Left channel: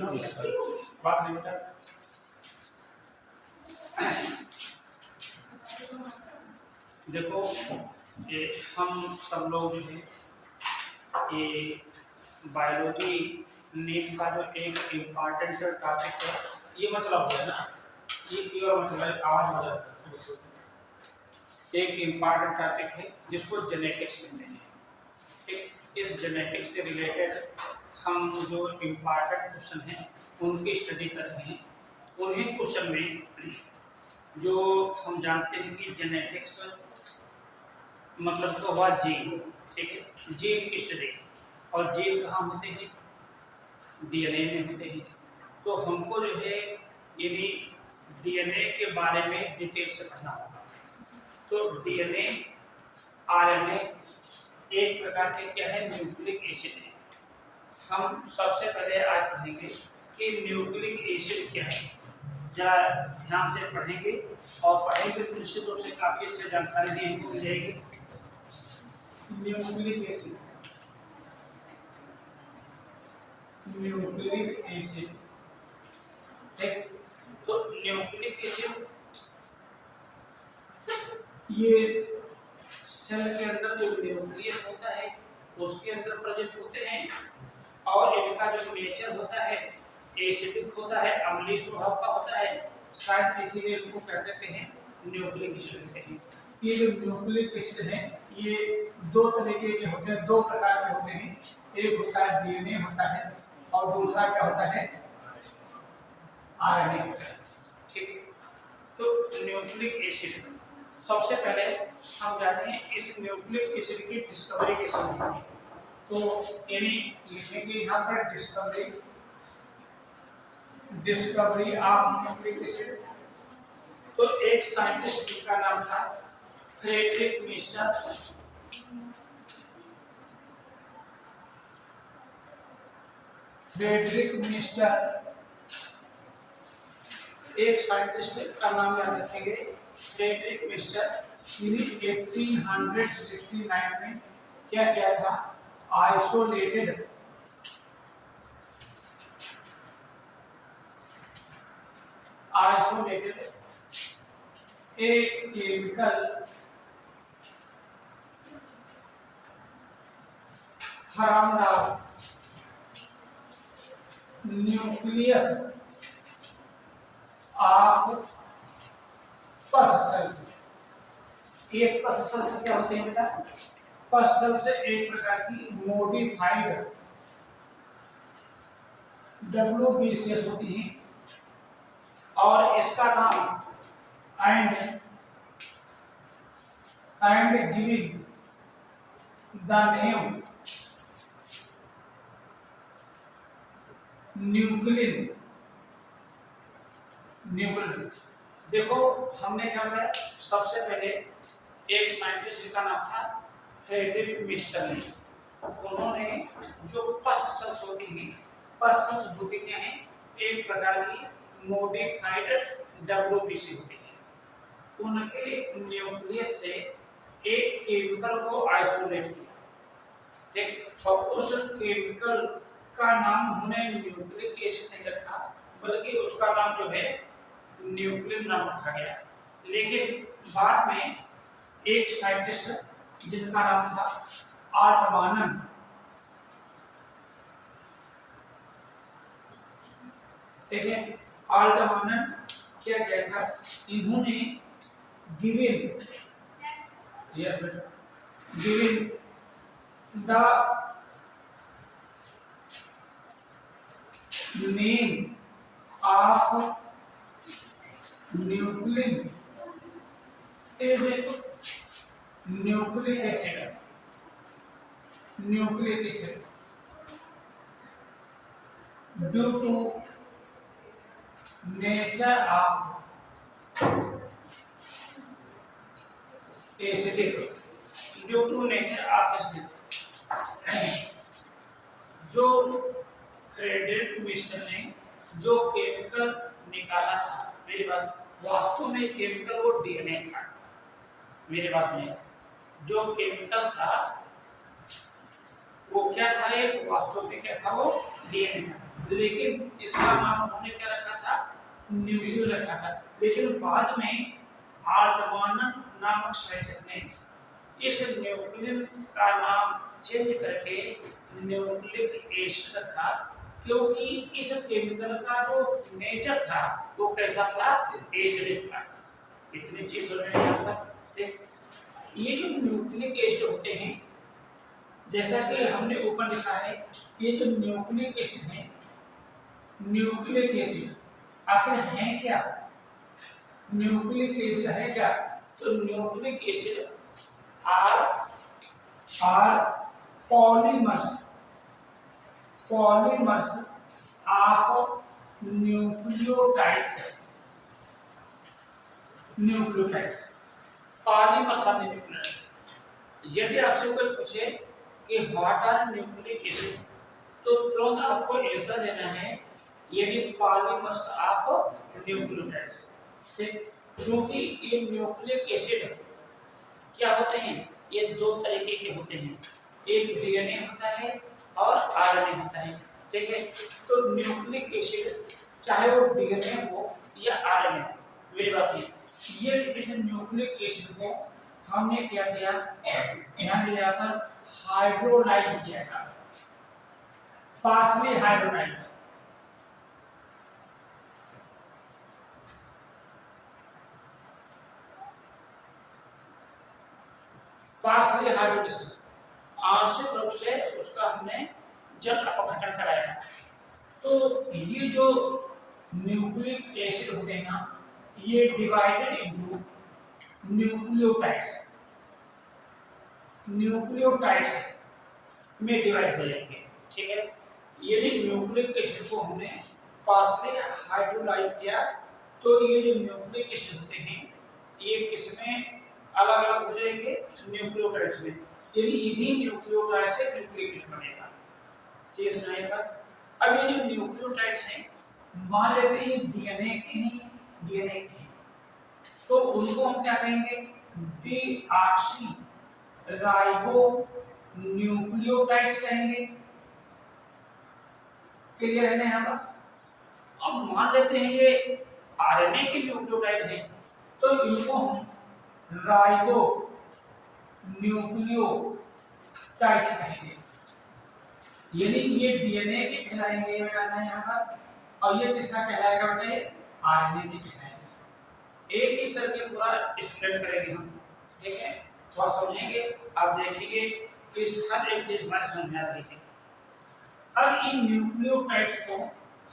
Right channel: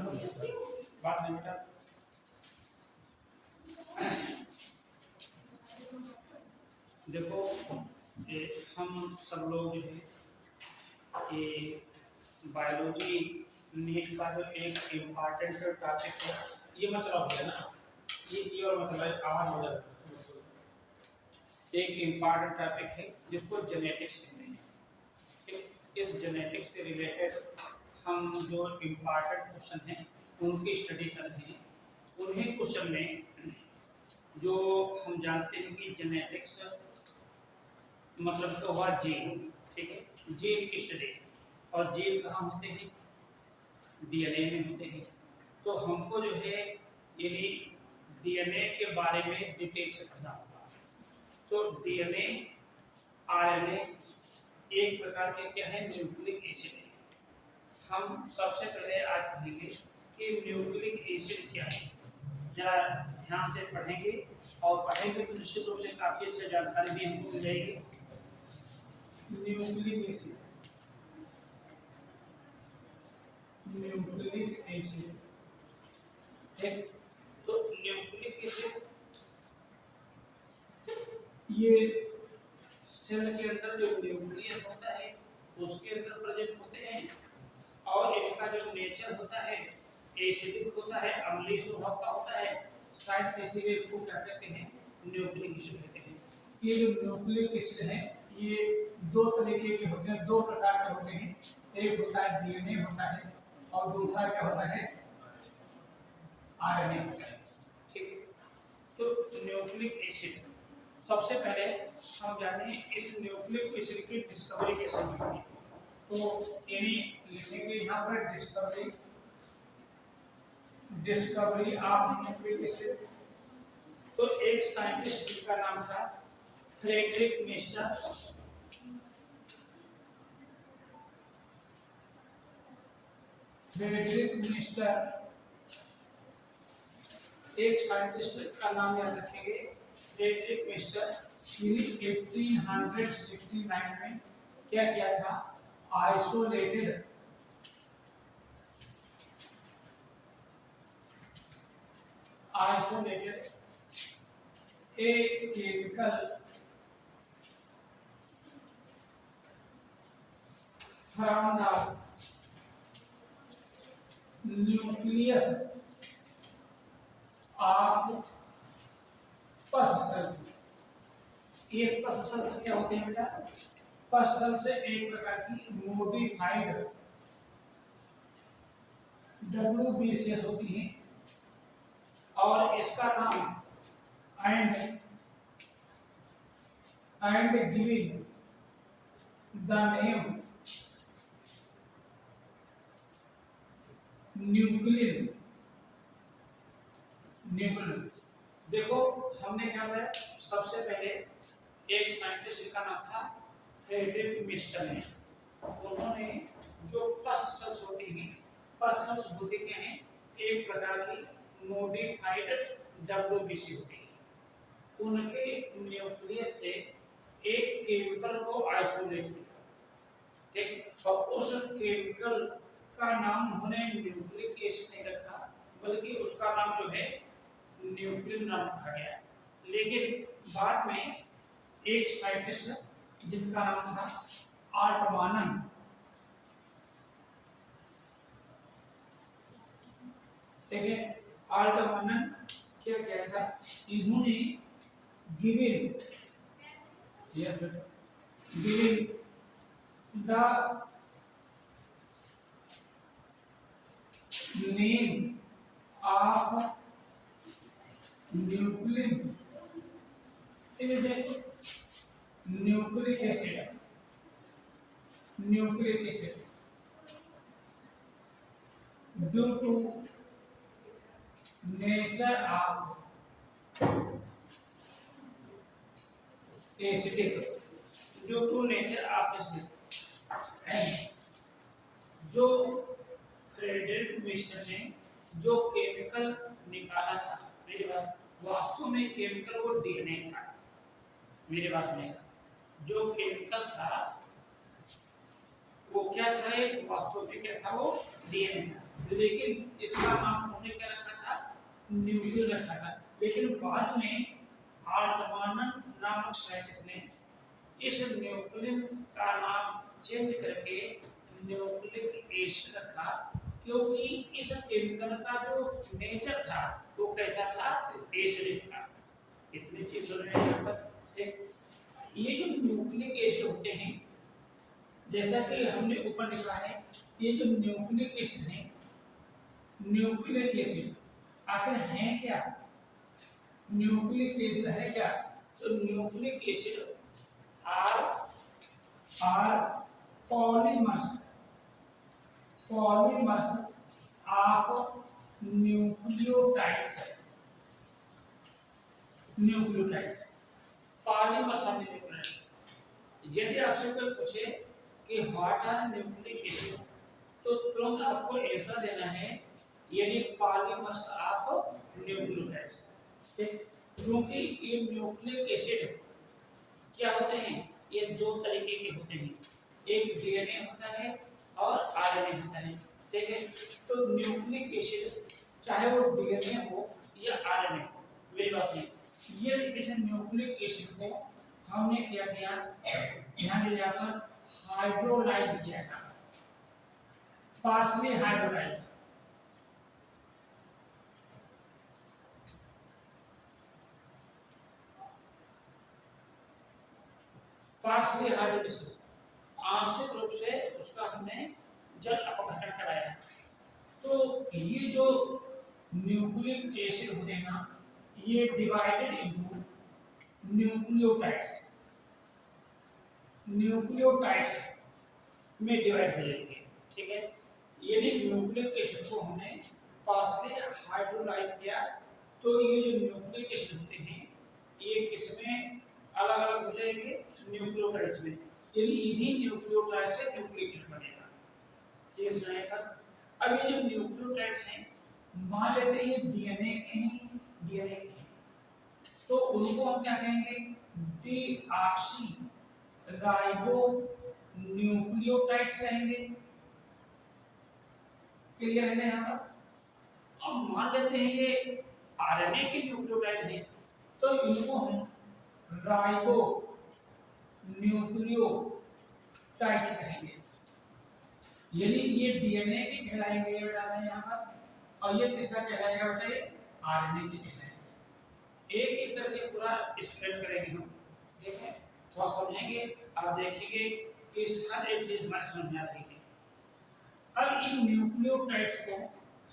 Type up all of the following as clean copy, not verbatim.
Tension हो बात नहीं बेटा। देखो ये हम सब लोग जो है ये बायोलॉजी नीट का जो एक इम्पॉर्टेंट टॉपिक है, ये मतलब है ना कि और मतलब आवाज बदल एक इम्पॉर्टेंट टॉपिक है जिसको जेनेटिक्स कहते हैं। ठीक, इस जेनेटिक्स से रिलेटेड हम जो इम्पॉर्टेंट क्वेश्चन हैं उनकी स्टडी कर रहे हैं। उन्हीं क्वेश्चन में जो हम जानते हैं कि जेनेटिक्स मतलब तो हुआ जीन। ठीक है, जीन की स्टडी, और जीन कहाँ होते हैं? डीएनए में होते हैं। तो हमको जो है यदि डीएनए के बारे में डिटेल से पढ़ना होगा। तो डीएनए आरएनए एक प्रकार के क्या है? न्यूक्लिक एसिड है। हम सबसे पहले आज पढ़ेंगे कि न्यूक्लिक एसिड क्या है। जरा ध्यान से पढ़ेंगे और पढ़ेंगे तो निश्चित रूप से काफी इससे जानकारी दी हमको मिल जाएगी। न्यूक्लिक एसिड, न्यूक्लिक एसिड, ठीक। तो न्यूक्लिक एसिड ये सेल के अंदर जो न्यूक्लियस होता है उसके अंदर प्रेजेंट होते हैं, और इनका जो नेचर होता है एसिडिक होता है, अम्लीय स्वभाव का होता है। शायद इसीलिए इसको क्या कहते हैं? न्यूक्लिक एसिड कहते हैं। ये जो न्यूक्लिक एसिड है ये दो तरीके के होते हैं, दो प्रकार के होते हैं। एक होता है डीएनए होता है और दूसरा क्या होता है? आरएनए होता है। ठीक है, तो न्यूक्लिक एसिड सबसे पहले हम जानते हैं इस न्यूक्लिक एसिड की डिस्कवरी कैसे हुई है। तो यानी लिखेंगे यहाँ पर discovery, discovery of nucleic acid. तो एक साइंटिस्ट जिनका नाम था फ्रेडरिक मिस्टर, फ्रेडरिक मिस्टर एक साइंटिस्ट का नाम याद रखेंगे, फ्रेडरिक मिस्टर। 1869 में क्या किया था? Isolated a chemical from the nucleus of पस सेल्स। ये पस सेल्स क्या होते हैं बेटा? पस सेल से एक प्रकार की मॉडिफाइड WBCS होती है, और इसका नाम and giving the name nuclein. देखो हमने क्या किया, सबसे पहले एक साइंटिस्ट जिसका नाम था फ्रेडरिक मिस्टर ने, उन्होंने जो पस सेल्स होती हैं, पस सेल्स होती क्या हैं? एक प्रकार की मॉडिफाइड WBC होती है। उनके न्यूक्लियस से एक केमिकल को आइसोलेट किया, ठीक। और उस केमिकल का नाम उन्होंने न्यूक्लिक एसिड नहीं रखा, बल्कि उसका नाम जो है न्यूक्लिन नाम रखा गया। लेकिन बाद में एक साइंटिस्ट जिनका नाम था आर्टमानन, देखिए आर्टमानन क्या किया था? इन्होंने given the name of nuclein is nucleic acid, nucleic acid due to nature of acidic, due to nature of acidic. जो फ्रेडरिक मिस्टर ने जो केमिकल निकाला था, मेरी बात, वास्तव में केमिकल वो डीएनए था। मेरी बात में जो केमिकल था वो क्या था? एक वास्तव में क्या था? वो डीएनए था। लेकिन इसका नाम उन्होंने क्या रखा था, न्यूक्लियो रखा था। लेकिन बाद में आर्दवानन नामक साइंटिस्ट ने इस न्यूक्लियन का नाम चेंज करके न्यूक्लिक एसिड रखा, क्योंकि इस केमिकल का जो नेचर था वो कैसा था, एसिडिक था। इतनी चीज समझ। ये जो न्यूक्लिक एसिड होते हैं, जैसा कि हमने ऊपर लिखा है, ये जो न्यूक्लिक एसिड है, न्यूक्लिक एसिड आखिर है क्या, न्यूक्लिक एसिड है क्या, तो nucleic acid are polymers of nucleotides polymers of nucleotides. यदि आपसे कोई पूछे कि व्हाट आर न्यूक्लिक एसिड, तो तुरंत आपको आंसर देना है यदि पॉलीमर्स ऑफ न्यूक्लियोटाइड्स। ठीक, क्योंकि ये न्यूक्लिक एसिड क्या होते हैं, ये दो तरीके के होते हैं, एक डीएनए होता है और आरएनए होता है। ठीक है, तो न्यूक्लिक एसिड चाहे वो डीएनए हो या आरएनए हो, मेरी बात नहीं, ये इस न्यूक्लिक एसिड को हमने क्या किया, ध्यान दिया था, हाइड्रोलाइज किया था, पार्शली हाइड्रोलाइज। पार्शली हाइड्रोलाइसिस, आंशिक रूप से उसका हमने जल अपघटन कराया। तो ये जो न्यूक्लिक एसिड होते हैं ना, ये डिवाइडेड इनटू न्यूक्लियोटाइड्स में डिवाइड हो जाएंगे। ठीक है, यदि न्यूक्लिक एसिड को हमने पार्शली हाइड्रोलाइज किया, तो ये जो न्यूक्लिक एसिड होते हैं ये किसमें अलग अलग हो जाएंगे, न्यूक्लियोटाइड्स में। यदि इन्हीं न्यूक्लियोटाइड से न्यूक्लिक एसिड बनेगा। चीज रहेगा। अब ये जो न्यूक्लियोटाइड्स हैं, मान लेते हैं डीएनए के हैं, तो उनको हम क्या कहेंगे, डीऑक्सी राइबो न्यूक्लियोटाइड्स कहेंगे। क्लियर है ना यहाँ पर। अब मान लेते हैं ये आरएनए के न्यूक्लियोटाइड है, तो इनको हम राइबो न्यूक्लियोटाइड्स कहेंगे। यदि ये डीएनए के कहलाएंगे, ये बताना है यहाँ पर, और ये किसका कहलाएगा बेटे, आरएनए के कहलाएंगे। एक एक करके पूरा एक्सप्लेन करेंगे हम। ठीक है, थोड़ा समझेंगे, आप देखेंगे कि हर एक चीज हमारे समझ में आ रही है। अब इन न्यूक्लियोटाइड्स को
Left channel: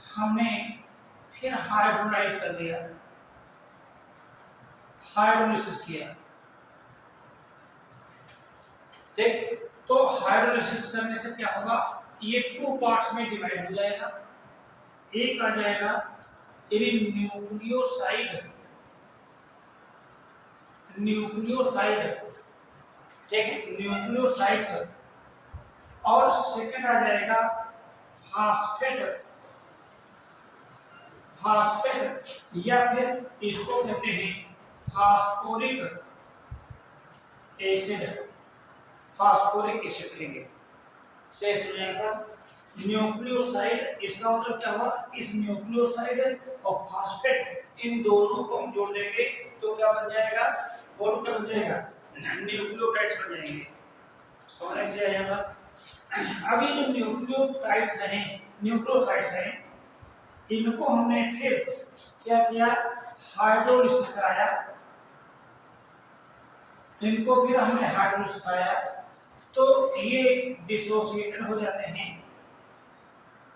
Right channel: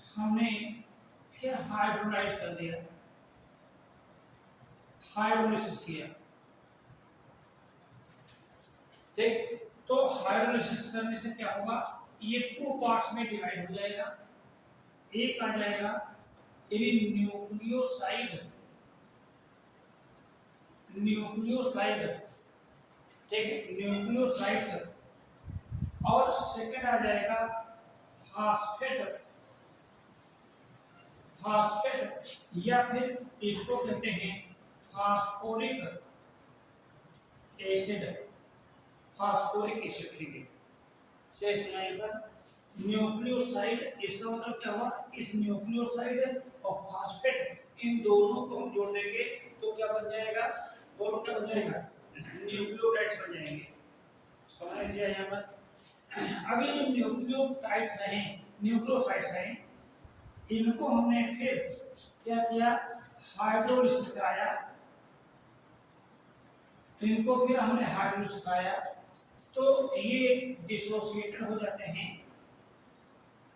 हमने फिर हाइड्रोलाइज कर दिया, हाइड्रोलिसिस किया। देख, तो हाइड्रोलिसिस करने से क्या होगा, ये टू पार्ट्स में डिवाइड हो जाएगा। एक आ जाएगा न्यूक्लियोसाइड, ठीक है, न्यूक्लियोसाइड्स, और सेकंड आ जाएगा फास्फेट या फिर इसको कहते हैं फास्फोरिक एसिड कहेंगे। से सुनेगा न्यूक्लियोसाइड, इसका मतलब क्या हुआ, इस न्यूक्लियोसाइड और फास्फेट, इन दोनों को हम जोड़ देंगे तो क्या बन जाएगा, दोनों क्या बन जाएगा, न्यूक्लियोटाइड्स बन जाएंगे। समझ से आया बात। अभी जो न्यूक्लियोटाइड्स हैं, न्यूक्लियोसाइड्स हैं, इनको हमने फिर क्या किया, हाइड्रोलिसिस कराया। इनको फिर हमने हाइड्रोलिसिस कराया, तो ये डिसोसिएटेड हो जाते हैं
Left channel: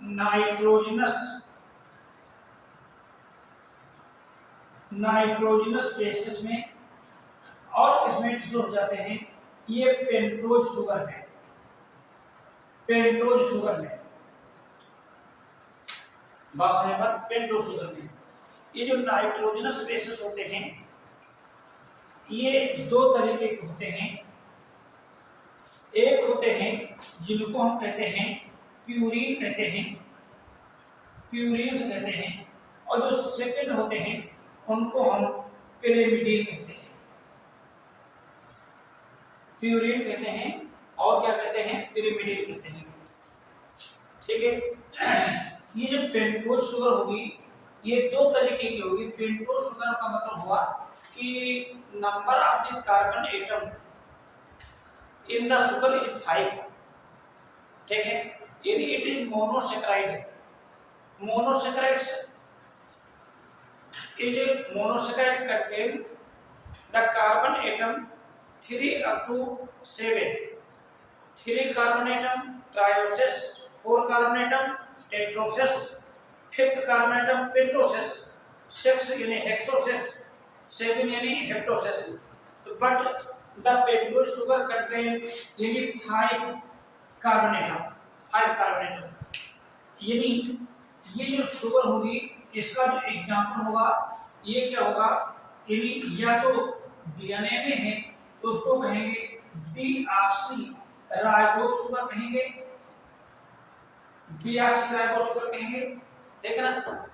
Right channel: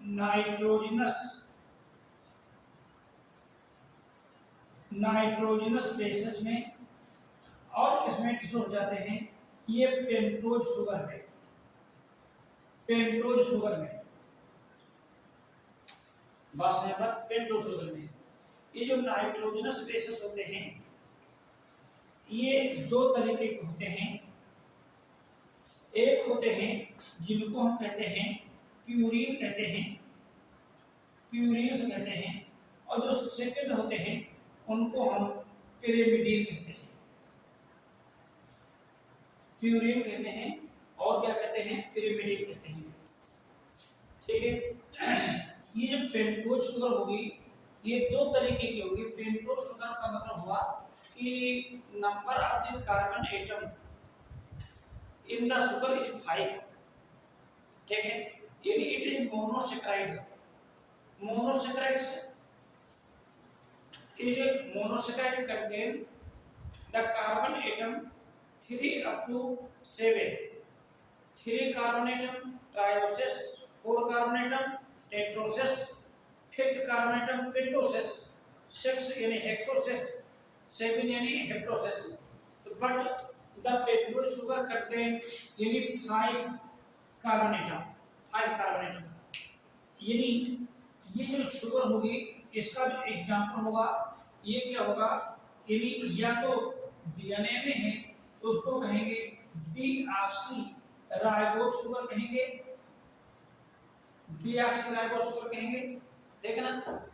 नाइट्रोजनस बेसिस में, और किसमें डिसोस हो जाते हैं, ये पेंटोज शुगर में, बात है पर पेंटोज शुगर में। ये जो नाइट्रोजनस बेसिस होते हैं, ये दो तरीके के होते हैं। एक होते हैं जिनको हम कहते हैं प्यूरीन्स कहते हैं, और जो सेकंड होते हैं उनको हम पिरिमिडीन कहते हैं। प्यूरीन कहते हैं और क्या कहते हैं, पिरिमिडीन कहते हैं। ठीक है, ये जो पेंटोज शुगर होगी ये दो तरीके की होगी। पेंटोज शुगर का मतलब हुआ कि number of the carbon atom in the sugar is 5, ठीक है, यानी इट इज मोनोसेकेराइड है। Monosaccharides is monosaccharide contain the carbon atom 3 up to 7, 3 carbon atom trioses, 4 carbon atom tetroses, 5th carbon atom pentoses, 6 यानी hexoses, 7 यानी heptoses. तो but the pentose sugar contain यानी 5 carbon atom, 5 carbon atom, यानी ये जो sugar होगी इसका जो एग्जांपल होगा ये क्या होगा, यानी या तो डीएनए में है तो उसको कहेंगे डीऑक्सी राइबोज शुगर कहेंगे, डीऑक्सी राइबोज शुगर कहेंगे, ठीक है ना।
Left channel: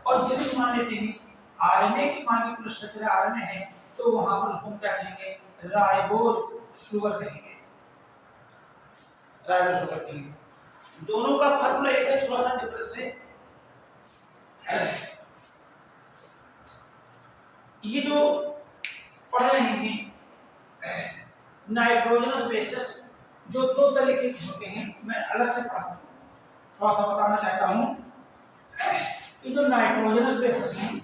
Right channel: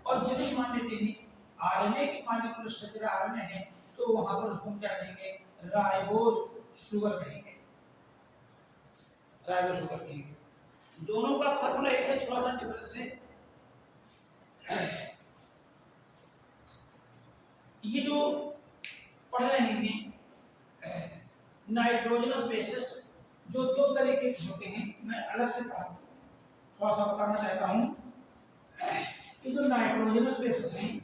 और यदि मान लेते हैं आरएनए की मॉलिक्यूलर स्ट्रक्चर आरएनए है तो वहां पर उसको क्या कहेंगे, राइबोज शुगर कहेंगे, राइबोज शुगर कहेंगे। दोनों का फार्मूला एक है, थोड़ा सा डिफरेंस है। ये जो पढ़ रहे हैं नाइट्रोजनस बेसिस जो दो तरीके के होते हैं, मैं अलग से थोड़ा सा बताना चाहता हूं। ये जो नाइट्रोजनस बेसिस हैं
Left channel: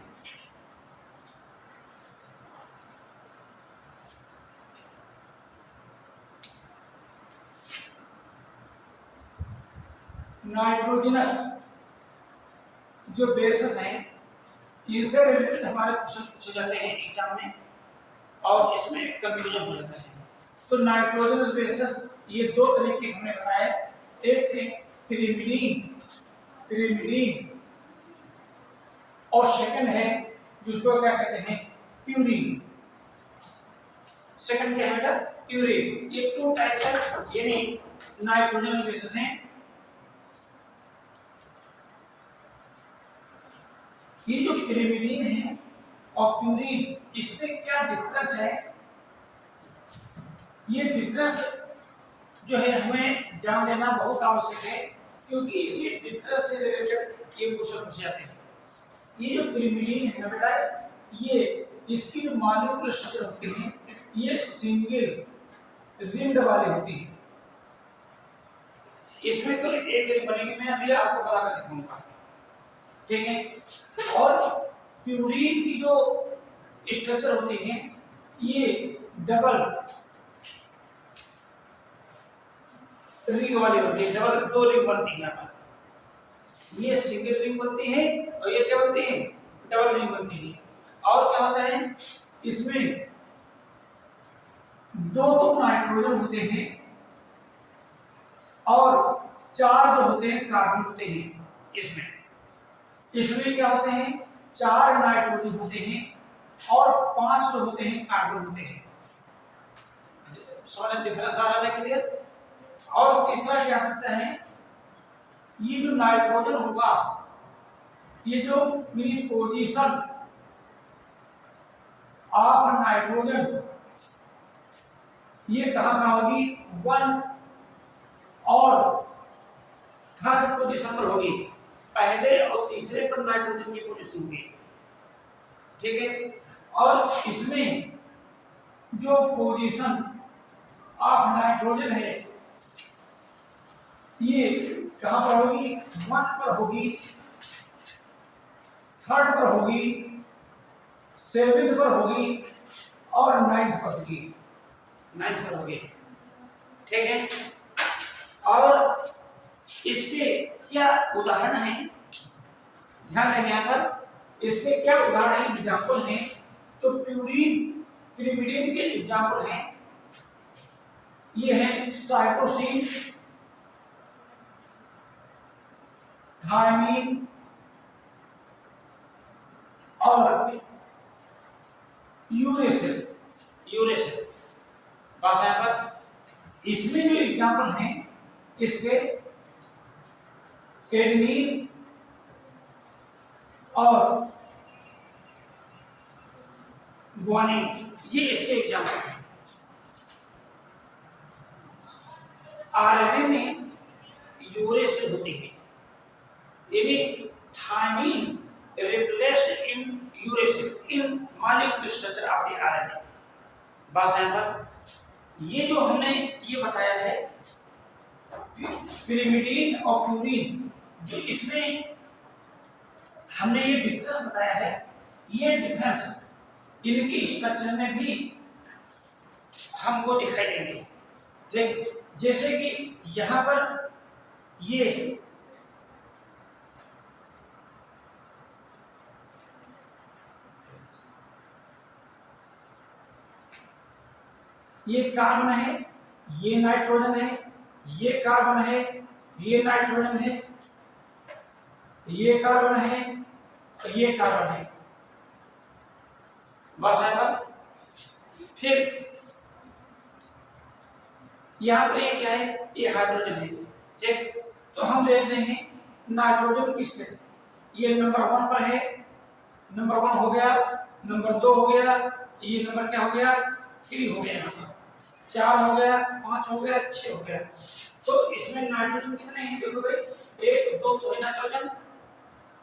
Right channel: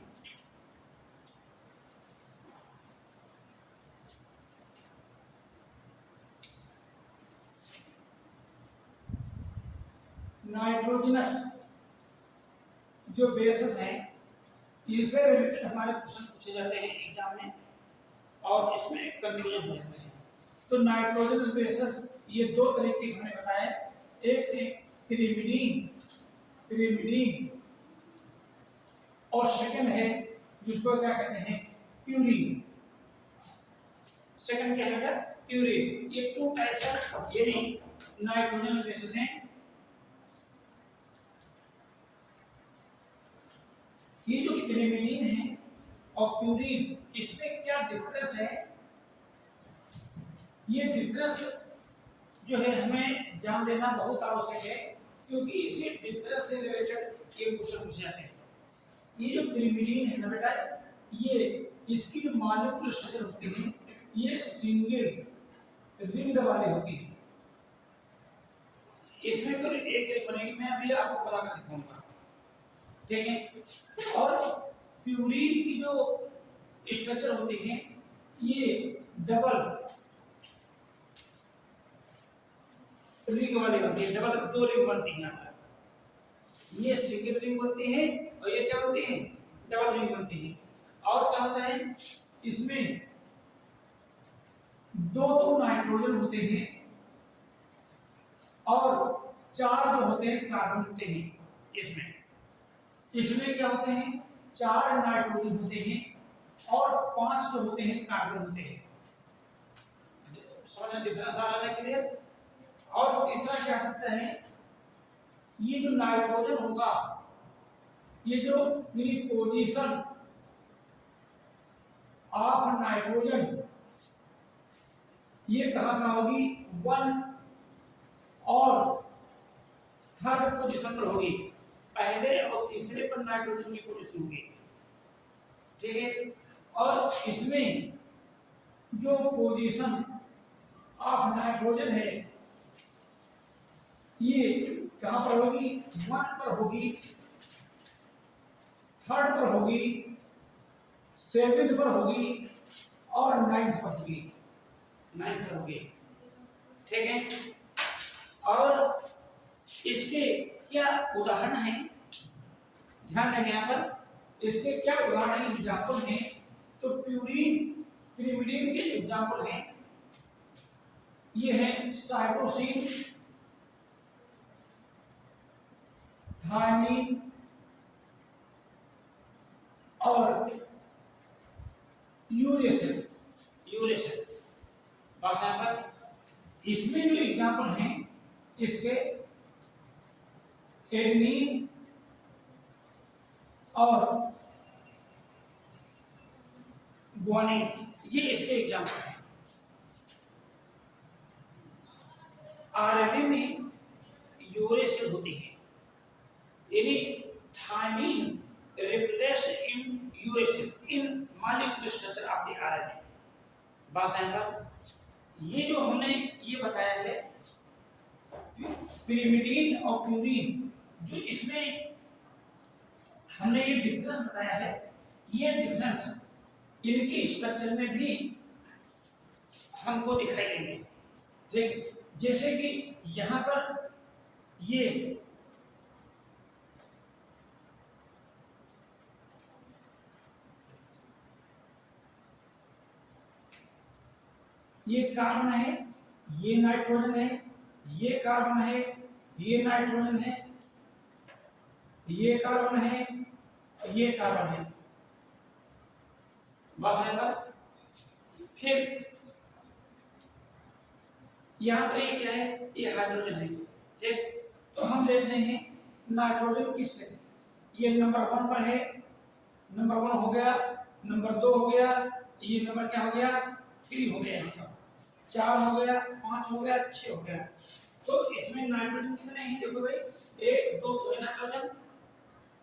नाइट्रोजनस जो बेसिस हैं इनसे रिलेटेड हमारे क्वेश्चन पूछे जाते हैं एग्जाम में और इसमें कंफ्यूजन हो जाता है। तो नाइट्रोजनस बेसिस ये दो तरीके हमने बताया, एक है पिरिमिडीन, पिरिमिडीन, और सेकंड है जिसको क्या कहते हैं प्यूरीन। सेकंड क्या है बेटा, प्यूरीन। ये टू टाइप्स ऑफ यानी नाइट्रोजन बेसिस हैं। ये जो पिरिमिडीन है और प्यूरीन इसमें क्या डिफरेंस है, ये डिफरेंस जो है हमें जान लेना बहुत आवश्यक है क्योंकि इसी डिफरेंस से रिलेटेड ये क्वेश्चन पूछे जाते हैं। ये जो पिरिमिडीन है ना बेटा, ये इसकी जो मॉलिक्यूलर स्ट्रक्चर होती है ये सिंगल रिंग वाली होती है, इसमें केवल एक रिंग बनेगी, मैं अभी आपको बता कर दिखाऊंगा, ठीक है। और प्यूरीन की जो स्ट्रक्चर होती है ये डबल रिंग वाली होती है, डबल दो रिंग बनती है यहाँ पर। ये सिंगल रिंग बनती है और ये क्या बनती है, डबल रिंग बनती है। और क्या होता है इसमें दो तो नाइट्रोजन होते हैं और 4 जो होते हैं कार्बन होते हैं। इसमें क्या होते हैं 4 नाइट्रोजन होते हैं और 5 जो होते हैं कार्बन होते हैं। समझ डिफरेंस आ रहा है क्लियर। और तीसरा क्या सकता है, ये जो नाइट्रोजन होगा ये जो मेरी पोजीशन ऑफ नाइट्रोजन ये कहां होगी, 1 और 3rd पोजीशन पर होगी, पहले और तीसरे पर नाइट्रोजन की पोजीशन होगी, ठीक है। और इसमें जो पोजीशन ऑफ नाइट्रोजन है ये कहां पर होगी, 1 पर होगी, 3rd पर होगी, 7th पर होगी और 9th पर होगी, 9th पर होगी, ठीक है। और इसके क्या उदाहरण हैं, ध्यान दें यहाँ पर इसके क्या उदाहरण हैं, एग्जाम्पल हैं। तो प्यूरीन पिरिमिडीन के एग्जाम्पल हैं, ये है साइटोसिन, थायमीन और यूरेसिल, यूरेसिल बस यहाँ पर। इसमें जो एग्जाम्पल हैं इसके एडेनिन और ग्वानिन, ये इसके एग्जाम्पल हैं। आरएनए में यूरेसिल होती है, यानी thymine replaced in uracil in molecular structure of the RNA। बस यहाँ पर ये जो हमने ये बताया है पिरिमिडीन और प्यूरिन, जो इसमें हमने ये डिफरेंस बताया है, ये डिफरेंस इनकी स्ट्रक्चर में भी हमको दिखाई देंगे। ठीक, जैसे कि यहाँ पर ये कार्बन है, ये नाइट्रोजन है, ये कार्बन है, ये नाइट्रोजन है, ये कार्बन है, ये कार्बन है। बस है पर फिर यहाँ पर ये क्या है, ये हाइड्रोजन है। ठीक, तो हम देख रहे हैं नाइट्रोजन किस तरह, ये नंबर 1 पर है, नंबर 1 हो गया, नंबर 2 हो गया, ये नंबर क्या हो गया, 3 हो गया, यहाँ पर 4 हो गया, 5 हो गया, 6 हो गया। तो इसमें नाइट्रोजन कितने हैं, देखो भाई 1 2 तो है नाइट्रोजन,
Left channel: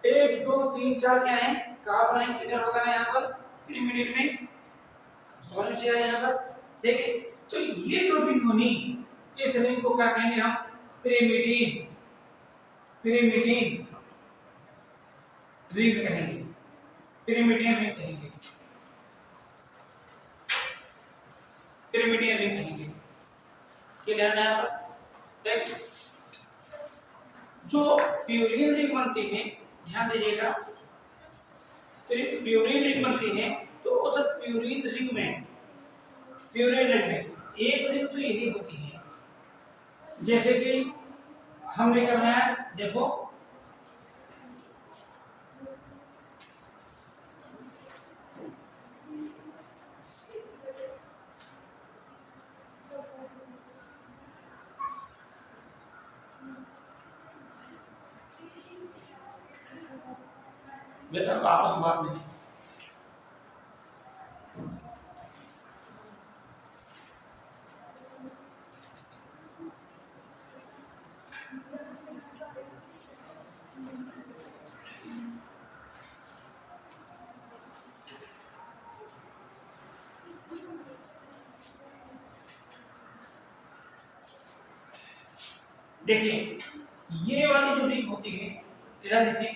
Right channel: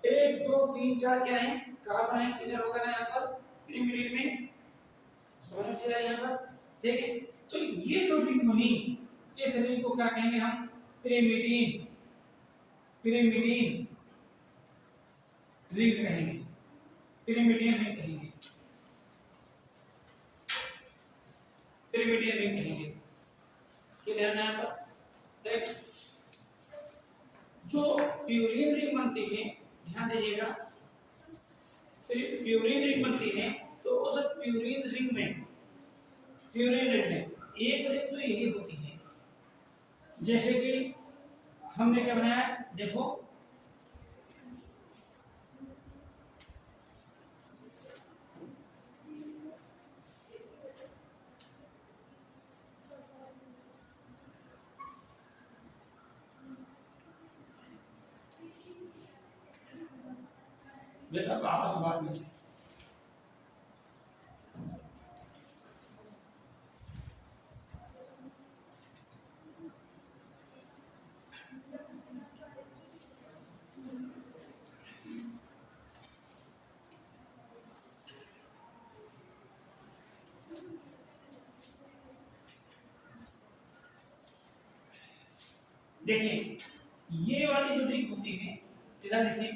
1 2 3 4 क्या है, कार्बन है। किधर होगा ना, यहाँ पर पिरिमिड में, समझ में आया यहाँ पर। ठीक है, तो ये जो रिंग बनी, इस रिंग को क्या कहेंगे हम, पिरिमिडीन, पिरिमिडीन रिंग कहेंगे, पिरिमिडियन रिंग कहेंगे, पिरिमिडियन रिंग कहेंगे। क्लियर है यहाँ पर। देख, जो प्यूरिन रिंग बनती है, ध्यान दीजिएगा, प्यूरिन रिंग बनती है, तो उस प्यूरिन रिंग में एक रिंग तो यही होती है, जैसे कि हमने क्या बनाया, देखो बेटा आपस में बात नहीं। देखिए, ये वाली जो रिंग होती है, जरा देखिए,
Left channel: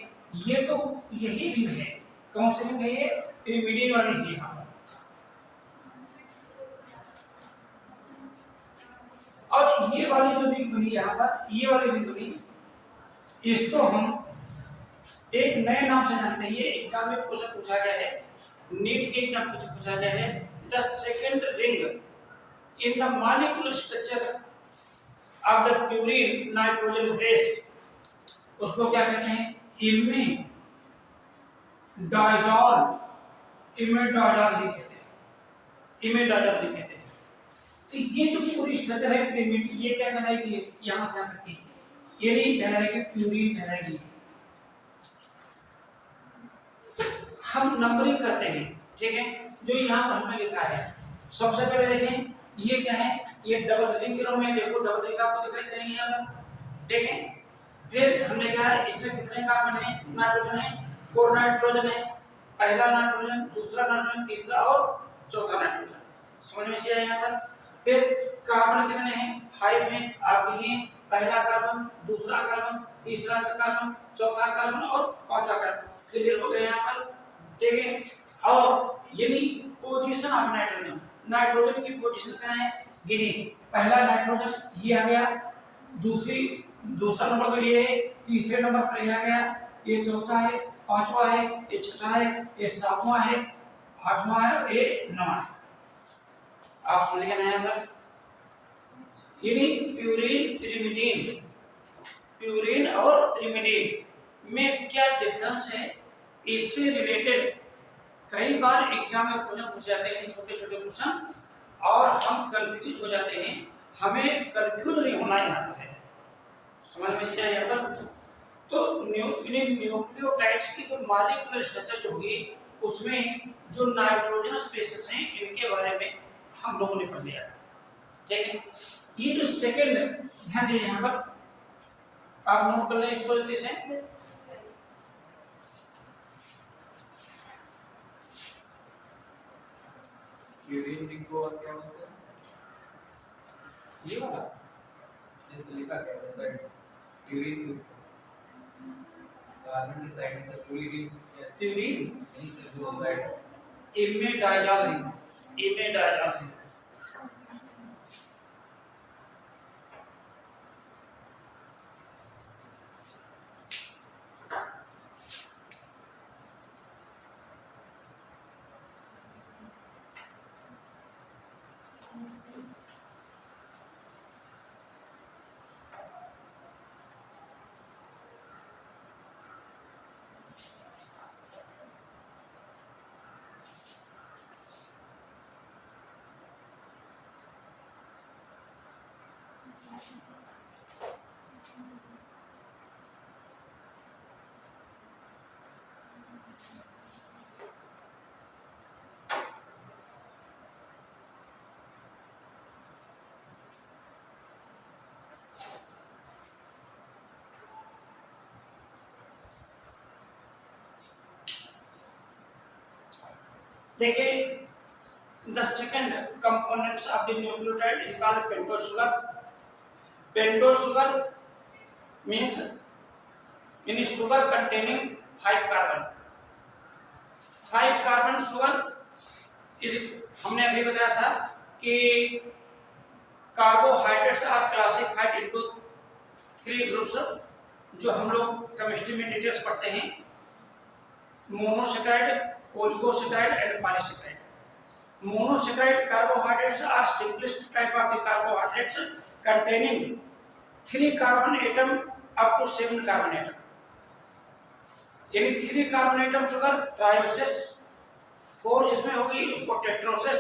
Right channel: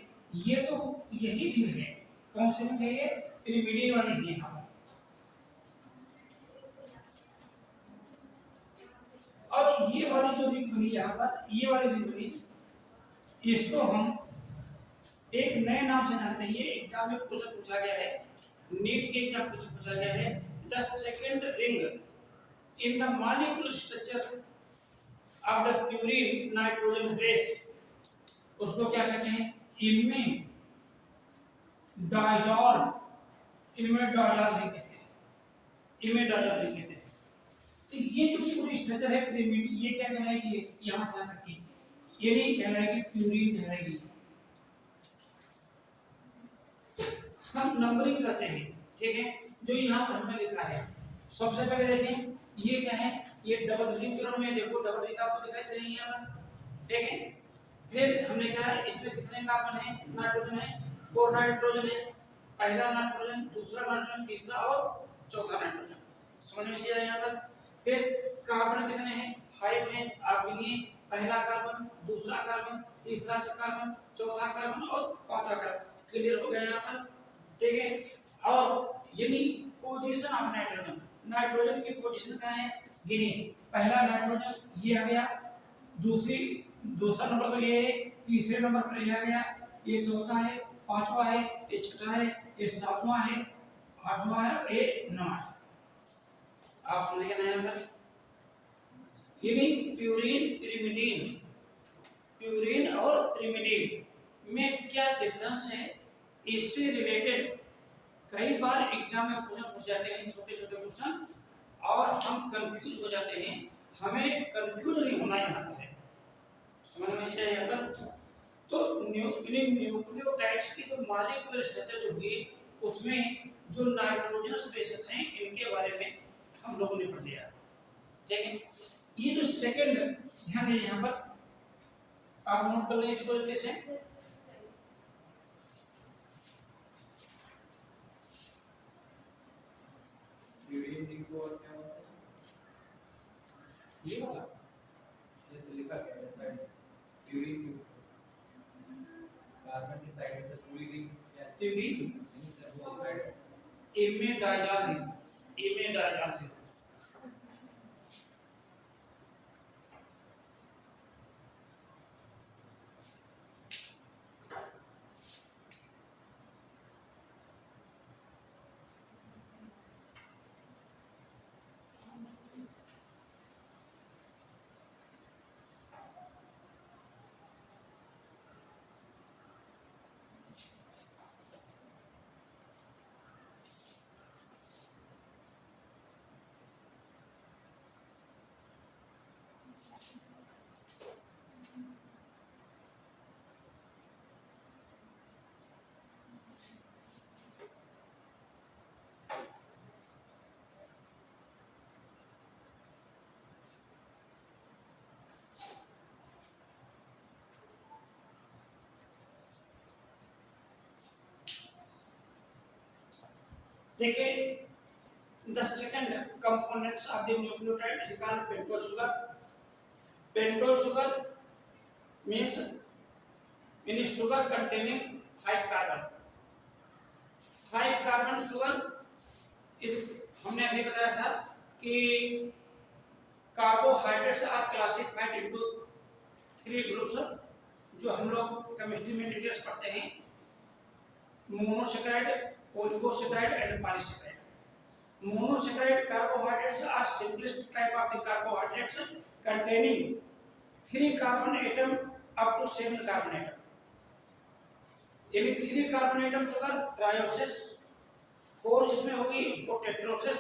ये तो यही रिंग है, कौन सी रिंग है, ये पिरिमिडिन वाली है। यहाँ और ये वाली जो रिंग बनी यहाँ पर, ये वाली रिंग बनी, इसको हम एक नए नाम से जानते हैं। ये एग्जाम में क्वेश्चन पूछा गया है, नीट के एग्जाम में पूछा गया है, the second ring in the molecular structure of the purine nitrogen base, उसको क्या कहते हैं, इमेडाजॉल, इमेडाजॉल भी कहते हैं, इमेडाजॉल भी कहते हैं। तो ये जो पूरी स्ट्रक्चर है पिरामिड, ये क्या कहलाएगी, यहां से यहाँ तक, ये नहीं कहलाएगी, प्यूरिन कहलाएगी। हम नंबरिंग करते हैं, ठीक है, जो यहाँ पर हमने लिखा है। सबसे पहले देखें, ये क्या है, ये डबल रिंग के रूप में, देखो डबल रिंग आपको दिखाई दे रही है यहाँ पर, ठीक है। फिर हमने कहा है इसमें कितने कार्बन है, नाइट्रोजन है, 4 नाइट्रोजन है, पहला नाइट्रोजन, दूसरा नाइट्रोजन, तीसरा और चौथा नाइट्रोजन, समझ में आया यहाँ पर। फिर कार्बन कितने हैं, 5 हैं, आप गिनिए, पहला कार्बन, दूसरा कार्बन, तीसरा कार्बन, चौथा कार्बन और पांचवा कार्बन। क्लियर हो गया यहाँ पर, ठीक है। और यानी पोजीशन ऑफ नाइट्रोजन, नाइट्रोजन की पोजीशन क्या है, गिनिए, पहला नाइट्रोजन ये आ गया, दूसरा नंबर तो ये है, तीसरे नंबर पर ये आ गया, ये चौथा है, पांचवा है, ये छठा है, ये सातवां है, आठवां है और ये नौवां है। आप समझ गए ना यहाँ पर। यानी प्यूरिन, पिरिमिडीन, प्यूरिन और पिरिमिडीन में क्या डिफरेंस है, इससे रिलेटेड कई बार एग्जाम में क्वेश्चन पूछ जाते हैं, छोटे छोटे क्वेश्चन, और हम कंफ्यूज हो जाते हैं। हमें कंफ्यूज नहीं होना यहाँ पर है, समझ में आया यहाँ पर। तो न्यूक्लियोटाइड्स की जो मॉलिक्यूलर स्ट्रक्चर जो होगी, उसमें जो नाइट्रोजनस बेसेस हैं, इनके बारे में हम लोगों ने पढ़ लिया, ठीक है। ये जो सेकंड, ध्यान दीजिए यहाँ पर, आप नोट कर लें इसको जल्दी से। यूरिन रिंग को और क्या बोलते हैं? ये वाला जैसे लिखा गया है साइड यूरिन रिंग कार्बन की साइड में से पूरी रिंग या यूरिन नहीं सर जो साइड इमेडाइजाल रिंग, इमेडाइजाल रिंग। देखिए the second components of the nucleotide is called pentose sugar. Pentose sugar means in sugar containing 5 carbon, 5 carbon sugar इस हमने अभी बताया था कि carbohydrates are classified into 3 groups, जो हम लोग केमिस्ट्री में डिटेल्स पढ़ते हैं, monosaccharide, oligosaccharide and polysaccharide. Monosaccharide carbohydrates are simplest type of the carbohydrates containing 3 carbon atom up to 7 carbon atom, यानी 3 कार्बन एटम शुगर ट्रायोसिस, 4 जिसमें होगी उसको टेट्रोसिस,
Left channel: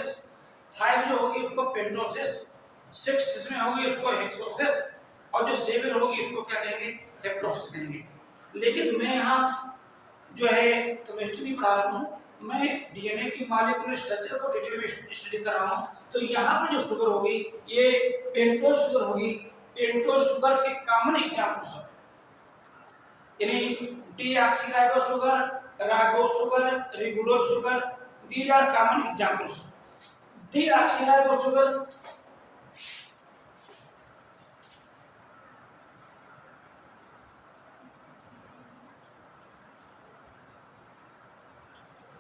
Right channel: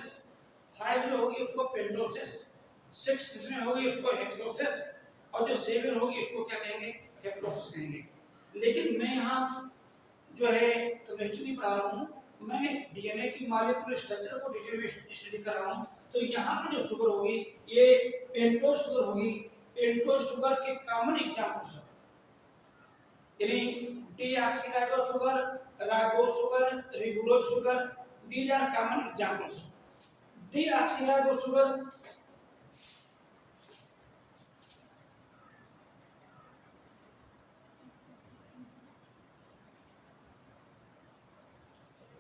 5 जो होगी उसको पेंटोसिस, 6 जिसमें होगी उसको हेक्सोसिस, और जो 7 होगी उसको क्या कहेंगे, हेप्टोसिस कहेंगे। लेकिन मैं यहाँ जो है केमिस्ट्री नहीं पढ़ा रहा हूँ, मैं डीएनए की मॉलिक्यूलर स्ट्रक्चर को डिटेल में स्टडी कर रहा हूँ। तो यहाँ पर जो शुगर होगी ये पेंटोस शुगर होगी। पेंटोस शुगर के कॉमन एग्जांपल्स यानी deoxyribose sugar, ribose sugar, ribulose sugar, these are common examples. Deoxyribose sugar,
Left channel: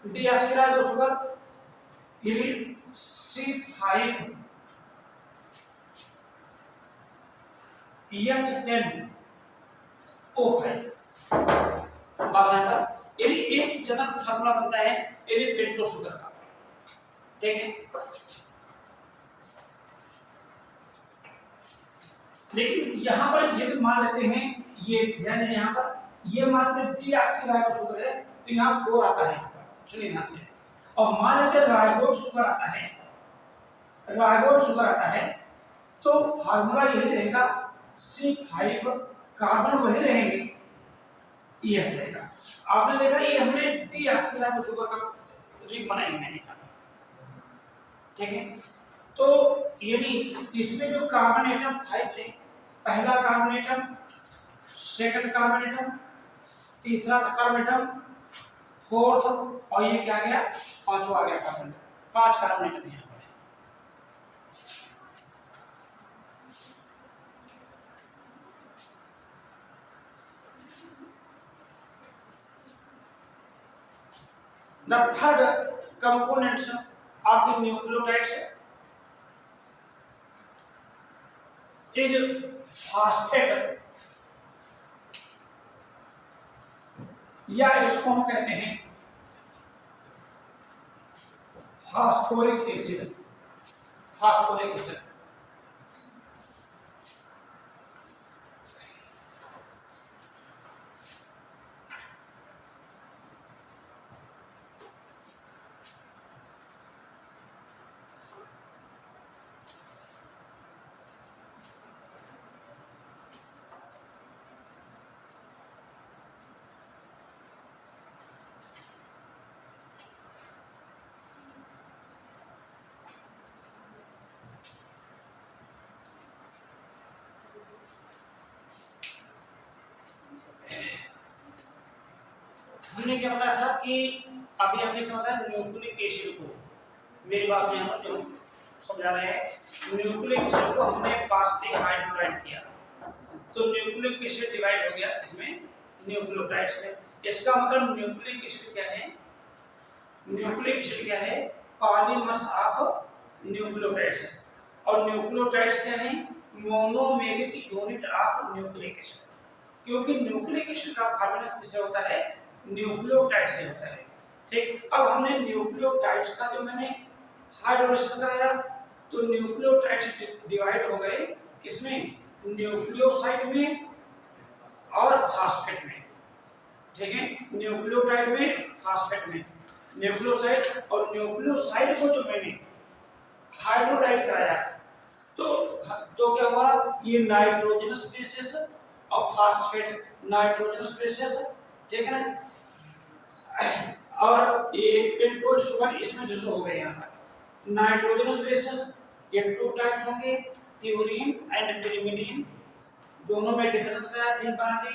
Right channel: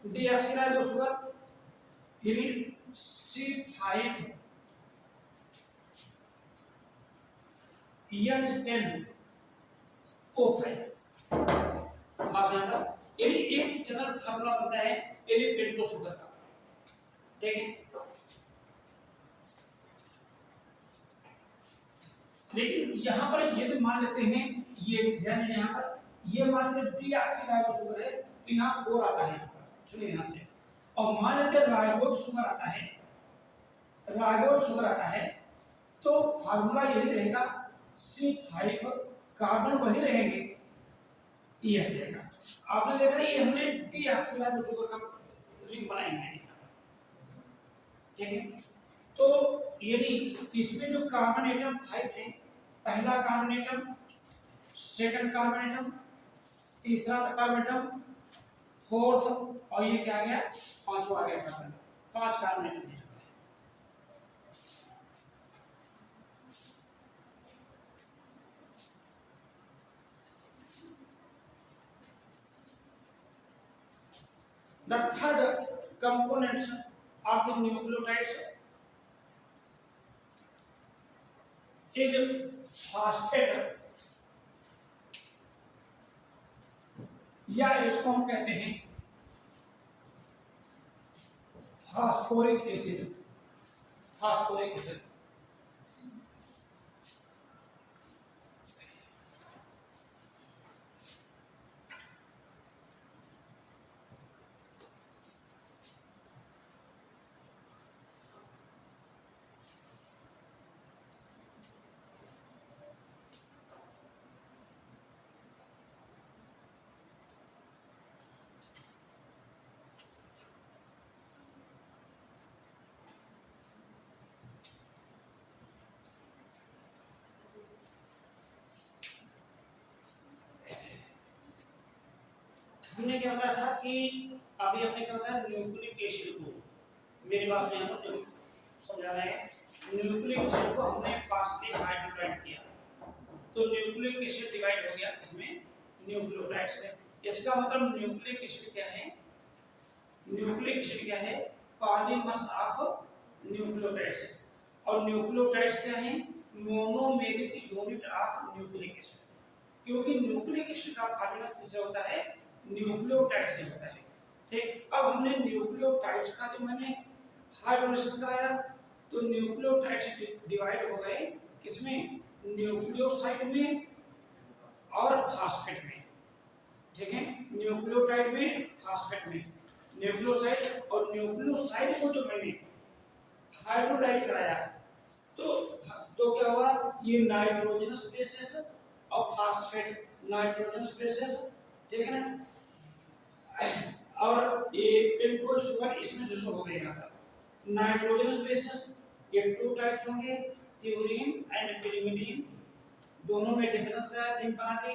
deoxyribose sugar, unit C5 H10O5 यानी एक जनरल फार्मूला बनता है यानी पेंटोस शुगर का, ठीक है। लेकिन यहाँ पर ये मान लेते हैं, ये ध्यान है, यहाँ पर ये मान लेते डीऑक्सीराइबोस शुगर है तो यहाँ 4 आता है, सुनिए ध्यान से, और मान लेते राइबोस शुगर आता है, राइबोस शुगर आता है तो फार्मूला यही रहेगा C5, कार्बन वही रहेंगे, ये रहेगा। आपने देखा ये हमने डीऑक्सीराइबोस शुगर का रिंग बनाई मैंने यहाँ, ठीक है। तो यानी इसमें जो कार्बन एटम 5 है, पहला carbon atom, second carbon atom, तीसरा कार्बन एटम, फोर्थ, और ये क्या आ गया, पांचवा आ गया कार्बन, 5 कार्बन एटम यहाँ पर है। The third components of the nucleotides is phosphate, या इसको हम कहते हैं फास्फोरिक एसिड, फास्फोरिक एसिड। हमने क्या बताया था कि अभी हमने क्या बताया न्यूक्लिक एसिड को, मेरी बात में हम जो समझा रहे हैं, न्यूक्लिक एसिड को हमने पार्शियली हाइड्रोलाइज किया तो न्यूक्लिक एसिड डिवाइड हो गया इसमें न्यूक्लियोटाइड्स में। इसका मतलब न्यूक्लिक एसिड क्या है? न्यूक्लिक एसिड क्या है? पॉलीमर्स ऑफ न्यूक्लियोटाइड्स है। और न्यूक्लियोटाइड्स क्या है? Monomeric unit of nucleic acid. क्योंकि न्यूक्लिक एसिड का फार्मूला किससे होता है? न्यूक्लियोटाइड से होता है। ठीक, अब हमने न्यूक्लियोटाइड्स का जो मैंने हाइड्रोलाइसिस कराया तो न्यूक्लियोटाइड्स डिवाइड हो गए किसमें? न्यूक्लियोसाइड में और फास्फेट में। ठीक है, न्यूक्लियोटाइड में, फास्फेट में, न्यूक्लियोसाइड। और न्यूक्लियोसाइड को जो मैंने हाइड्रोलाइज कराया तो क्या हुआ? ये नाइट्रोजनस बेसिस और फास्फेट नाइट्रोजनस बेसिस, ठीक है ना? और ये पेंटोज शुगर इसमें डिसो हो गए। यहाँ पर नाइट्रोजनस बेसिस ये 2 टाइप्स होंगे, प्यूरीन एंड पिरिमिडीन। दोनों में डिफरेंस बताया, 3 बना दी।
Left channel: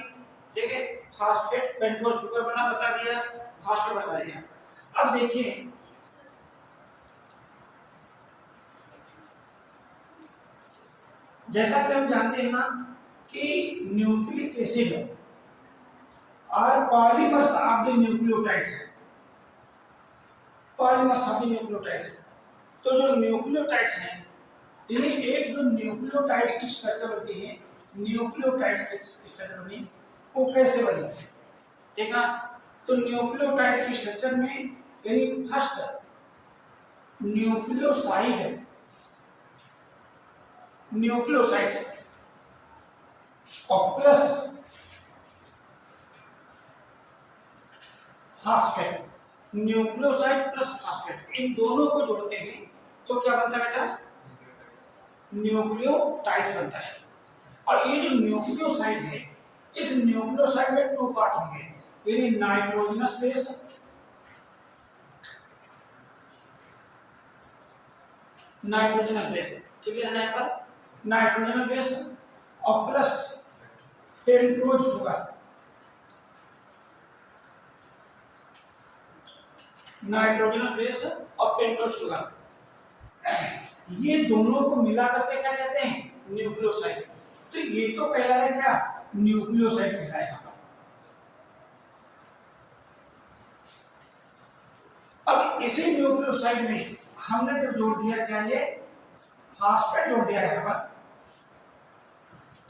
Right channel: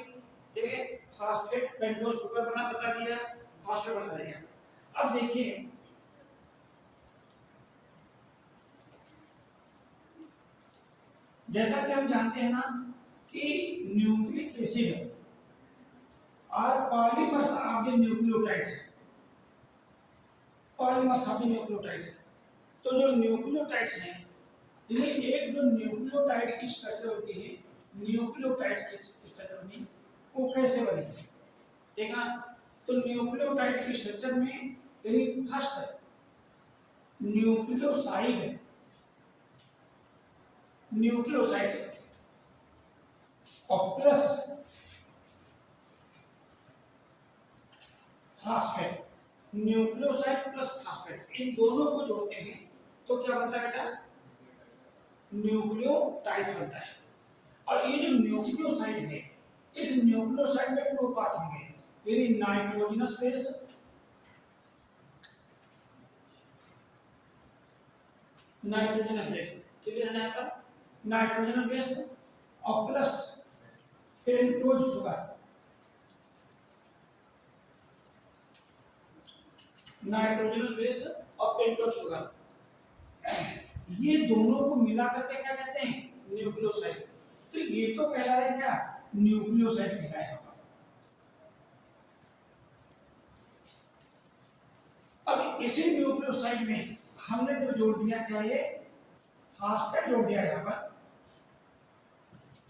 ठीक है, फास्फेट पेंटोज शुगर बना बता दिया, फास्फेट बता दिया। अब देखिए जैसा कि हम जानते हैं ना कि न्यूक्लिक एसिड और polymers of the nucleotides, polymers of the nucleotides. तो जो न्यूक्लियोटाइड्स हैं इन्हें एक जो न्यूक्लियोटाइड की स्ट्रक्चर होती है, न्यूक्लियोटाइड्स की स्ट्रक्चर में वो कैसे बनी है? ठीक है, तो न्यूक्लियोटाइड की स्ट्रक्चर में यानी फर्स्ट न्यूक्लियोसाइड, न्यूक्लियोसाइड्स और plus phosphate, nucleoside plus phosphate, इन दोनों को जोड़ते हैं तो क्या बनता है बेटा? न्यूक्लियोटाइड्स बनता है। और ये जो न्यूक्लियोसाइड है, इस न्यूक्लियोसाइड में 2 पार्ट होंगे, यानी nitrogenous base, nitrogenous base, clear है ना? यहाँ पर नाइट्रोजनस बेस और plus pentose sugar, nitrogenous base और पेंटोज शुगर, ये दोनों को मिला करके क्या कहते हैं? न्यूक्लियोसाइड। तो ये तो पहला है क्या? न्यूक्लियोसाइड कहलाया है। अब इसी न्यूक्लियोसाइड में हमने जो जोड़ दिया क्या? ये फास्फेट जोड़ दिया है। यहाँ पर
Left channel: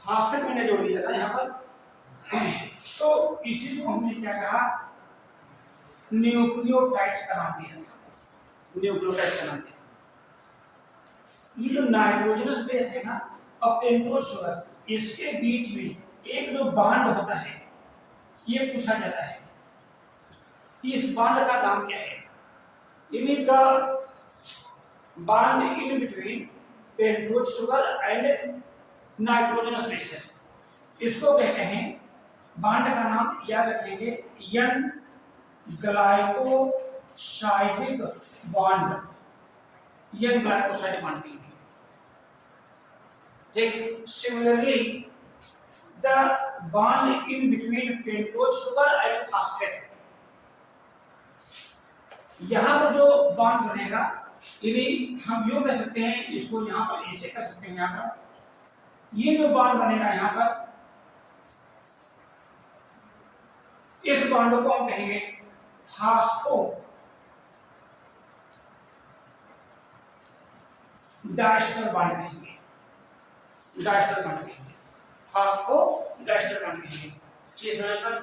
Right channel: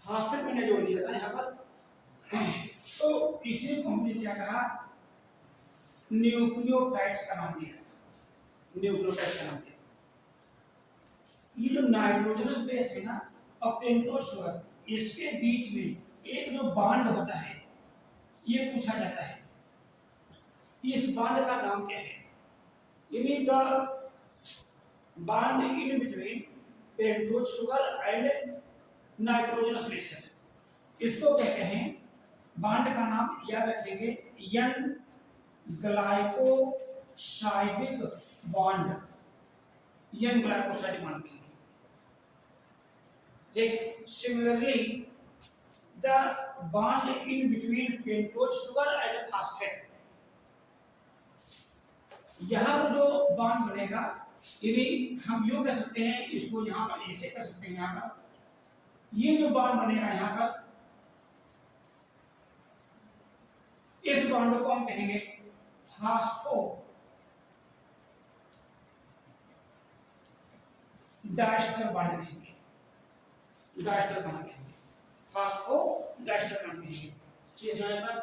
फास्फेट मैंने जोड़ दिया था यहाँ पर। तो इसी को हमने क्या कहा? न्यूक्लियोटाइड्स का नाम दिया, न्यूक्लियोटाइड्स का नाम दिया। ये जो नाइट्रोजनस बेस है ना और पेंटोज शुगर, इसके बीच में एक जो बॉन्ड होता है ये पूछा जाता है, इस बॉन्ड का नाम क्या है? यानी the bond in between pentose sugar and nitrogenous bases, इसको कहते हैं, बॉन्ड का नाम याद रखेंगे, N glycosidic bond, N glycosidic bond कहेंगे। ठीक, similarly the bond in between pentose sugar and phosphate, यहां पर जो बॉन्ड बनेगा यदि हम यूं कह सकते हैं, इसको यहां पर ऐसे कर सकते हैं, यहां पर ये जो बॉन्ड बनेगा यहां पर, इस बॉन्ड को हम कहेंगे फास्फो डाइस्टर बॉन्ड कहेंगे, डाइस्टर बॉन्ड कहेंगे, फास्फो डाइस्टर बॉन्ड कहेंगे। चीज पर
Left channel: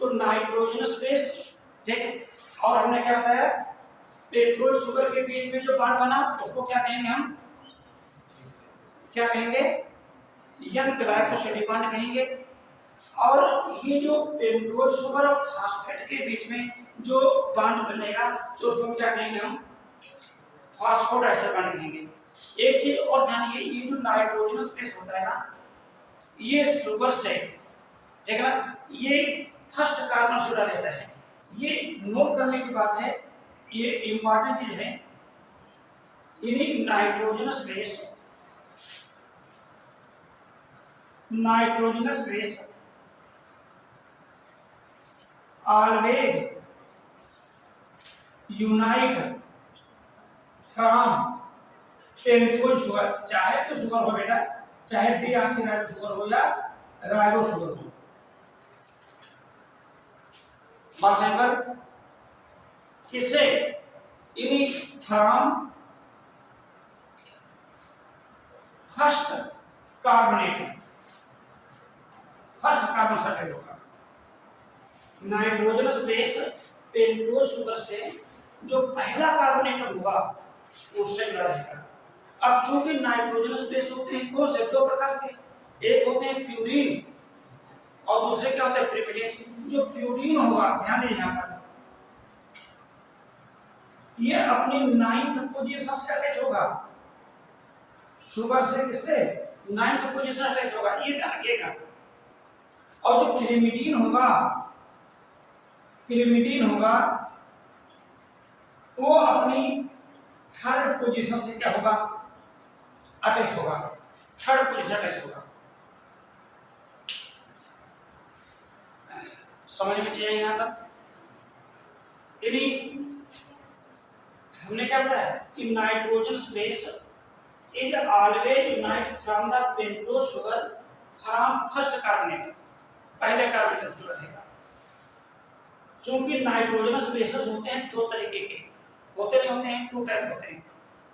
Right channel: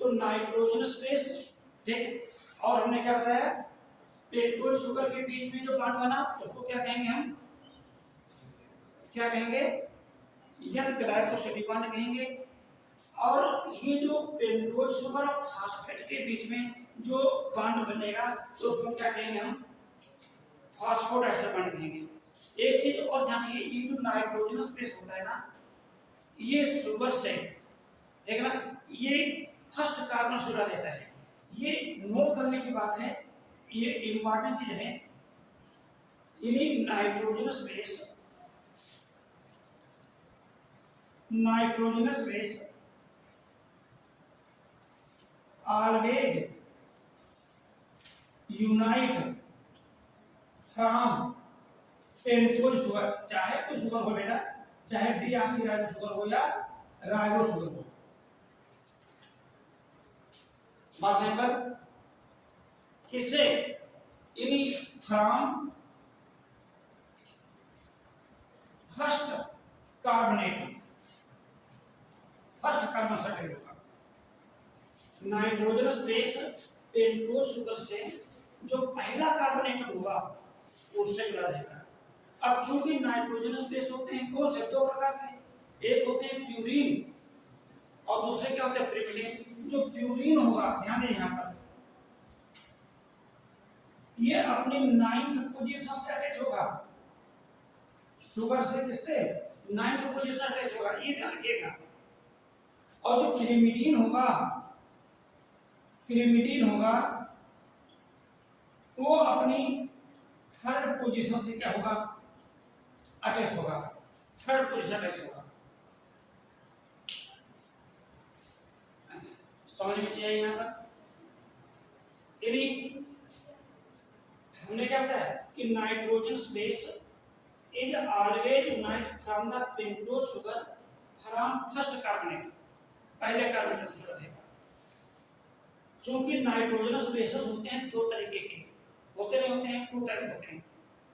तो नाइट्रोजनस बेस, ठीक है, और हमने क्या बताया? पेंटोज शुगर के बीच में जो बॉन्ड बना उसको क्या कहेंगे? हम क्या कहेंगे? एन ग्लाइकोसाइडिक बॉन्ड कहेंगे। और ये जो पेंटोज शुगर और फास्फेट के बीच में जो बॉन्ड बनेगा तो उसको क्या कहेंगे? हम फास्फोडाइस्टर बॉन्ड कहेंगे। एक चीज और जानिए, ये जो नाइट्रोजनस बेस होता है ना, ये शुगर से, ठीक है ना, ये फर्स्ट कार्बन जुड़ा रहता है। ये नोट करने की बात है, ये इंपॉर्टेंट चीज है। यानी nitrogenous base, nitrogenous base always unite from pentose sugar, चाहे तो शुगर हो बेटा, चाहे डीऑक्सीराइबो शुगर हो या राइबो शुगर हो, बस यहाँ पर किससे, इन्हीं from first carbonate, first carbon sulphate होगा। नाइट्रोजनस बेस पेंटोज शुगर से जो पहला कार्बोनेट होगा उससे जुड़ा रहेगा। अब चूंकि नाइट्रोजनस बेस होते हैं कौन से, दो प्रकार के, एक होते हैं प्यूरिन और दूसरे क्या होते हैं पिरिमिडिन। जो प्यूरिन होगा, ध्यान दें यहाँ पर, ये अपनी 9th पोजीशन से अटैच होगा, शुगर से किससे 9th पोजीशन अटैच होगा, ये ध्यान रखिएगा। और जो पिरिमिडीन होगा, पिरिमिडीन होगा वो अपनी 3rd पोजीशन से क्या होगा, अटैच होगा, 3rd पोजीशन अटैच होगा। समझ में चाहिए यहाँ तक। यदि हमने क्या बताया कि nitrogen base is always unite from the pentose sugar from first carbonate, पहले कार्बोनेट शुगर रहेगा। चूंकि नाइट्रोजनस बेसेस होते हैं दो तरीके के, होते नहीं होते हैं, 2 टाइप्स होते हैं।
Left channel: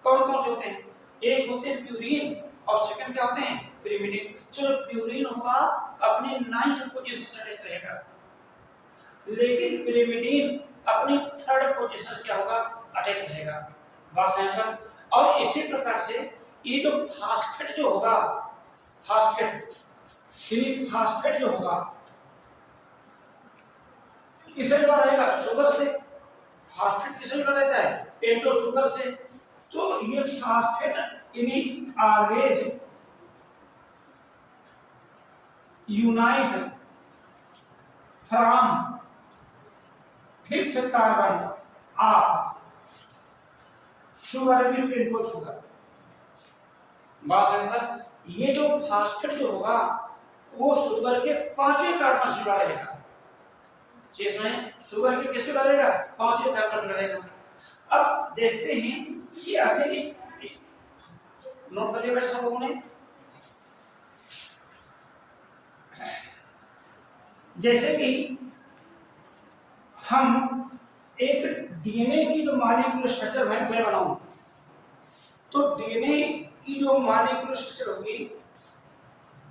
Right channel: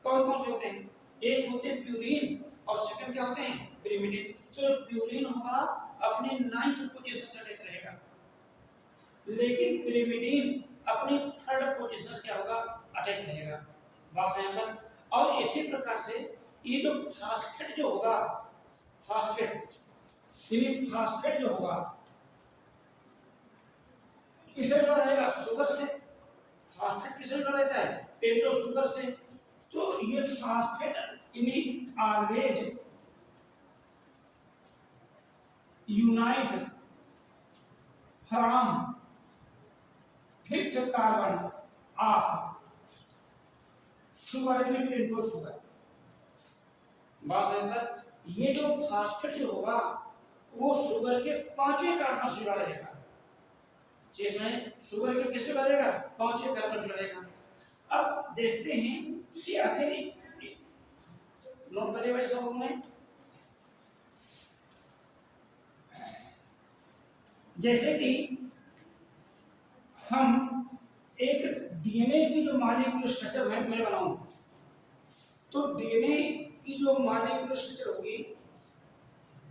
कौन कौन से होते हैं, एक होते हैं प्यूरिन और सेकंड क्या होते हैं पिरिमिडिन। चलो प्यूरिन होगा अपनी 9th पोजीशन से अटैच रहेगा, लेकिन पिरिमिडीन अपनी 3rd पोजीशन क्या होगा, अटैच रहेगा, बात यहाँ पर। और इसी प्रकार से ये जो फास्फेट जो होगा, फास्फेट यानी फास्फेट जो होगा किससे जुड़ा रहेगा, शुगर से। फास्फेट किससे जुड़ा रहता है, पेंटोज शुगर से। तो ये फास्फेट यानी always unite from 5th carbon of sugar में पेंटोज शुगर, बात पर। ये जो फास्फेट जो होगा वो शुगर के 5वें कार्बन से जुड़ा रहेगा, जिसमें शुगर के किससे जुड़ा रहेगा, 5वें कार्बन से जुड़ा रहेगा। अब देखते हैं कि आखिर नोट कर लिया बैठे सब लोगों ने, जैसे कि हम एक डीएनए की जो मॉलिक्यूलर स्ट्रक्चर है मैं बनाऊं, तो डीएनए की जो मॉलिक्यूलर स्ट्रक्चर होगी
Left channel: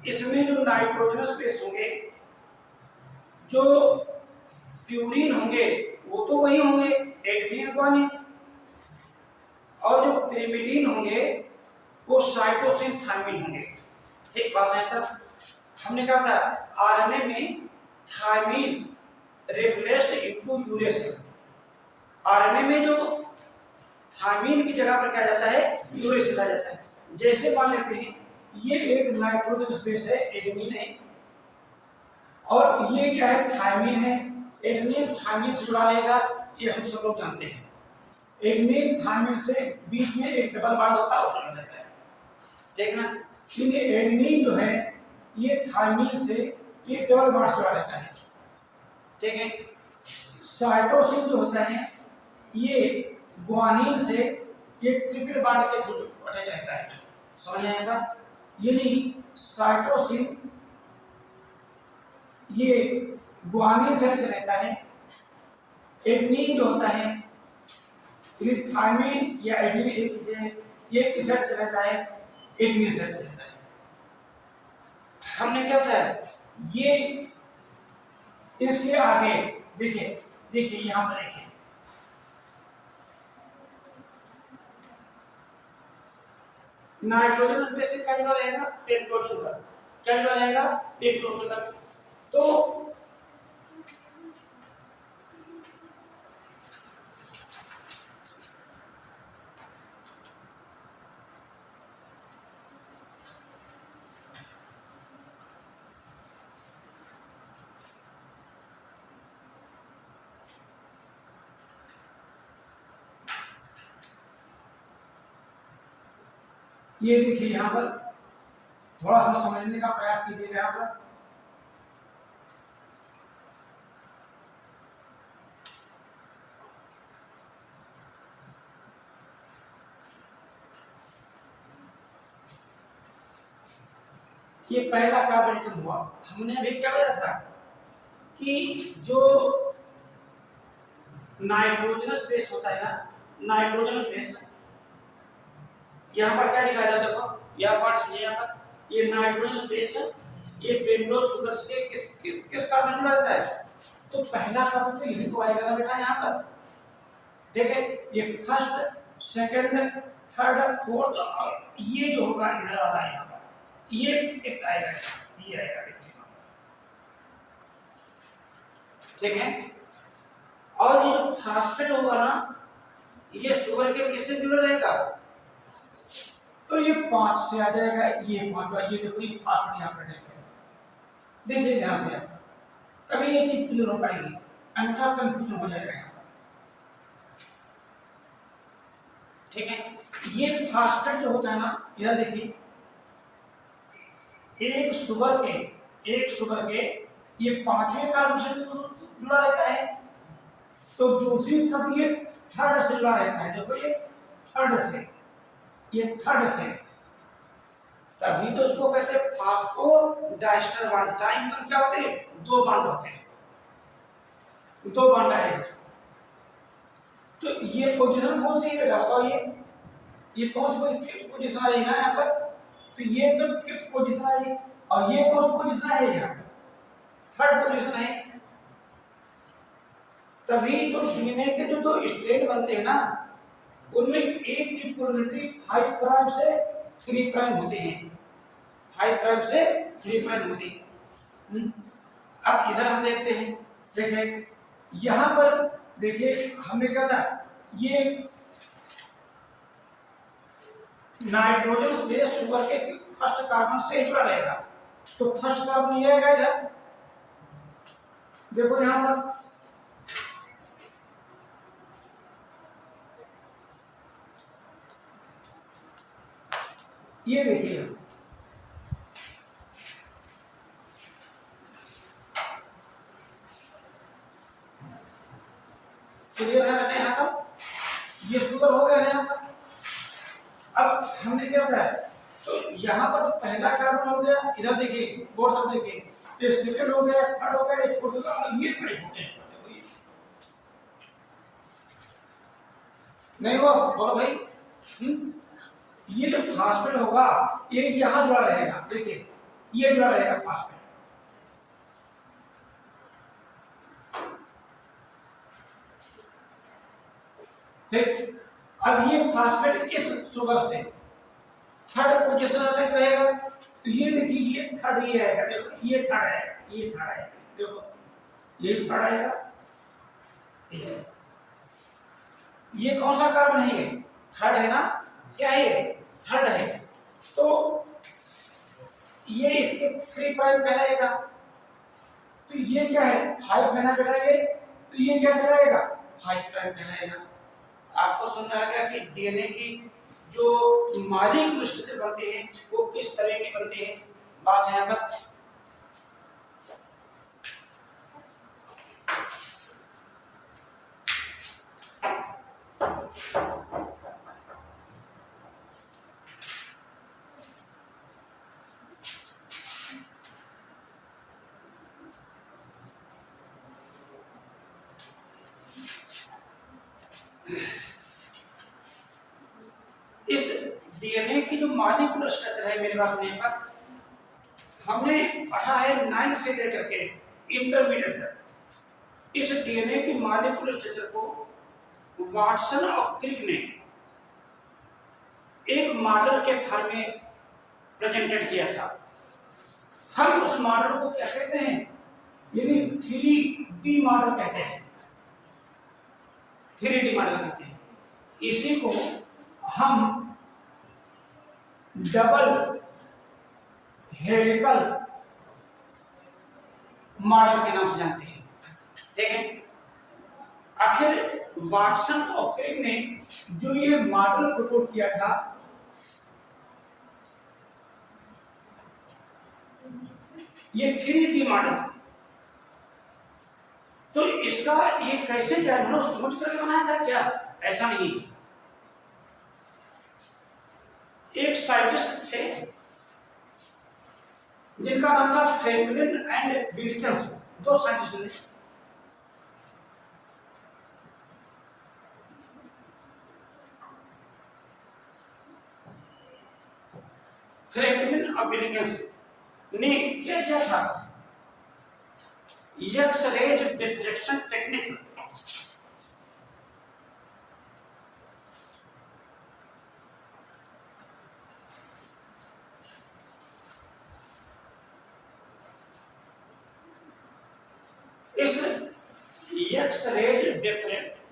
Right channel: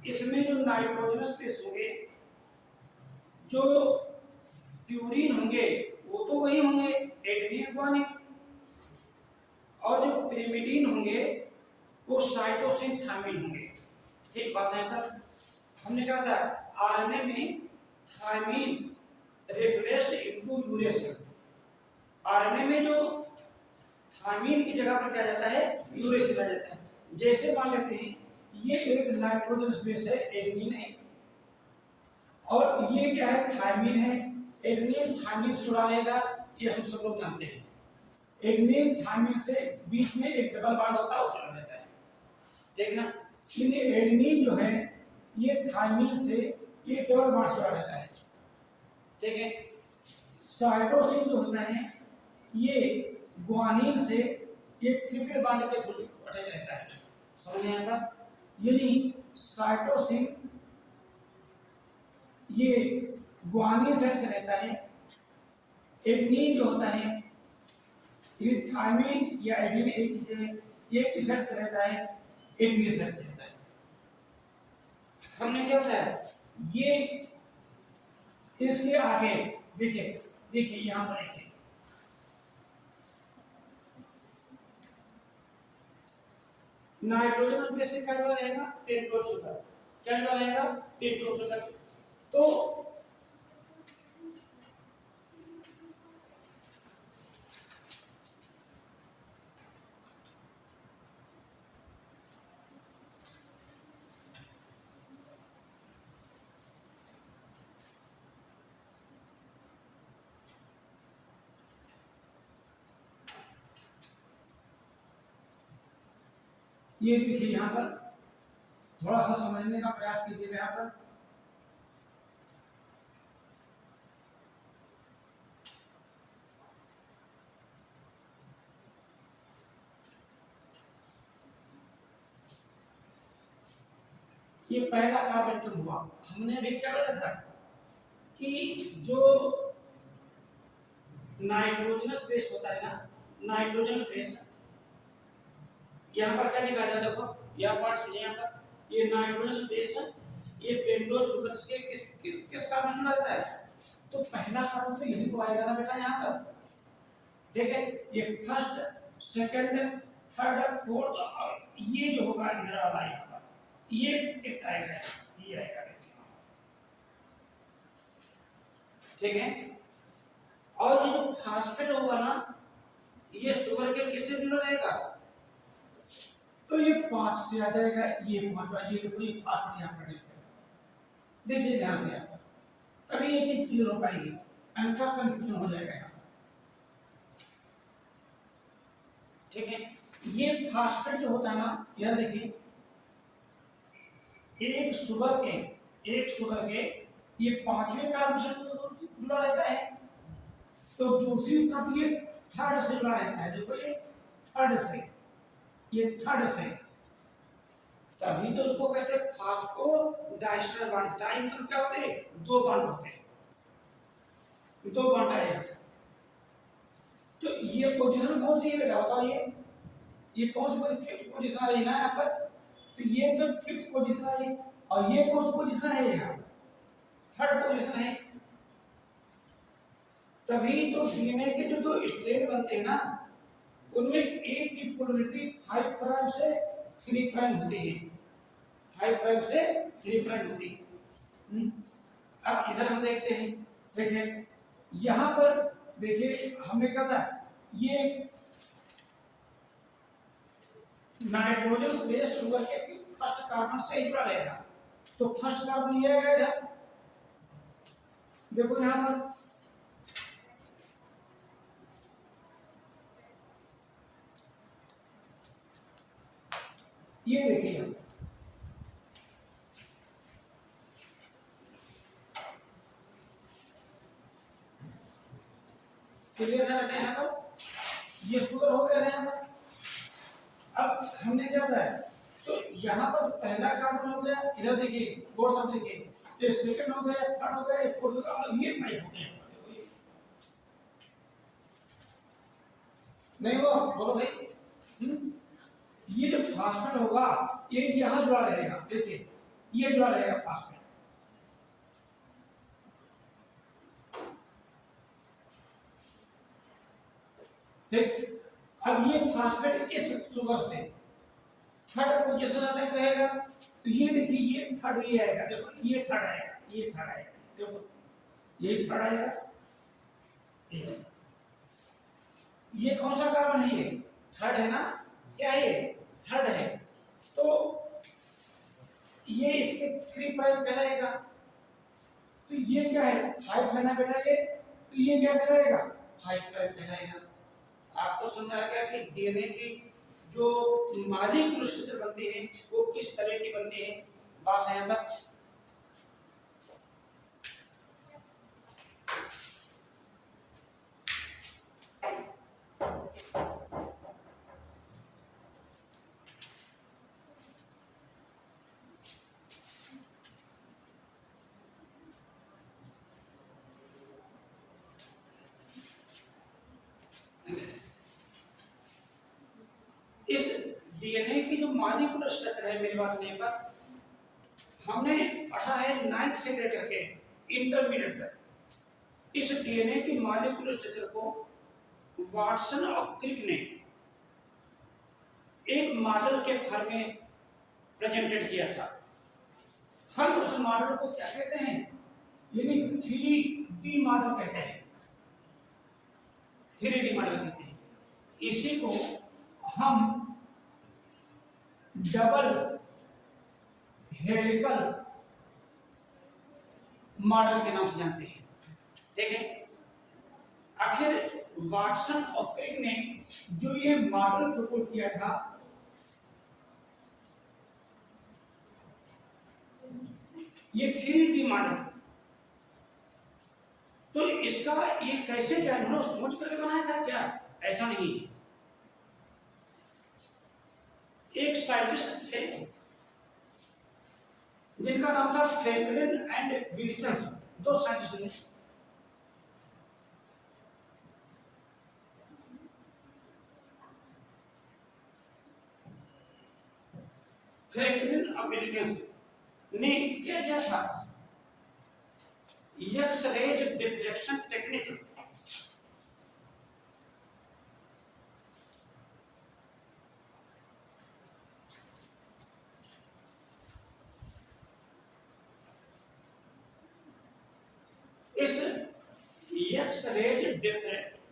इसमें जो नाइट्रोजनस बेस होंगे, जो प्यूरिन होंगे वो तो वही होंगे एडेनिन गुआनिन, और जो पिरिमिडीन होंगे वो साइटोसिन थायमिन होंगे। ठीक बात है सर। हमने क्या बताया, आरएनए में thymine replaced into uracil, RNA में जो थायमिन की जगह पर क्या जाता है, यूरेसिल आ जाता है। जैसे मान लेते हैं ये एक नाइट्रोजन बेस है, एडेनिन है, और ये क्या है, थायमिन है। एडेनिन थायमिन से जुड़ा रहेगा, ये हम सब लोग जानते हैं। एडेनिन थायमिन से बीच में एक डबल बॉन्ड होता है, उससे जुड़ा रहता है, ठीक ना। ये एडेनिन जो है ये थायमिन से ये डबल बॉन्ड से जुड़ा रहता है, ठीक है। साइटोसिन जो होता है ये गुआनिन से एक ट्रिपल बॉन्ड के थ्रू अटैच रहता है, समझ आया क्या। यानी साइटोसिन ये गुआनिन से अटैच रहता है, एडेनिन जो होता है ये थायमिन या एडेनिन एक चीज है, ये किससे अटैच रहता है, एडेनिन से अटैच रहता है। हमने क्या बताया, ये इसके आगे देखिए, देखिए यहां पर देखिए, नाइट्रोजन बेस से क्या जुड़ा रहेगा, पेंटोज शुगर, क्या जुड़ा रहेगा, पेंटोज शुगर। तो ये देखिए यहाँ पर थोड़ा सा समझने का प्रयास कीजिएगा। यहाँ पर ये पहला कार्बन एटम हुआ। हमने अभी क्या बताया था कि जो नाइट्रोजनस बेस होता है ना, नाइट्रोजनस बेस, यहाँ पर क्या लिखा था देखो, यह पार्ट समझिए। यहाँ पर ये नाइट्रोजनस बेस, ये पेंटोज शुगर्स के किस कार्बन जुड़ा रहता है? तो पहला कार्बन तो यही तो आएगा ना बेटा यहाँ पर। देखिए ये फर्स्ट, सेकंड, थर्ड, फोर्थ, और ये जो होगा इधर आ रहा है यहाँ पर, ये फिफ्थ आएगा, ये आएगा, ठीक है। और ये जो फास्फेट होगा ना, ये शुगर के किससे जुड़ा रहेगा? तो ये 5 से आ जाएगा, ये 5वां, ये देखो ये फास्फेट यहाँ पर देखिए ध्यान से यहाँ पर, तभी ये चीज क्लियर हो पाएगी, अन्यथा कंफ्यूजन हो जाएगा यहाँ पर, ठीक है। ये फास्फेट जो होता है ना, यह देखिए एक शुगर के ये 5वें कार्बन से जुड़ा रहता है, तो दूसरी तरफ ये थर्ड से जुड़ा रहता है। देखो ये थर्ड से, ये थर्ड से, तभी तो उसको कहते हैं फास्फोडाइस्टर बॉन्ड। टाइम मतलब क्या होते हैं? 2 बॉन्ड होते हैं, 2 बॉन्ड आए। तो ये पोजीशन कौन सी है बेटा बताओ? ये कौन सी फिफ्थ पोजीशन आई ना यहाँ पर, तो ये तो फिफ्थ पोजीशन आई, और ये कौन सी पोजीशन है? यहाँ थर्ड पोजीशन है। तभी तो डीएनए के जो 2 स्ट्रैंड बनते हैं ना, उनमें एक की पोलरिटी 5 प्राइम से 3 प्राइम होते हैं, 5 प्राइम से 3 प्राइम होते हैं। अब इधर हम देखते हैं, देखिए यहाँ पर देखिए हमने क्या था, ये नाइट्रोजन बेस शुगर के फर्स्ट कार्बन से जुड़ा रहेगा, तो फर्स्ट कार्बन ये आएगा इधर, देखो यहाँ पर ये देखिए, क्लियर है बेटा? यहाँ पर ये शुगर हो गया ना यहाँ पर। अब हमने क्या बताया, तो यहाँ पर तो पहला कार्बन हो गया, इधर देखिए बोर्ड तब देखिए, ये सेकंड हो गया, थर्ड हो गया, फोर्थ हो गया, ये फाइव हो गया। नहीं हुआ? बोलो भाई। ये जो फास्फेट होगा ये यहाँ जुड़ा रहेगा, देखिए ये जुड़ा रहेगा फास्फेट, ठीक। अब ये फास्फेट इस शुगर से थर्ड पोजीशन अटैच रहेगा, तो ये देखिए ये थर्ड, ये आएगा, देखो ये थर्ड आएगा, ये थर्ड आएगा, देखो ये थर्ड आएगा, ये कौन सा कार्बन है? ये थर्ड है ना, क्या है ये? थर्ड है। तो ये इसके 3 प्राइम कहलाएगा, तो ये क्या है? 5 है ना बेटा ये, तो ये क्या कहलाएगा? 5 प्राइम कहलाएगा। आपको समझ आ गया कि डीएनए की जो मॉलिक्यूलर स्ट्रक्चर बनते हैं वो किस तरह के बनते हैं। बात यहाँ पर इस डीएनए की जो मॉलिक्यूलर स्ट्रक्चर है, मेरे पास नहीं पर हमने पढ़ा है 9th से लेकर के इंटरमीडिएट तक। इस डीएनए की मॉलिक्यूलर स्ट्रक्चर को वाटसन और क्रिक ने एक मॉडल के फॉर्म में प्रेजेंटेड किया था। हम उस मॉडल को क्या कहते हैं? यानी 3D मॉडल कहते हैं, 3D मॉडल कहते हैं। इसी को हम डबल हेलिकल मॉडल के नाम से जानते हैं, ठीक है। आखिर वाटसन और क्रिक ने जो ये मॉडल प्रपोज किया था, ये 3D मॉडल, तो इसका ये कैसे क्या हम लोग सोच करके बनाया था क्या? ऐसा नहीं। एक साइंटिस्ट थे जिनका नाम था फ्रैंकलिन एंड विल्किंस, दो साइंटिस्ट ने। फ्रैंकलिन और विल्किंस ने क्या किया था, एक्स-रेज डिफ्रेक्शन टेक्निक, इस एक्स-रेज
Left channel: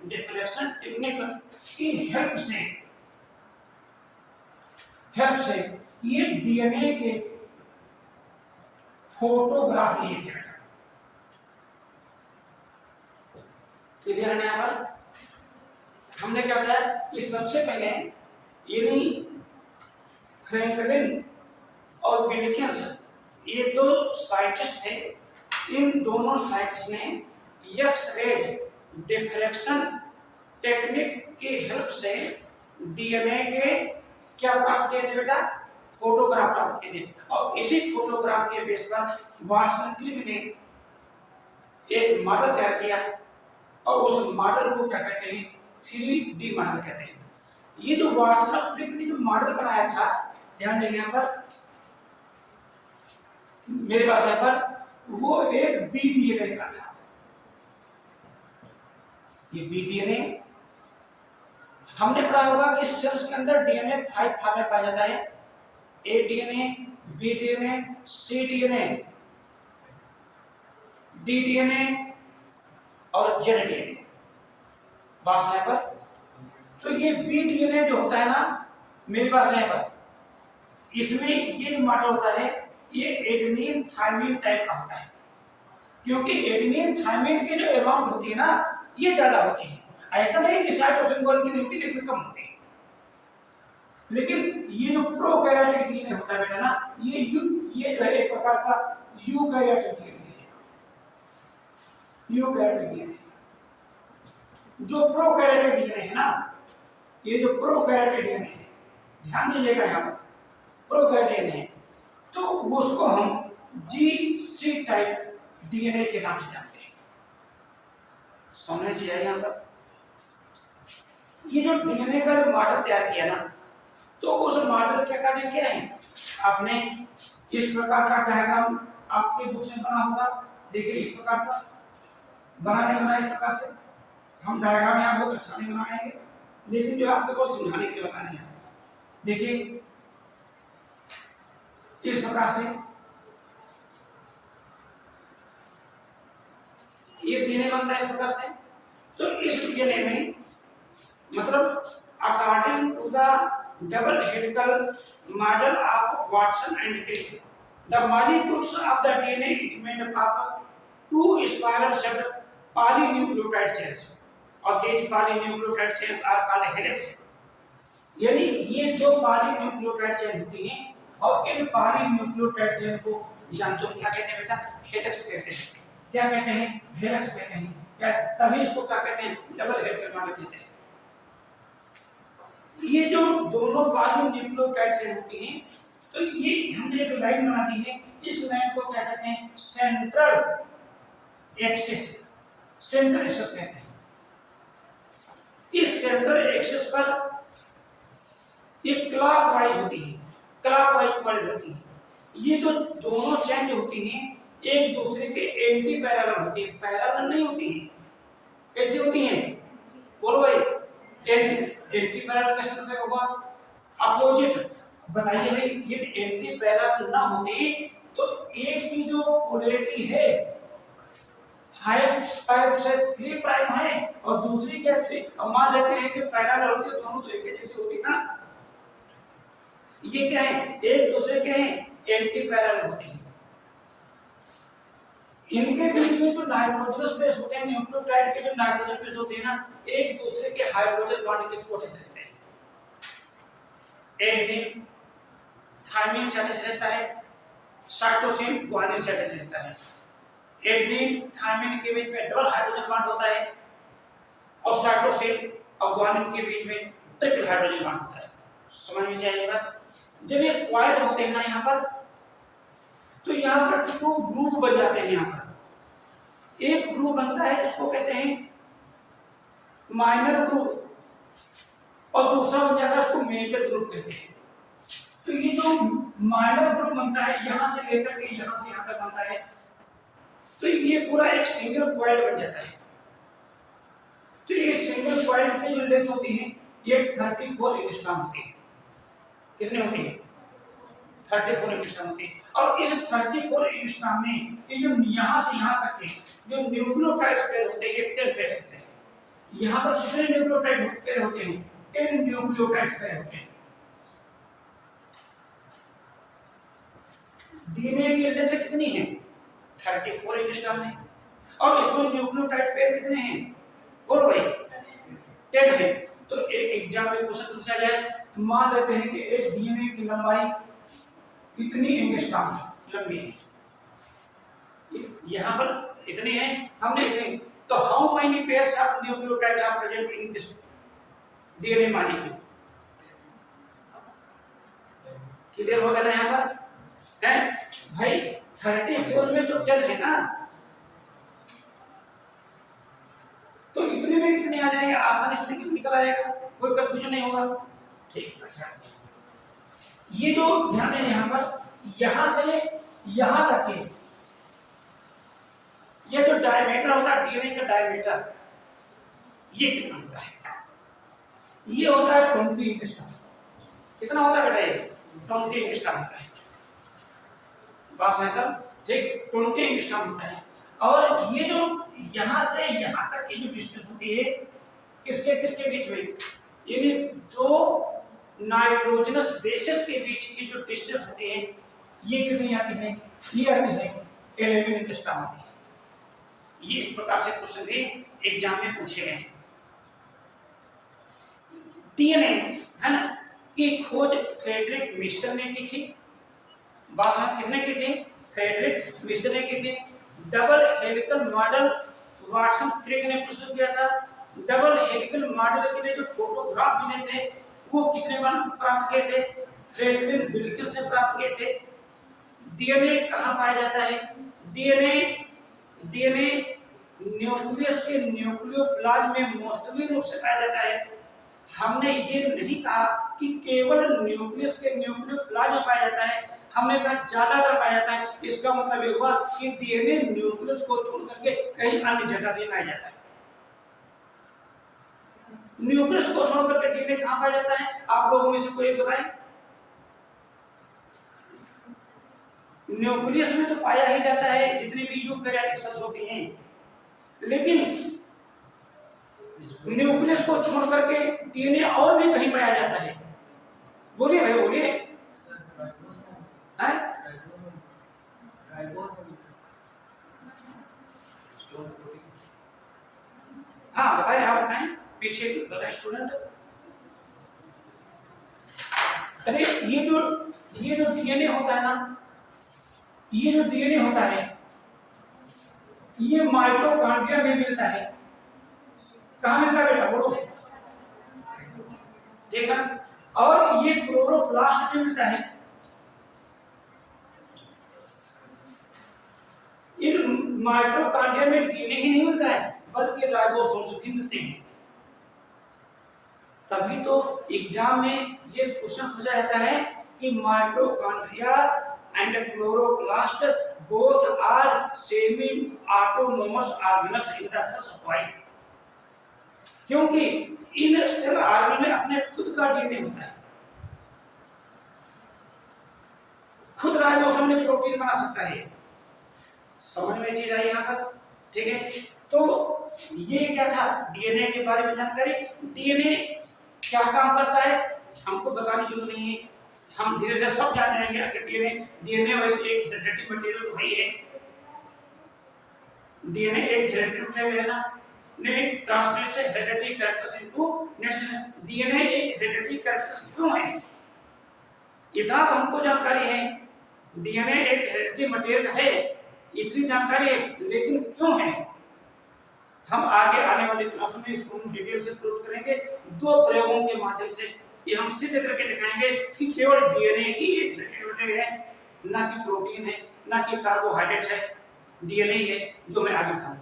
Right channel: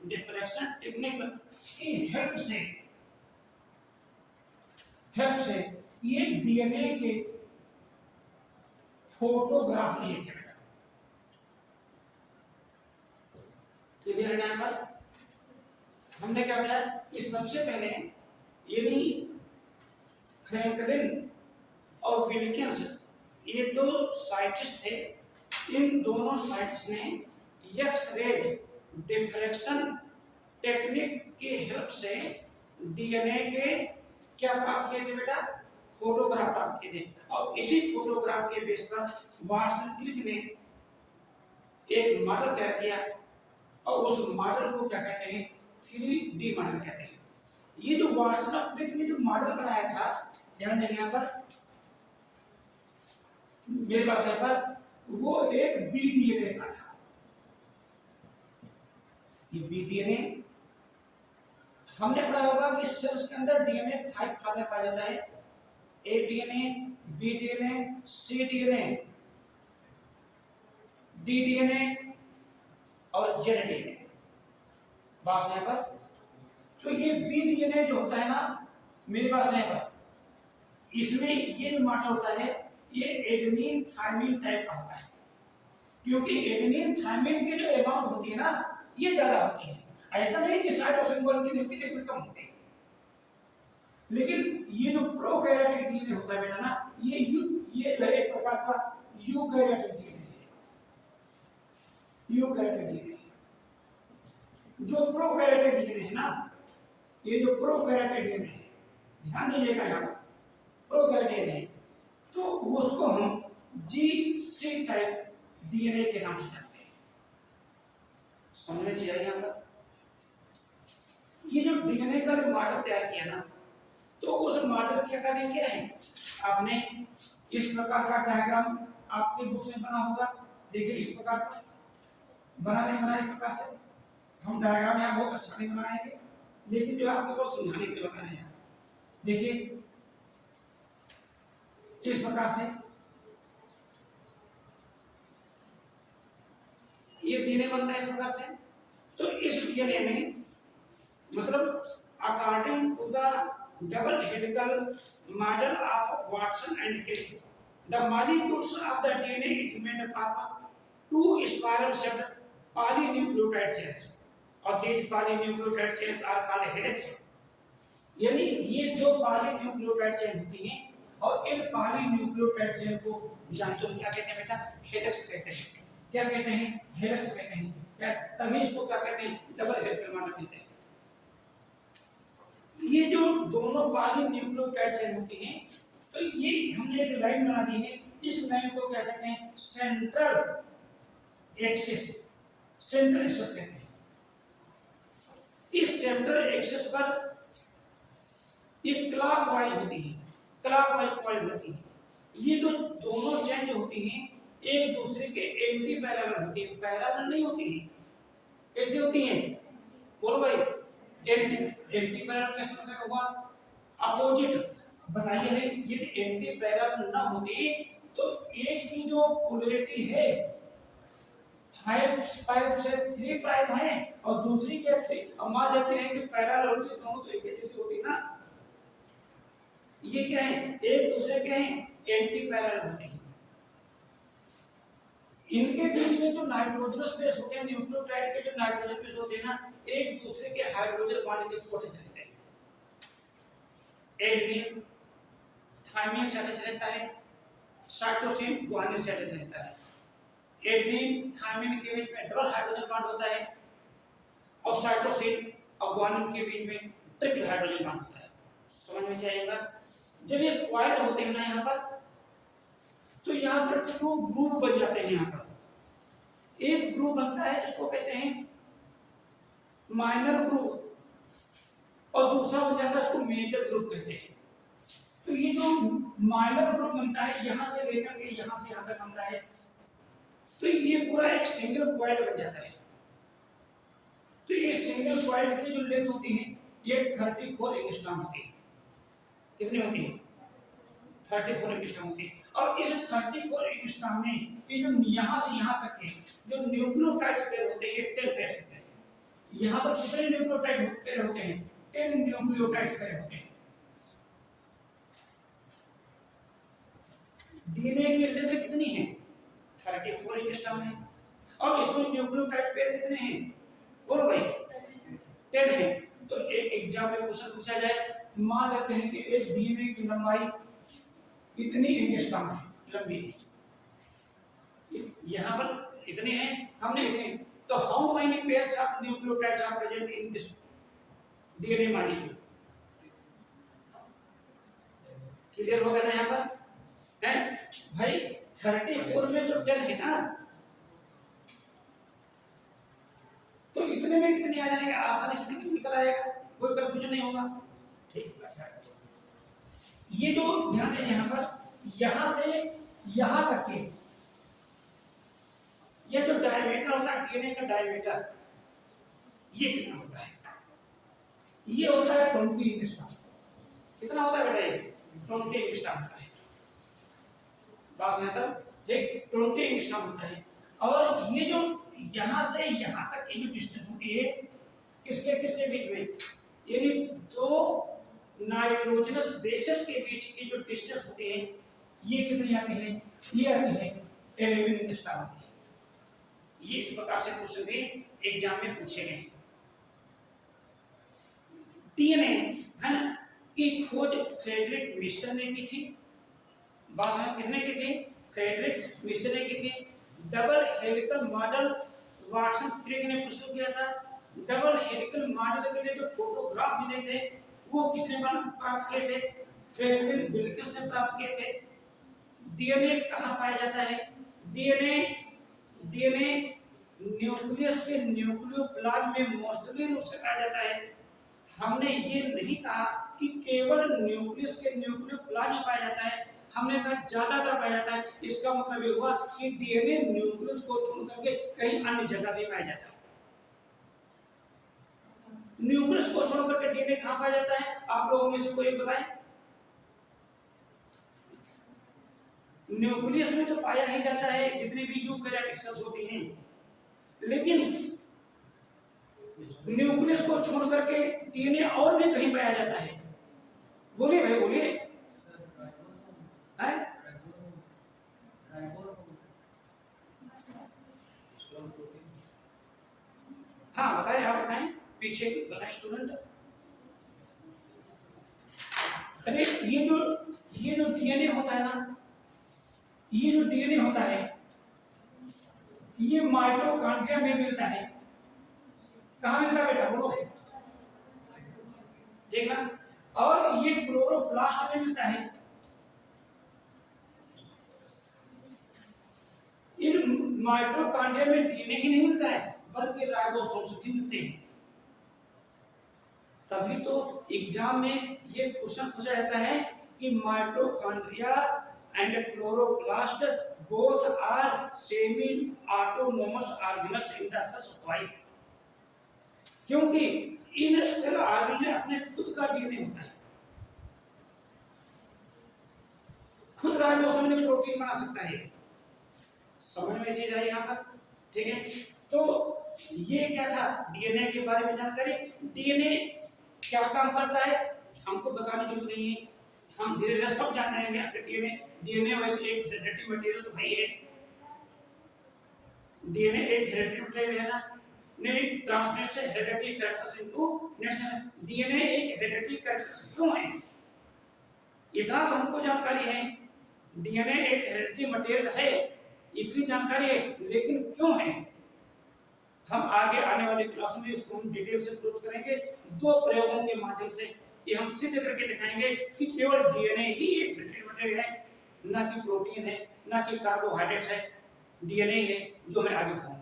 डिफ्रेक्शन टेक्निक की हेल्प से ये डीएनए के फोटोग्राफ लिए थे। क्लियर है यहाँ पर? हमने क्या बताया कि सबसे पहले यानी फ्रैंकलिन और विल्किंस, ये दो साइंटिस्ट थे। इन दोनों साइंटिस्ट ने एक्स-रेज डिफ्रेक्शन टेक्निक की हेल्प से डीएनए के क्या प्राप्त किए थे बेटा, फोटोग्राफ प्राप्त किए थे। और इसी फोटोग्राफ के बेस पर वाटसन क्रिक ने एक मॉडल तैयार किया और उस मॉडल को क्या कहते हैं, 3D मॉडल कहते हैं। ये जो वाटसन क्रिक ने जो मॉडल बनाया था, ध्यान देंगे यहाँ पर मेरे पास यहाँ पर, वो एक बीडीएनए का था। ये बीडीएनए हमने पढ़ा होगा कि सेल्स के अंदर डीएनए 5 फॉर्म में पाया जाता है, ए डीएनए, बी डीएनए, सी डीएनए, डी डीएनए और जेड डीएनए। बात सुनाए पर, तो ये बी डीएनए जो होता है ना, मेरी बात सुनाए पर, इसमें ये जो मॉडल होता है ये एडेनिन थायमिन टाइप का होता है, क्योंकि एडेनिन थायमिन की जो अमाउंट होती है ना, ये ज्यादा होती है। ऐसा नहीं कि साइटोसिन की नहीं होती, लेकिन कम होती है। लेकिन ये जो प्रोकैरियोटिक डीएनए होता है बेटा ना, ये जो है एक प्रकार का यूकैरियोटिक डीएनए है। यूकैरियोटिक डीएनए जो प्रोकैरियोटिक डीएनए है ना, ये जो प्रोकैरियोटिक डीएनए है, ध्यान दीजिएगा यहाँ पर, प्रोकैरियोटिक डीएनए, तो उसको हम जीसी टाइप डीएनए के नाम से जानते हैं। समझने चाहिए यहाँ पर। ये जो डीएनए का जो मॉडल तैयार किया ना, तो उस मॉडल के कार्य क्या है, आपने इस प्रकार का डायग्राम आपके बुक से बना होगा, देखिए इस प्रकार का बना नहीं बना, इस प्रकार से हम डायग्राम यहाँ बहुत अच्छा नहीं बनाएंगे, लेकिन जो आपको को समझाने के लिए बता रहे हैं, देखिए इस प्रकार से ये डीएनए बनता है इस प्रकार से। तो इस डीएनए में मतलब according to the double helical model of Watson and Crick, the molecules of the DNA is made up of 2 spiral shaped polynucleotide chains, और these polynucleotide chains are called helix. यानी ये दो पॉलीन्यूक्लियोटाइड चेन होती हैं, और इन polynucleotide chain को जानते हो क्या कहते हैं बेटा, हेलिक्स कहते हैं। क्या कहते हैं, हेलिक्स कहते हैं। क्या, तभी इसको क्या कहते हैं, डबल हेलिकल मॉडल कहते हैं। ये जो दोनों पॉलीन्यूक्लियोटाइड चेन होती हैं, तो ये हमने जो लाइन बना दी है, इस लाइन को क्या कहते हैं, सेंट्रल एक्सिस, सेंट्रल एक्सिस कहते हैं। इस सेंट्रल एक्सिस पर एक क्लॉकवाइज होती है, क्लॉकवाइज पॉइंट होती है। ये जो दोनों चेन जो होती हैं, एक दूसरे के एंटी पैरेलल होती है, पैरेलल नहीं होती है। कैसी होती हैं, बोलो भाई, एंटी पैरेलल कैसे मतलब होगा, अपोजिट। बताइए भाई, ये एंटी पैरेलल ना होती तो एक की जो पोलैरिटी है 5 से 3 प्राइम है, और दूसरी क्या 3, अब मान लेते हैं कि पैरेलल होती है, दोनों तो एक जैसी होती ना। ये क्या है, एक दूसरे के हैं एंटी पैरेलल होती है। इनके बीच में जो नाइट्रोजनस बेस होते हैं, न्यूक्लियोटाइड के जो नाइट्रोजन बेस होते हैं ना, एक दूसरे के हाइड्रोजन बॉन्ड के थ्रू अटैच रहते हैं। एडेनिन थायमिन से अटैच रहता है, साइटोसिन ग्वानिन से अटैच रहता है। एडेनिन थायमिन के बीच में डबल हाइड्रोजन बॉन्ड होता है, और साइटोसिन और ग्वानिन के बीच में ट्रिपल हाइड्रोजन बॉन्ड होता है। समझ में जाएगा। जब ये कॉइल्ड होते हैं ना यहाँ पर, तो यहाँ पर 2 ग्रुप बन जाते हैं। यहाँ पर एक ग्रुप बनता है जिसको कहते हैं माइनर ग्रुप, और दूसरा बन जाता है उसको मेजर ग्रुप कहते हैं। तो ये जो माइनर ग्रुप बनता है यहां से लेकर के यहां से यहां तक बनता है, तो ये पूरा एक सिंगल कॉइल बन जाता है। तो ये सिंगल कॉइल की जो लेंथ होती है ये 34 एंगस्ट्रॉम होती है। कितनी होती है? 34 एंगस्ट्रॉम होती है। और इस 34 एंगस्ट्रॉम में ये जो यहां से यहां तक के जो न्यूक्लियोटाइड्स पेयर होते हैं ये 10 पेयर होते हैं। यहां पर कितने न्यूक्लियोटाइड पेयर होते हैं? 10 न्यूक्लियोटाइड्स पेयर होते हैं। डीएनए की लेंथ कितनी है? 34 एंगस्ट्रॉम है। और इसमें न्यूक्लियोटाइड पेयर कितने हैं? बोलो भाई 10 है। तो एक एग्जाम में क्वेश्चन पूछा जाए, मान लेते हैं कि एक डीएनए की लंबाई कितनी एंगस्ट्रॉम है, लंबी है, यहाँ पर इतनी है, हमने इतनी, तो how many pairs of nucleotides are present in this DNA molecule? Clear हो गया ना यहाँ पर? है भाई 34 में तो 10 है ना, तो इतने में कितने आ जाएंगे? आसानी से निकल आएगा, कोई कंफ्यूजन नहीं होगा। ठीक, अच्छा ये जो ध्यान दें यहाँ पर, यहां से यहां तक के ये जो डायमीटर होता है डीएनए का डायमीटर, ये कितना होता है? ये होता है 20 एंगस्ट्रॉम। कितना होता है बेटा? ये 20 एंगस्ट्रॉम होता है। बस है तब ठीक, 20 एंगस्ट्रॉम होता है। और ये जो यहां से यहां तक की जो डिस्टेंस होती है किसके किसके बीच में, यानी दो नाइट्रोजनस बेसिस के बीच की जो डिस्टेंस होती है ये कितनी आती है? ये आती है 11 एंगस्ट्रॉम आती है। ये इस प्रकार से क्वेश्चन भी एग्जाम में पूछे गए हैं। डीएनए है ना की खोज फ्रेडरिक मिशर ने की थी। बात में किसने की थी? फ्रेडरिक मिशर ने की थी। Double helical model Watson Crick ने प्रस्तुत किया था। डबल हेलिकल मॉडल के लिए जो फोटोग्राफ मिले थे वो किसने प्राप्त किए थे? फ्रेडरिक विल्किंस ने प्राप्त किए थे। डीएनए कहाँ पाया जाता है? डीएनए न्यूक्लियस के न्यूक्लियोप्लाज्म में मोस्टली रूप से पाया जाता है। हमने ये नहीं कहा कि केवल न्यूक्लियस के न्यूक्लियोप्लाज्म में पाया जाता है, हमने कहा ज्यादातर पाया जाता है। इसका मतलब ये हुआ कि डीएनए न्यूक्लियस को छोड़ करके कहीं अन्य जगह भी पाया जाता है। न्यूक्लियस को छोड़ करके डीएनए कहाँ पाया जाता है? आप लोगों में से कोई बताएं। न्यूक्लियस में तो पाया ही जाता है जितने भी यूकैरियोटिक सेल्स होते हैं, लेकिन न्यूक्लियस को छोड़ करके डीएनए और भी कहीं पाया जाता है। बोलिए भाई बोलिए। हैं? हाँ बताएं, आप बताएं, पीछे बताएं स्टूडेंट। अरे ये जो डीएनए होता है ना, ये जो डीएनए होता है ये माइटोकॉन्ड्रिया में मिलता है। कहाँ मिलता है बेटा? बोलो देखना। और ये क्लोरोप्लास्ट में मिलता है। इन माइटोकॉन्ड्रिया में डीएनए ही नहीं मिलता है बल्कि राइबोसोम्स भी मिलते हैं। तभी तो एग्जाम में ये क्वेश्चन पूछा जाता है कि mitochondria and chloroplast both are semi autonomous organelles in the cells of life, क्योंकि इन सेल ऑर्गन में अपने खुद का डीएनए होता है। खुद राइबोसोम में प्रोटीन बना सकता है। समझ में चीज आई यहाँ पर? ठीक है, तो ये क्या था डीएनए के बारे में जानकारी। डीएनए क्या काम करता है हमको बताने की जरूरत नहीं है, हम धीरे धीरे सब जान जाएंगे। आखिर डीएनए वैसे एक हेरिडिटरी मटेरियल तो है। डीएनए एक हेरिडिटरी मटेरियल है ना, ने ट्रांसमिट से hereditary characters into national. DNA एक हेरिडिटरी कैरेक्टर्स क्यों है? इतना तो हमको जानकारी है, डीएनए एक हेरिडिटरी मटेरियल है, इतनी जानकारी है, लेकिन क्यों है हम आगे आने वाले क्लास में इसको डिटेल से प्रूव करेंगे। दो प्रयोगों के माध्यम से ये हम सिद्ध करके दिखाएंगे कि केवल डीएनए ही एक हेरिडिटरी मटेरियल है, ना कि प्रोटीन है, ना कि कार्बोहाइड्रेट्स है, डीएनए ही है जो मैं आगे बताऊंगा।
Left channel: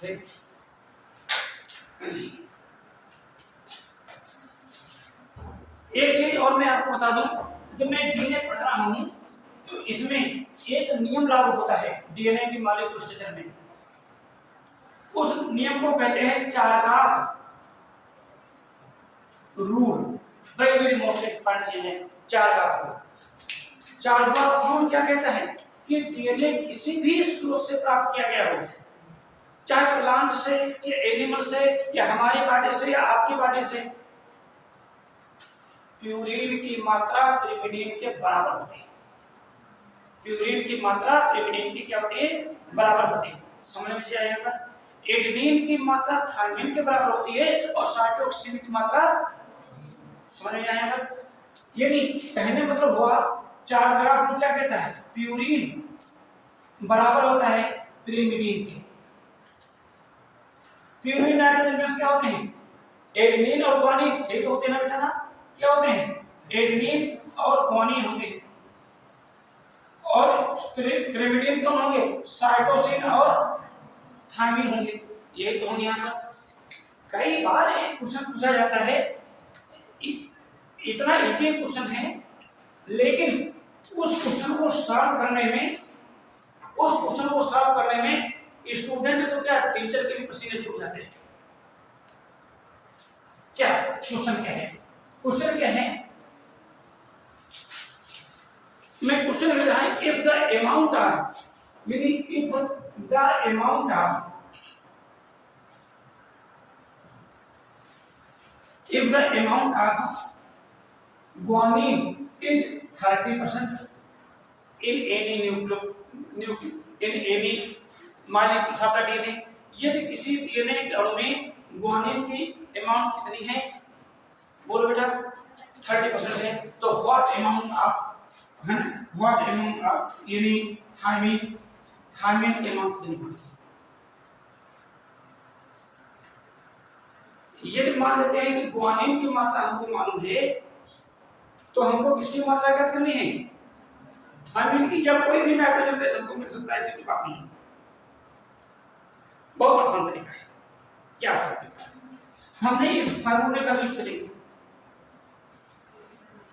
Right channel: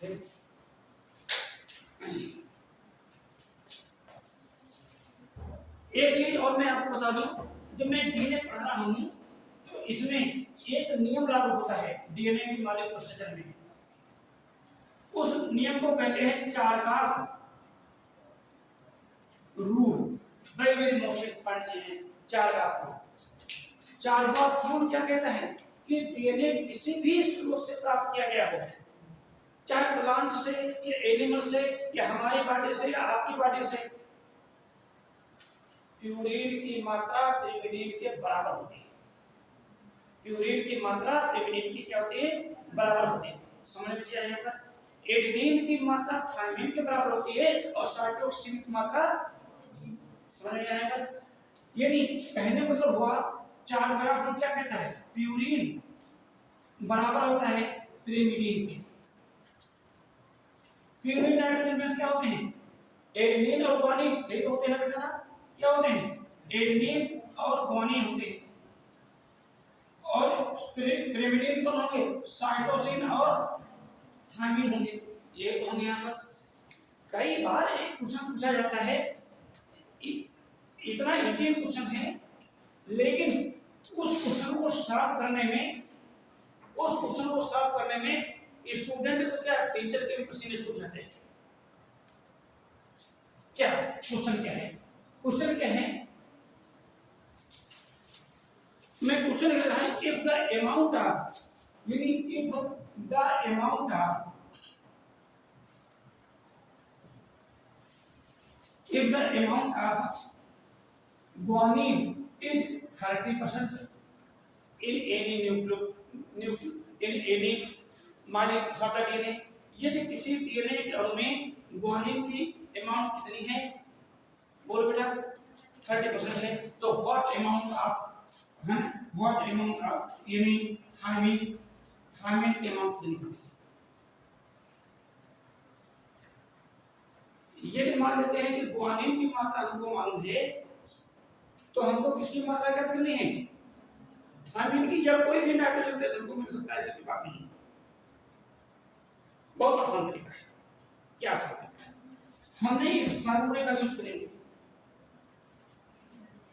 ठीक? एक चीज और मैं आपको बता दूं, जब मैं डीएनए पढ़ रहा हूं तो इसमें एक नियम लागू होता है डीएनए की मॉलिक्यूलर स्ट्रक्चर में। उस नियम को कहते हैं Chargaff rule. Very very most important चीज है चारकाफ रूल। चारकाफ रूल क्या कहता है कि डीएनए किसी भी स्रोत से प्राप्त किया गया हो, चाहे प्लांट से या एनिमल से या हमारी बॉडी से या आपकी बॉडी से, प्यूरिन की मात्रा पिरिमिडीन के बराबर होती है। प्यूरिन की मात्रा पिरिमिडीन की क्या होती है? बराबर होती है। समझ में आया यहाँ पर? एडेनिन की मात्रा थायमिन के बराबर होती है और साइटोक्सिन की मात्रा, समझ में आया यहाँ पर? यानी कहने मतलब हुआ चार ग्राफ रूल क्या कहता है? प्यूरिन बराबर होता है पिरिमिडीन के। प्यूरिन नाइट्रोजन बेस क्या होते हैं? एडेनिन और ग्वानिन, ये तो होते हैं ना बेटा ना? क्या होते हैं? एडेनिन और ग्वानिन होते हैं। और पिरिमिडीन कौन होंगे? साइटोसिन और थायमिन होंगे। यही तो होंगे यहाँ पर। कई बार एक क्वेश्चन पूछा जाता है, इतना इजी क्वेश्चन है, लेकिन उस क्वेश्चन को सॉल्व करने में स्टूडेंट को क्या, टीचर के भी पसीने छूट जाते हैं। क्या क्वेश्चन क्या है? क्वेश्चन क्या है? मैं क्वेश्चन लिख रहा है, इफ द अमाउंट ऑफ, यानी if the amount of, if the amount of guanine is 30% in any molecule of DNA, यदि किसी डीएनए के अणु में ग्वानिन की अमाउंट कितनी है? बोलो बेटा 30% है, तो व्हाट अमाउंट ऑफ यानी थायमिन की अमाउंट कितनी है? यदि मान लेते हैं कि ग्वानिन की मात्रा हमको मालूम है, तो हमको किसकी मात्रा ज्ञात करनी है? थायमिन की, या कोई भी नाइट्रोजन बेस हमको मिल सकता है, ऐसी कोई बात नहीं है। बहुत आसान तरीका है। क्या आसान तरीका है? हमने इस फार्मूले का यूज करेंगे,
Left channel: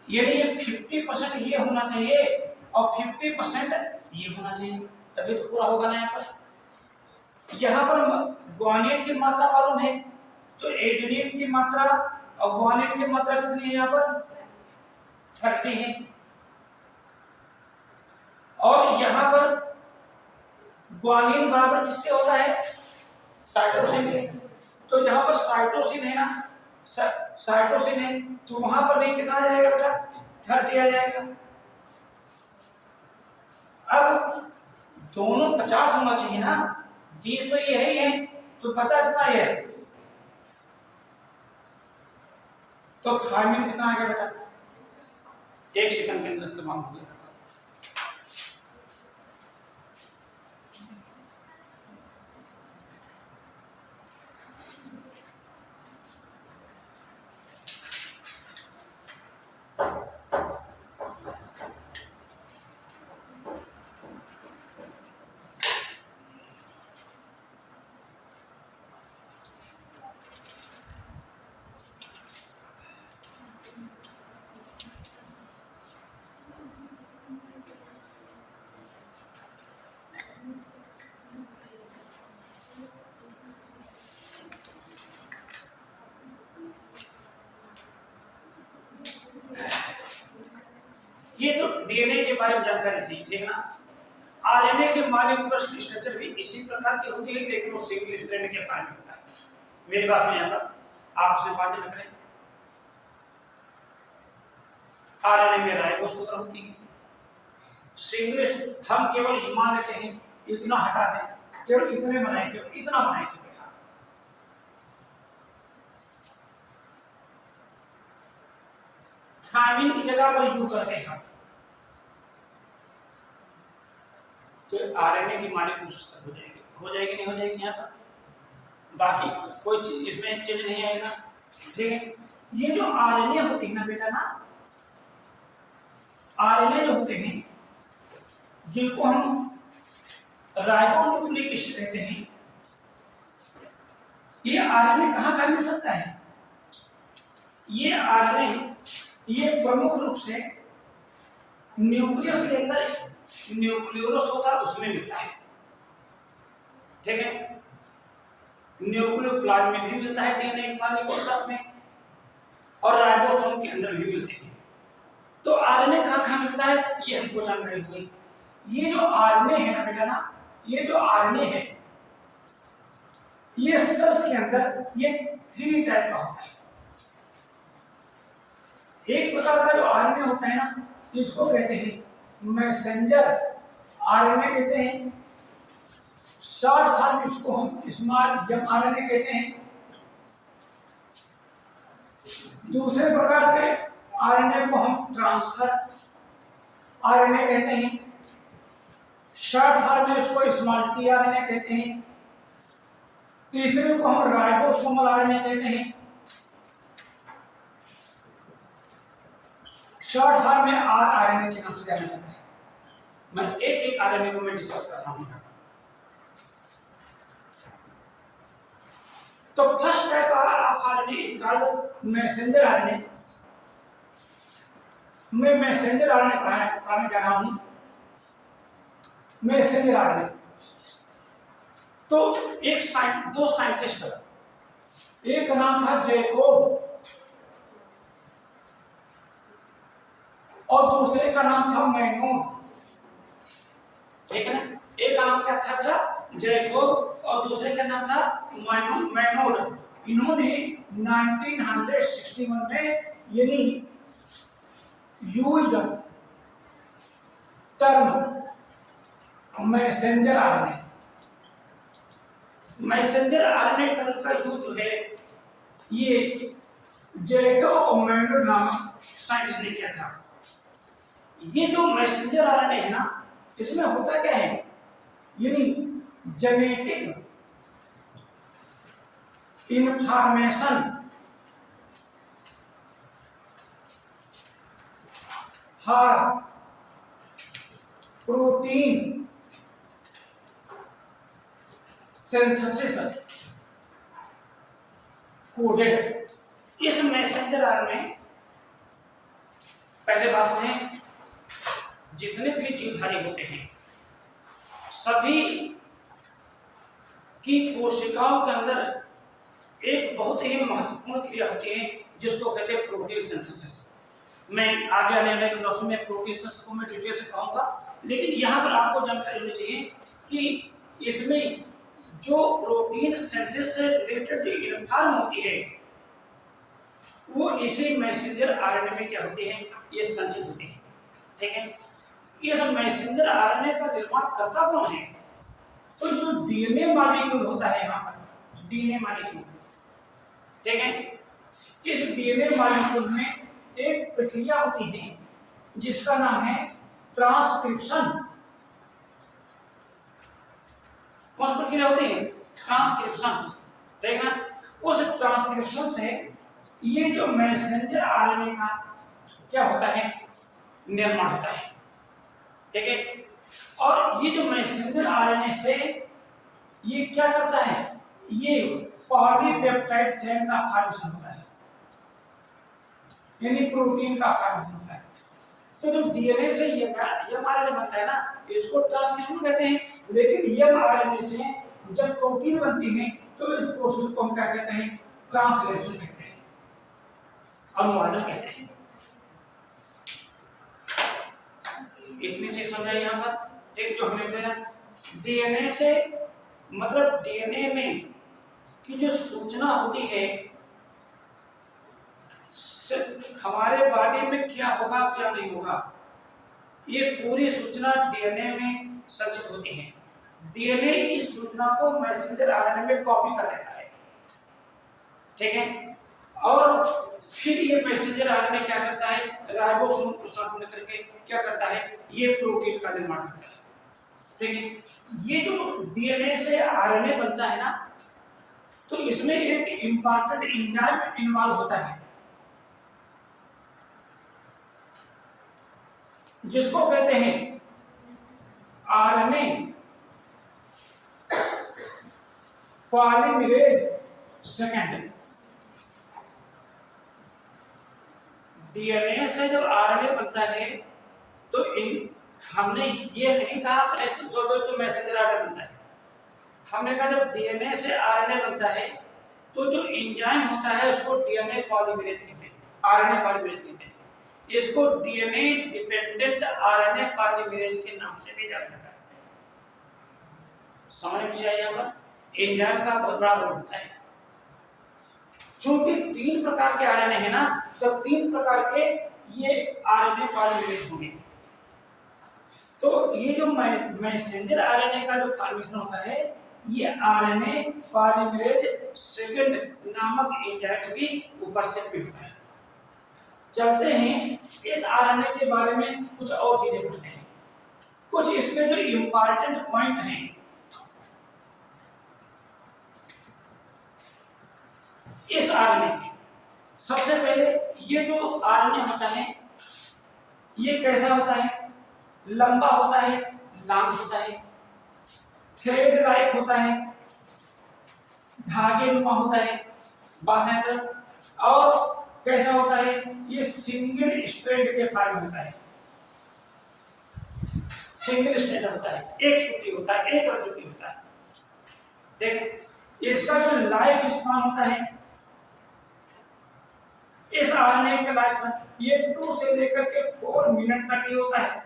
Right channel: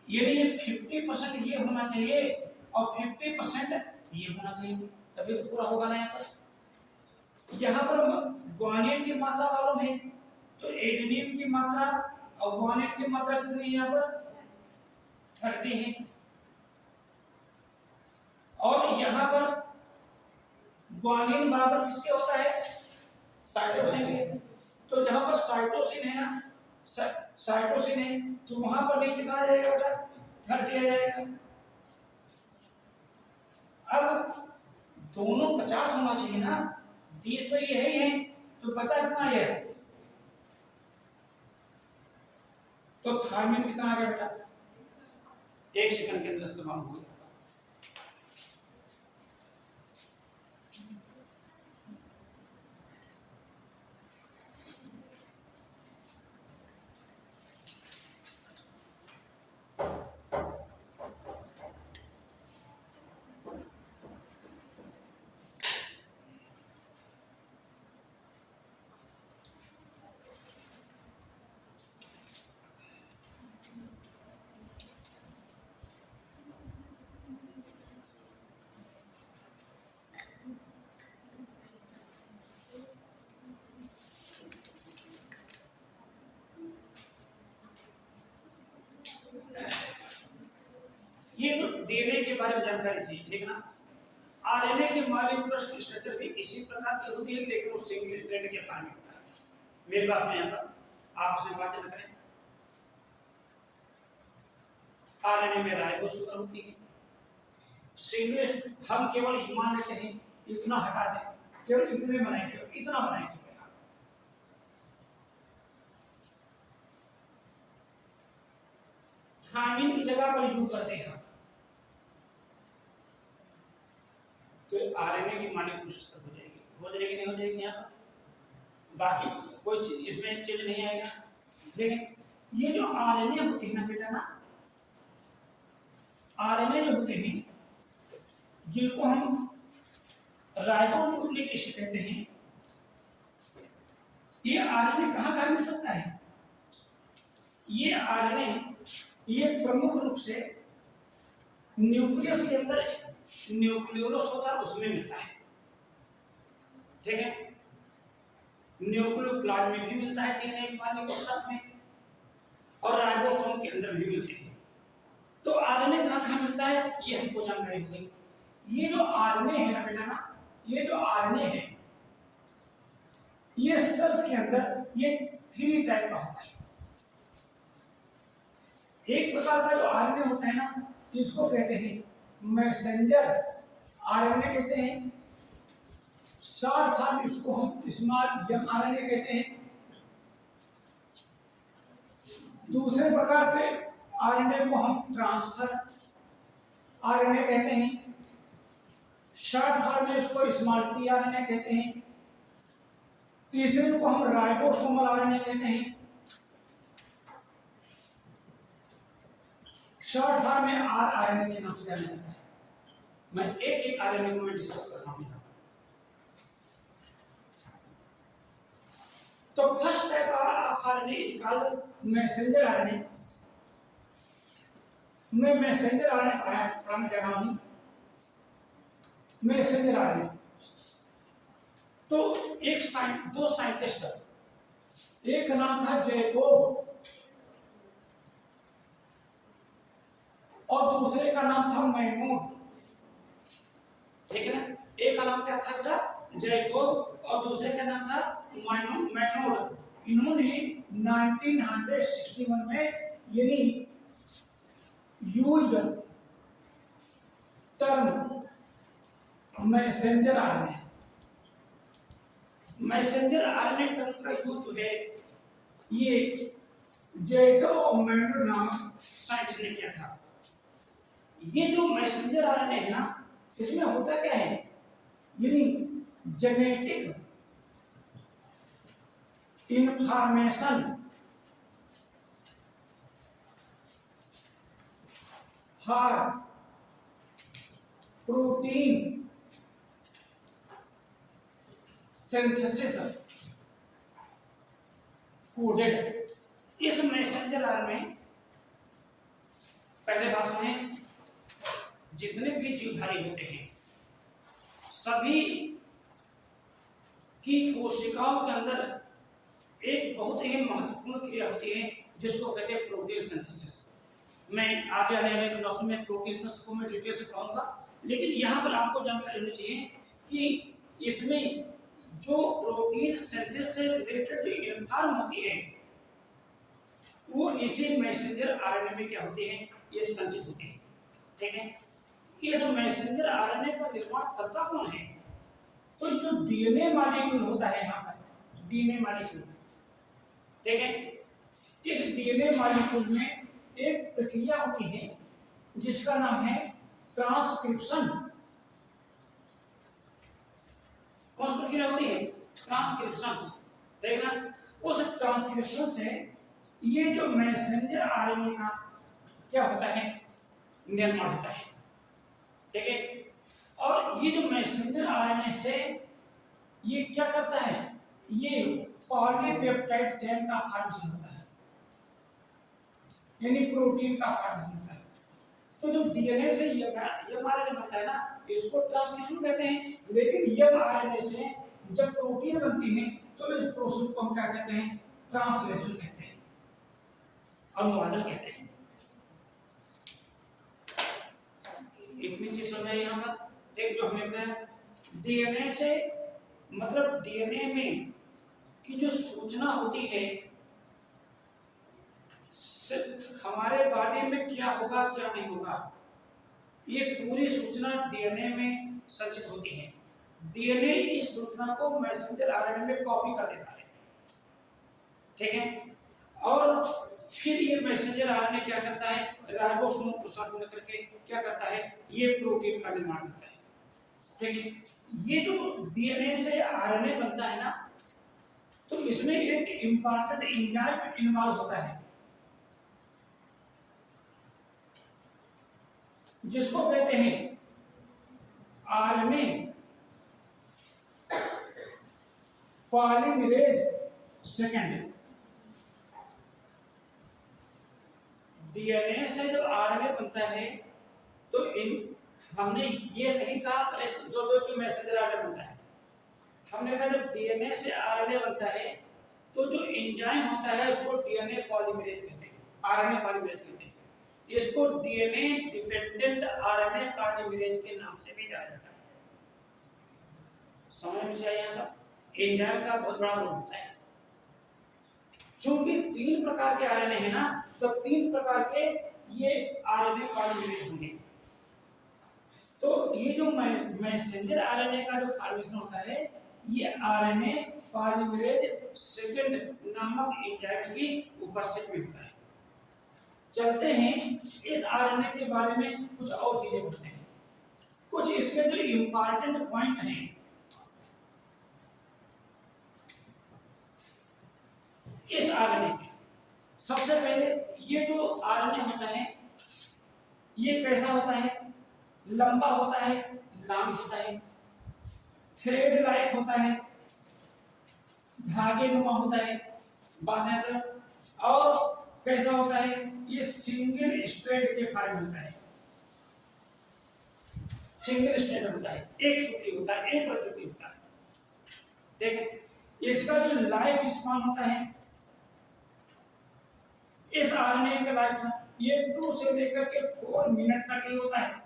यानी ये 50% ये होना चाहिए और 50% ये होना चाहिए, तभी तो पूरा होगा ना। यहाँ पर ग्वानिन की मात्रा मालूम है, तो एडेनिन की मात्रा और ग्वानिन की मात्रा कितनी है? यहाँ पर 30 है। और यहाँ पर ग्वानिन बराबर किसके होता है? साइटोसिन के। तो जहां पर साइटोसिन है ना, साइटोसिन है, तो वहां पर भी कितना आ जाएगा बेटा? 30 आ जाएगा। अब दोनों 50 होना चाहिए ना, 30 तो ये ही है, तो 50 कितना ये है? तो थायमिन कितना आएगा बेटा? 1 सेकंड के अंदर इस्तेमाल हो गया। ये तो डीएनए के बारे में जानकारी थी, ठीक है ना? आरएनए के मॉलिक्यूलर स्ट्रक्चर भी इसी प्रकार की होती है, लेकिन वो सिंगल स्ट्रैंड के फॉर्म में होता है। मेरी बात में यहाँ पर आप इसमें बातें न करें। आरएनए में राइबोसोम होती है, सिंगल। हम केवल मान लेते हैं, इतना हटा दें, केवल इतने बनाए, केवल इतना बनाए थे। थायमिन की जगह पर यू करते हैं, तो आरएनए की मॉलिक्यूलर स्ट्रक्चर हो जाएगी नहीं हो जाएगी यहाँ पर? बाकी कोई चीज इसमें चेंज नहीं आएगा, ठीक है? ये जो आरएनए होते हैं ना बेटा ना, आरएनए जो होते हैं जिनको हम राइबोन्यूक्लिक एसिड कहते हैं, ये आरएनए कहाँ मिल सकता है? ये आरएनए ये प्रमुख रूप से न्यूक्लियस के अंदर न्यूक्लियोलस होता है उसमें मिलता है, ठीक है। न्यूक्लियोप्लाज्म में भी मिलता है डीएनए के साथ में, और राइबोसोम के अंदर भी मिलते हैं। तो आरएनए कहाँ मिलता है ये हमको जानकारी होगी। ये जो आरएनए है ना बेटा ना, ये जो आरएनए है ये सेल्स के अंदर ये 3 टाइप का होता है। एक प्रकार का जो आरएनए होता है ना, इसको कहते हैं मैसेंजर आरएनए कहते हैं, शॉर्ट फॉर्म इसको हम स्मॉल एमआरएनए कहते हैं। दूसरे प्रकार के आरएनए को हम ट्रांसफर आरएनए कहते हैं, शॉर्ट फॉर्म में इसको स्मॉल टीआरएनए कहते हैं। तीसरे को हम राइबोसोमल आरएनए कहते हैं, शॉर्ट फॉर्म में आरआरएनए के नाम से जाना जाता है। मैं एक एक आरएनए को मैं डिस्कस कर रहा हूं। तो first type of RNA is called messenger RNA. मैं मैसेंजर आरएनए पढ़ाने जा रहा हूं। मैसेंजर आरएनए तो दो साइंटिस्ट, एक का नाम था जैकोब और दूसरे का नाम था मैनोड, ठीक है ना। एक का नाम क्या था जैकोब और दूसरे का नाम था मैनोड। इन्होंने 1961 में यानी used term messenger RNA. Messenger RNA term का यूज जो है ये जैकोब और मैनोड नामक साइंटिस्ट ने किया था। ये जो मैसेंजर आरएनए है ना, इसमें होता क्या है, यानी genetic information for protein synthesis coded. इस मैसेंजर आरएनए पहले बात में जितने भी जीवधारी होते हैं सभी की कोशिकाओं के अंदर एक बहुत ही महत्वपूर्ण क्रिया होती है जिसको कहते हैं प्रोटीन सिंथेसिस। मैं आगे आने वाले क्लास में प्रोटीन सिंथेसिस को मैं डिटेल से कहूंगा, लेकिन यहाँ पर आपको जानकारी होनी चाहिए कि इसमें जो प्रोटीन सिंथेसिस से रिलेटेड जो इन्फॉर्म होती है वो इसी मैसेंजर आरएनए में क्या होती है, ये संचित होती है, ठीक है। इस मैसेंजर आरएनए का निर्माण करता कौन है? तो जो डीएनए मॉलिक्यूल होता है, यहाँ पर डीएनए मॉलिक्यूल, ठीक है। इस डीएनए मॉलिक्यूल में एक प्रक्रिया होती है जिसका नाम है ट्रांसक्रिप्शन। कौन सी प्रक्रिया होती है? ट्रांसक्रिप्शन, ठीक है। उस ट्रांसक्रिप्शन से ये जो मैसेंजर आरएनए का क्या होता है, निर्माण होता है, ठीक है। और ये जो मैसेंजर आरएनए से ये क्या करता है, ये पॉलीपेप्टाइड चेन का फॉर्मेशन होता है, यानी प्रोटीन का फॉर्मेशन होता है। तो जो डीएनए से ये एमआरएनए बनता है ना, इसको ट्रांसक्रिप्शन कहते हैं। लेकिन एमआरएनए से जब प्रोटीन बनती है तो इस प्रोसेस को हम क्या कहते हैं, ट्रांसलेशन कहते हैं, अनुवादन कहते हैं। इतनी चीज समझाई यहाँ पर। एक जो हमने बताया डीएनए से मतलब डीएनए में की जो सूचना होती है हमारे बॉडी में क्या होगा क्या नहीं होगा, ये पूरी सूचना डीएनए में संचित होती है। डीएनए इस सूचना को मैसेंजर आरएनए में कॉपी कर लेता है, ठीक है। और फिर ये मैसेंजर आरएनए क्या करता है, राइबोसोम को साथ में करके क्या करता है, ये प्रोटीन का निर्माण करता है, ठीक है। ये जो डीएनए से आरएनए बनता है ना, तो इसमें एक इंपॉर्टेंट एंजाइम इन्वॉल्व होता है जिसको कहते हैं आरएनए पॉलीमरेज सेकेंड। डीएनए से जब आरएनए बनता है तो हमने ये नहीं कहा कि मैसेंजर आरएनए बनता है। हमने कहा जब डीएनए से आरएनए बनता है तो जो एंजाइम होता है उसको डीएनए पॉलीमरेज कहते हैं, आरएनए पॉलीमरेज कहते हैं। इसको डीएनए डिपेंडेंट आरएनए पॉलीमरेज के नाम से भी जाना जाता है। समझ में आया? यहाँ पर एंजाइम का बहुत बड़ा रोल होता है। चूंकि 3 प्रकार के आरएनए है ना, तो 3 प्रकार के ये आरएनए पॉलीमरेज होंगे। तो ये जो मैसेंजर आरएनए का जो फॉर्मेशन होता है, ये आरएनए पॉलीमरेज सेकेंड नामक एंजाइम की उपस्थिति में होता है। चलते हैं इस आरएनए के बारे में कुछ और चीजें पढ़ते हैं। कुछ इसके जो इंपॉर्टेंट पॉइंट हैं, इस आरएनए के सबसे पहले ये जो आरएनए होता है ये कैसा होता है? लंबा होता है, लॉन्ग होता है, थ्रेड लाइक होता है, धागे नुमा होता है बाएं तरफ, और कैसा होता है? ये सिंगल स्ट्रैंड के फॉर्म होता है। सिंगल स्ट्रैंड होता है, एक सूती होता है, एक रज्जुकी होता है। ठीक है, इसका जो लाइफ स्पान होता है, इस आरएनए का लाइफ स्पान ये 2 से लेकर के 4 मिनट तक ही होता है।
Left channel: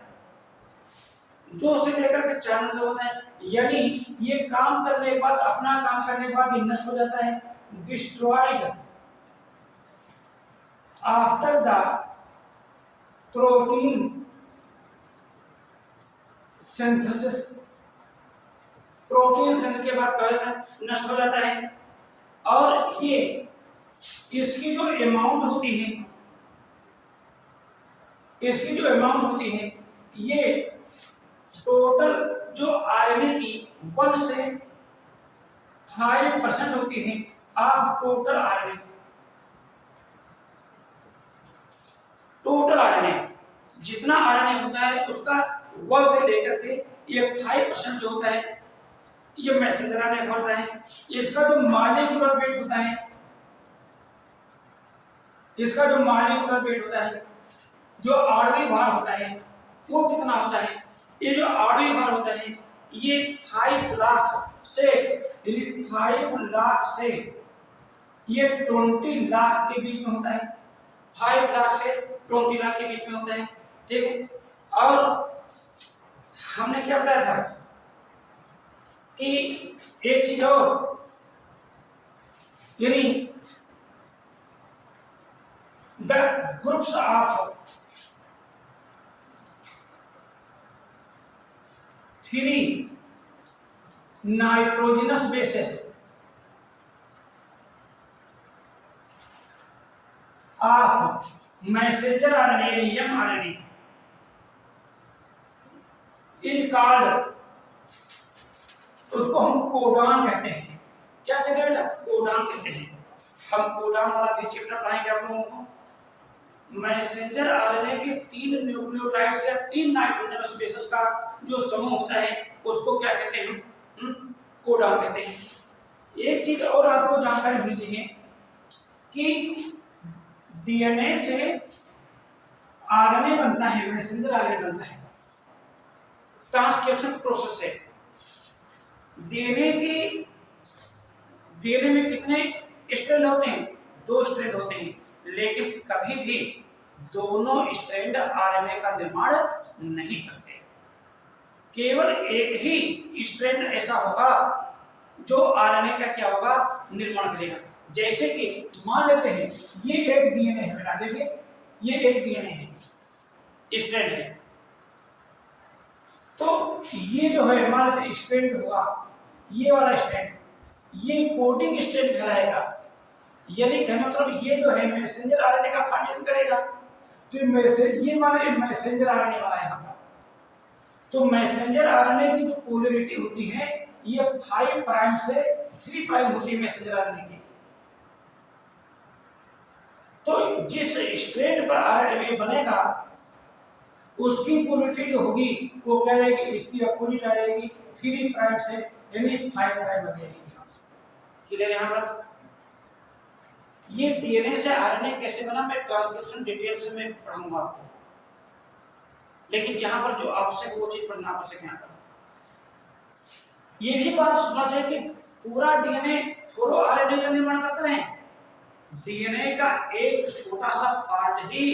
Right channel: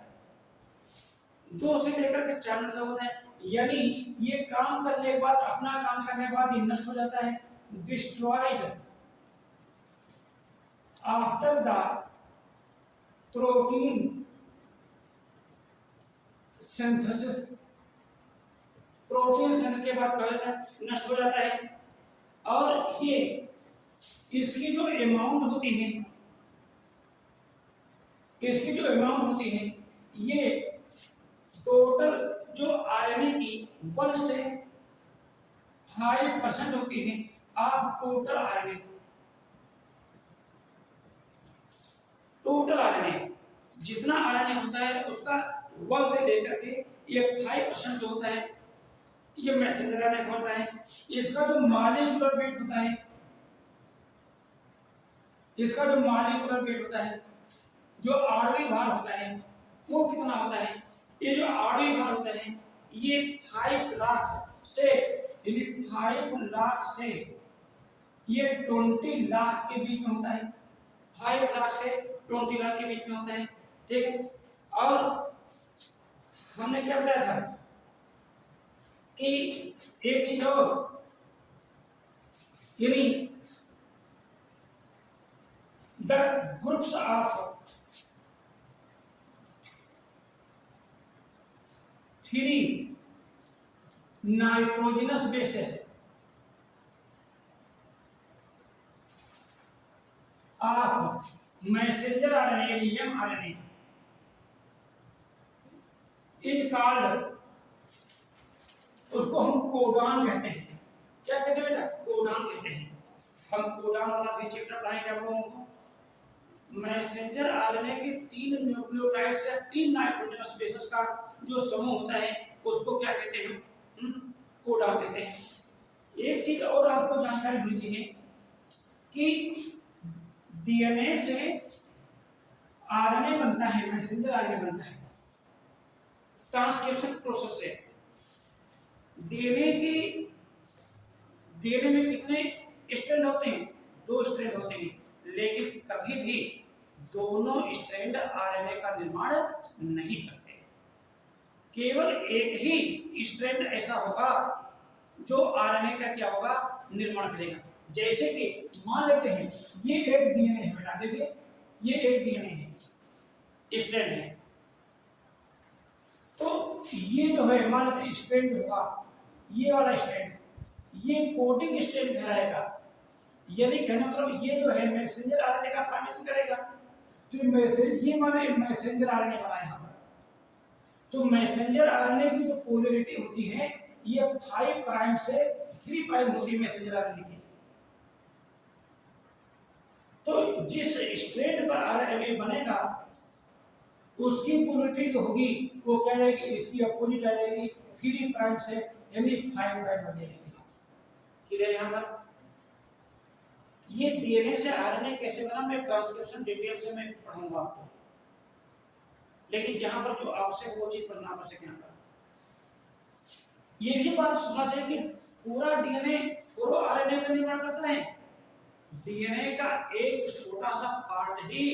2 से लेकर के 4 मिनट होता है, यानी ये काम करने के बाद, अपना काम करने के बाद नष्ट हो जाता है। Destroyed after the protein synthesis, protein synthesis के बाद क्या होता है? नष्ट हो जाता है। और ये इसकी जो अमाउंट होती है, इसकी जो अमाउंट होती है, ये टोटल जो आरएनए की 1 से 5% होती है of total RNA. Total RNA जितना आरएनए होता है उसका 1 से लेकर के ये 5% जो होता है, ये मैसेंजर आरएनए का होता है। इसका जो मॉलिक्यूलर वेट होता है, इसका जो मॉलिक्यूलर वेट होता है, जो आणविक भार होता है, वो कितना होता है? ये जो आणविक भार होता है ये 5 लाख से, यानी 5 लाख से ये 20 लाख के बीच में होता है। 5 लाख से 20 लाख के बीच में होता है। ठीक है, और हमने क्या बताया था कि एक चीज और, यानी the groups of 3 nitrogenous bases of messenger RNA, mRNA in called, उसको हम कोडान कहते हैं। क्या कहते हैं? कोडान कहते हैं। हम कोडान वाला भी चैप्टर पढ़ाएंगे आप लोगों को। मैसेंजर आरएनए के 3 न्यूक्लियोटाइड्स या 3 नाइट्रोजनस बेसेस का जो समूह होता है उसको क्या कहते हैं? कोडान कहते हैं। एक चीज और आपको जानकारी होनी चाहिए कि डीएनए से आरएनए बनता है, मैसेंजर आरएनए बनता है ट्रांसक्रिप्शन प्रोसेस से। डीएनए में कितने स्ट्रैंड होते हैं? 2 स्ट्रैंड होते हैं, लेकिन कभी भी दोनों स्ट्रैंड आरएनए का निर्माण नहीं करते। केवल एक ही स्ट्रैंड ऐसा होगा जो आरएनए का क्या होगा? निर्माण करेगा। जैसे कि मान लेते हैं ये एक डीएनए है, बेटा देखिए ये एक डीएनए है, स्ट्रैंड है। तो ये जो है मान लेते स्ट्रैंड होगा, ये वाला स्ट्रैंड, ये कोडिंग स्ट्रैंड कहलाएगा। यानी कहने मतलब ये जो है मैसेंजर आरएनए का फॉर्मेशन करेगा। तो ये माने मैसेंजर आरएनए वाला है यहाँ पर। तो मैसेंजर आरएनए की जो पोलैरिटी होती है ये 5 प्राइम से 3 प्राइम होती है मैसेंजर आरएनए की। तो जिस स्ट्रैंड पर आरएनए बनेगा उसकी पोलरिटी जो होगी वो क्या रहेगी, इसकी अपोजिट आ जाएगी 3 प्राइम से, यानी 5 प्राइम आ जाएगी। क्लियर यहाँ पर? ये डीएनए से आरएनए कैसे बना मैं ट्रांसक्रिप्शन डिटेल से मैं पढ़ाऊंगा आपको, लेकिन जहां पर जो आवश्यक वो चीज पढ़ना आवश्यक है। यहाँ पर ये भी बात सुनना चाहिए कि पूरा डीएनए थोड़ा आरएनए का निर्माण करता है, डीएनए का एक छोटा सा पार्ट ही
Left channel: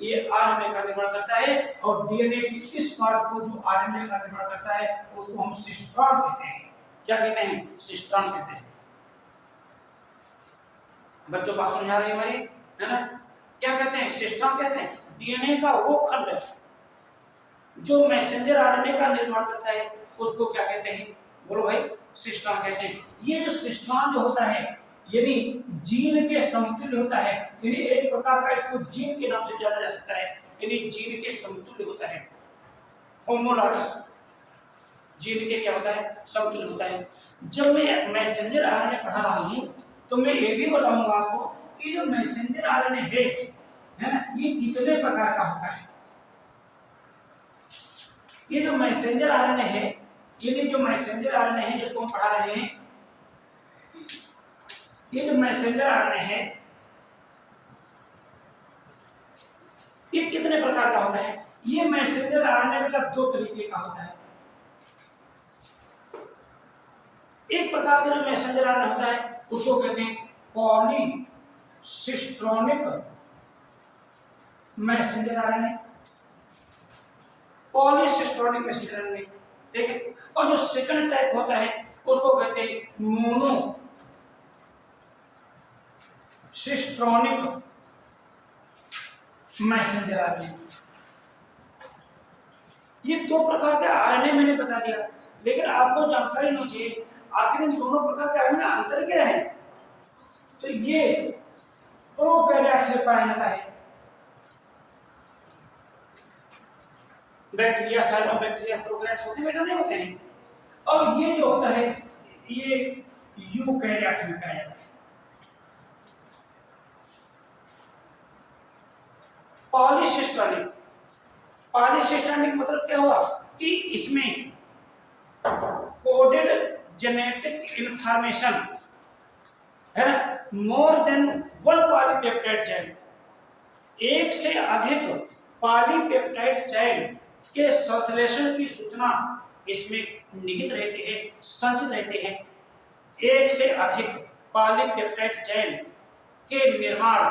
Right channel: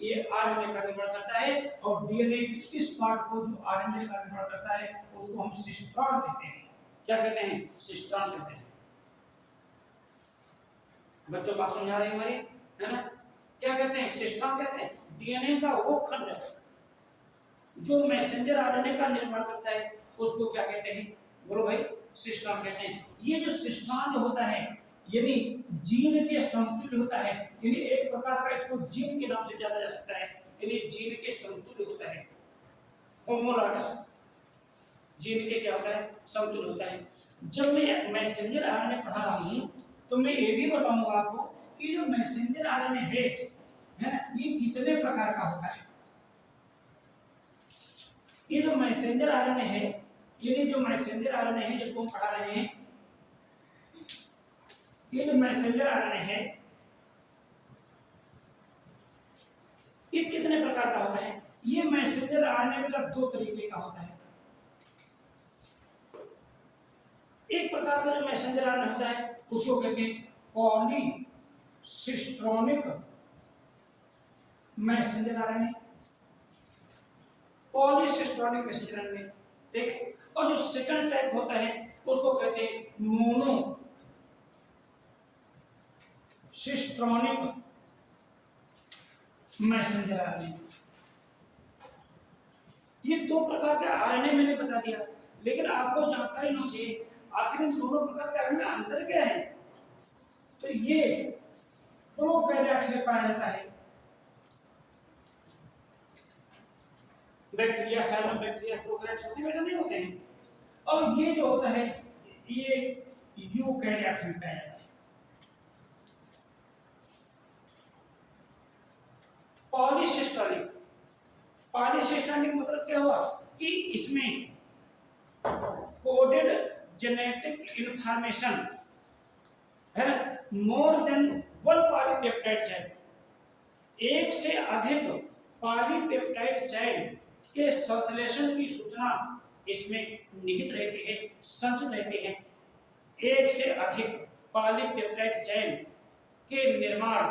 ये आरएनए का निर्माण करता है, और डीएनए की इस पार्ट को जो आरएनए का निर्माण करता है उसको हम सिस्ट्रॉन कहते हैं। क्या कहते हैं? सिस्ट्रॉन कहते हैं। बच्चों बात समझ आ रही है हमारी, है ना? क्या कहते हैं? सिस्ट्रॉन कहते हैं। डीएनए का वो खंड जो मैसेंजर आरएनए का निर्माण करता है उसको क्या कहते हैं? बोलो भाई, सिस्ट्रॉन कहते हैं। ये जो सिस्ट्रॉन जो होता है यानी जीन के समतुल्य होता है, यानी एक प्रकार का इसको जीन के नाम से जाना जा सकता है, यानी जीन के समतुल्य होता है, होमोलॉगस, जीन के क्या होता है? समतुल्य होता है। जब मैं मैसेंजर आरएनए पढ़ा रहा हूं तो मैं ये भी बताऊंगा आपको कि जो मैसेंजर आरएनए है ना, ये कितने प्रकार का होता है। ये जो मैसेंजर आरएनए है, यानी जो मैसेंजर आरएनए है जिसको हम पढ़ा रहे हैं, ये जो मैसेंजर आरएनए है ये कितने प्रकार का होता है? ये मैसेंजर आरएनए बेटा 2 तरीके का होता है। एक प्रकार का जो मैसेंजर आरएनए होता है उसको कहते हैं पॉलीसिस्ट्रोनिक मैसेंजर आरएनए, पॉलीसिस्ट्रोनिक मैसेंजर आरएनए, ठीक है। और जो सेकंड टाइप होता है उसको कहते हैं मोनोसिस्ट्रोनिक मैसेंजर आरएनए। ये 2 प्रकार के आरएनए मैंने बता दिया, लेकिन आपको जानकारी होनी चाहिए आखिर इन दोनों प्रकार के आरएनए में अंतर क्या है। तो ये प्रोकैरियोट से पाया जाता है, बैक्टीरिया, साइनोबैक्टीरिया, प्रोकैरियोट्स होते बेटा नहीं होते हैं। और ये जो होता है ये यूकैरियोट्स में पाया जाता है। पॉलीसिस्ट्रोनिक, पॉलीसिस्ट्रोनिक मतलब क्या हुआ कि इसमें कोडेड जेनेटिक इंफॉर्मेशन है ना, मोर देन 1 पॉलीपेप्टाइड चेन, एक से अधिक पॉलीपेप्टाइड चेन के संश्लेषण की सूचना इसमें निहित रहती है, संचित रहती है। एक से अधिक पॉलीपेप्टाइड चेन के निर्माण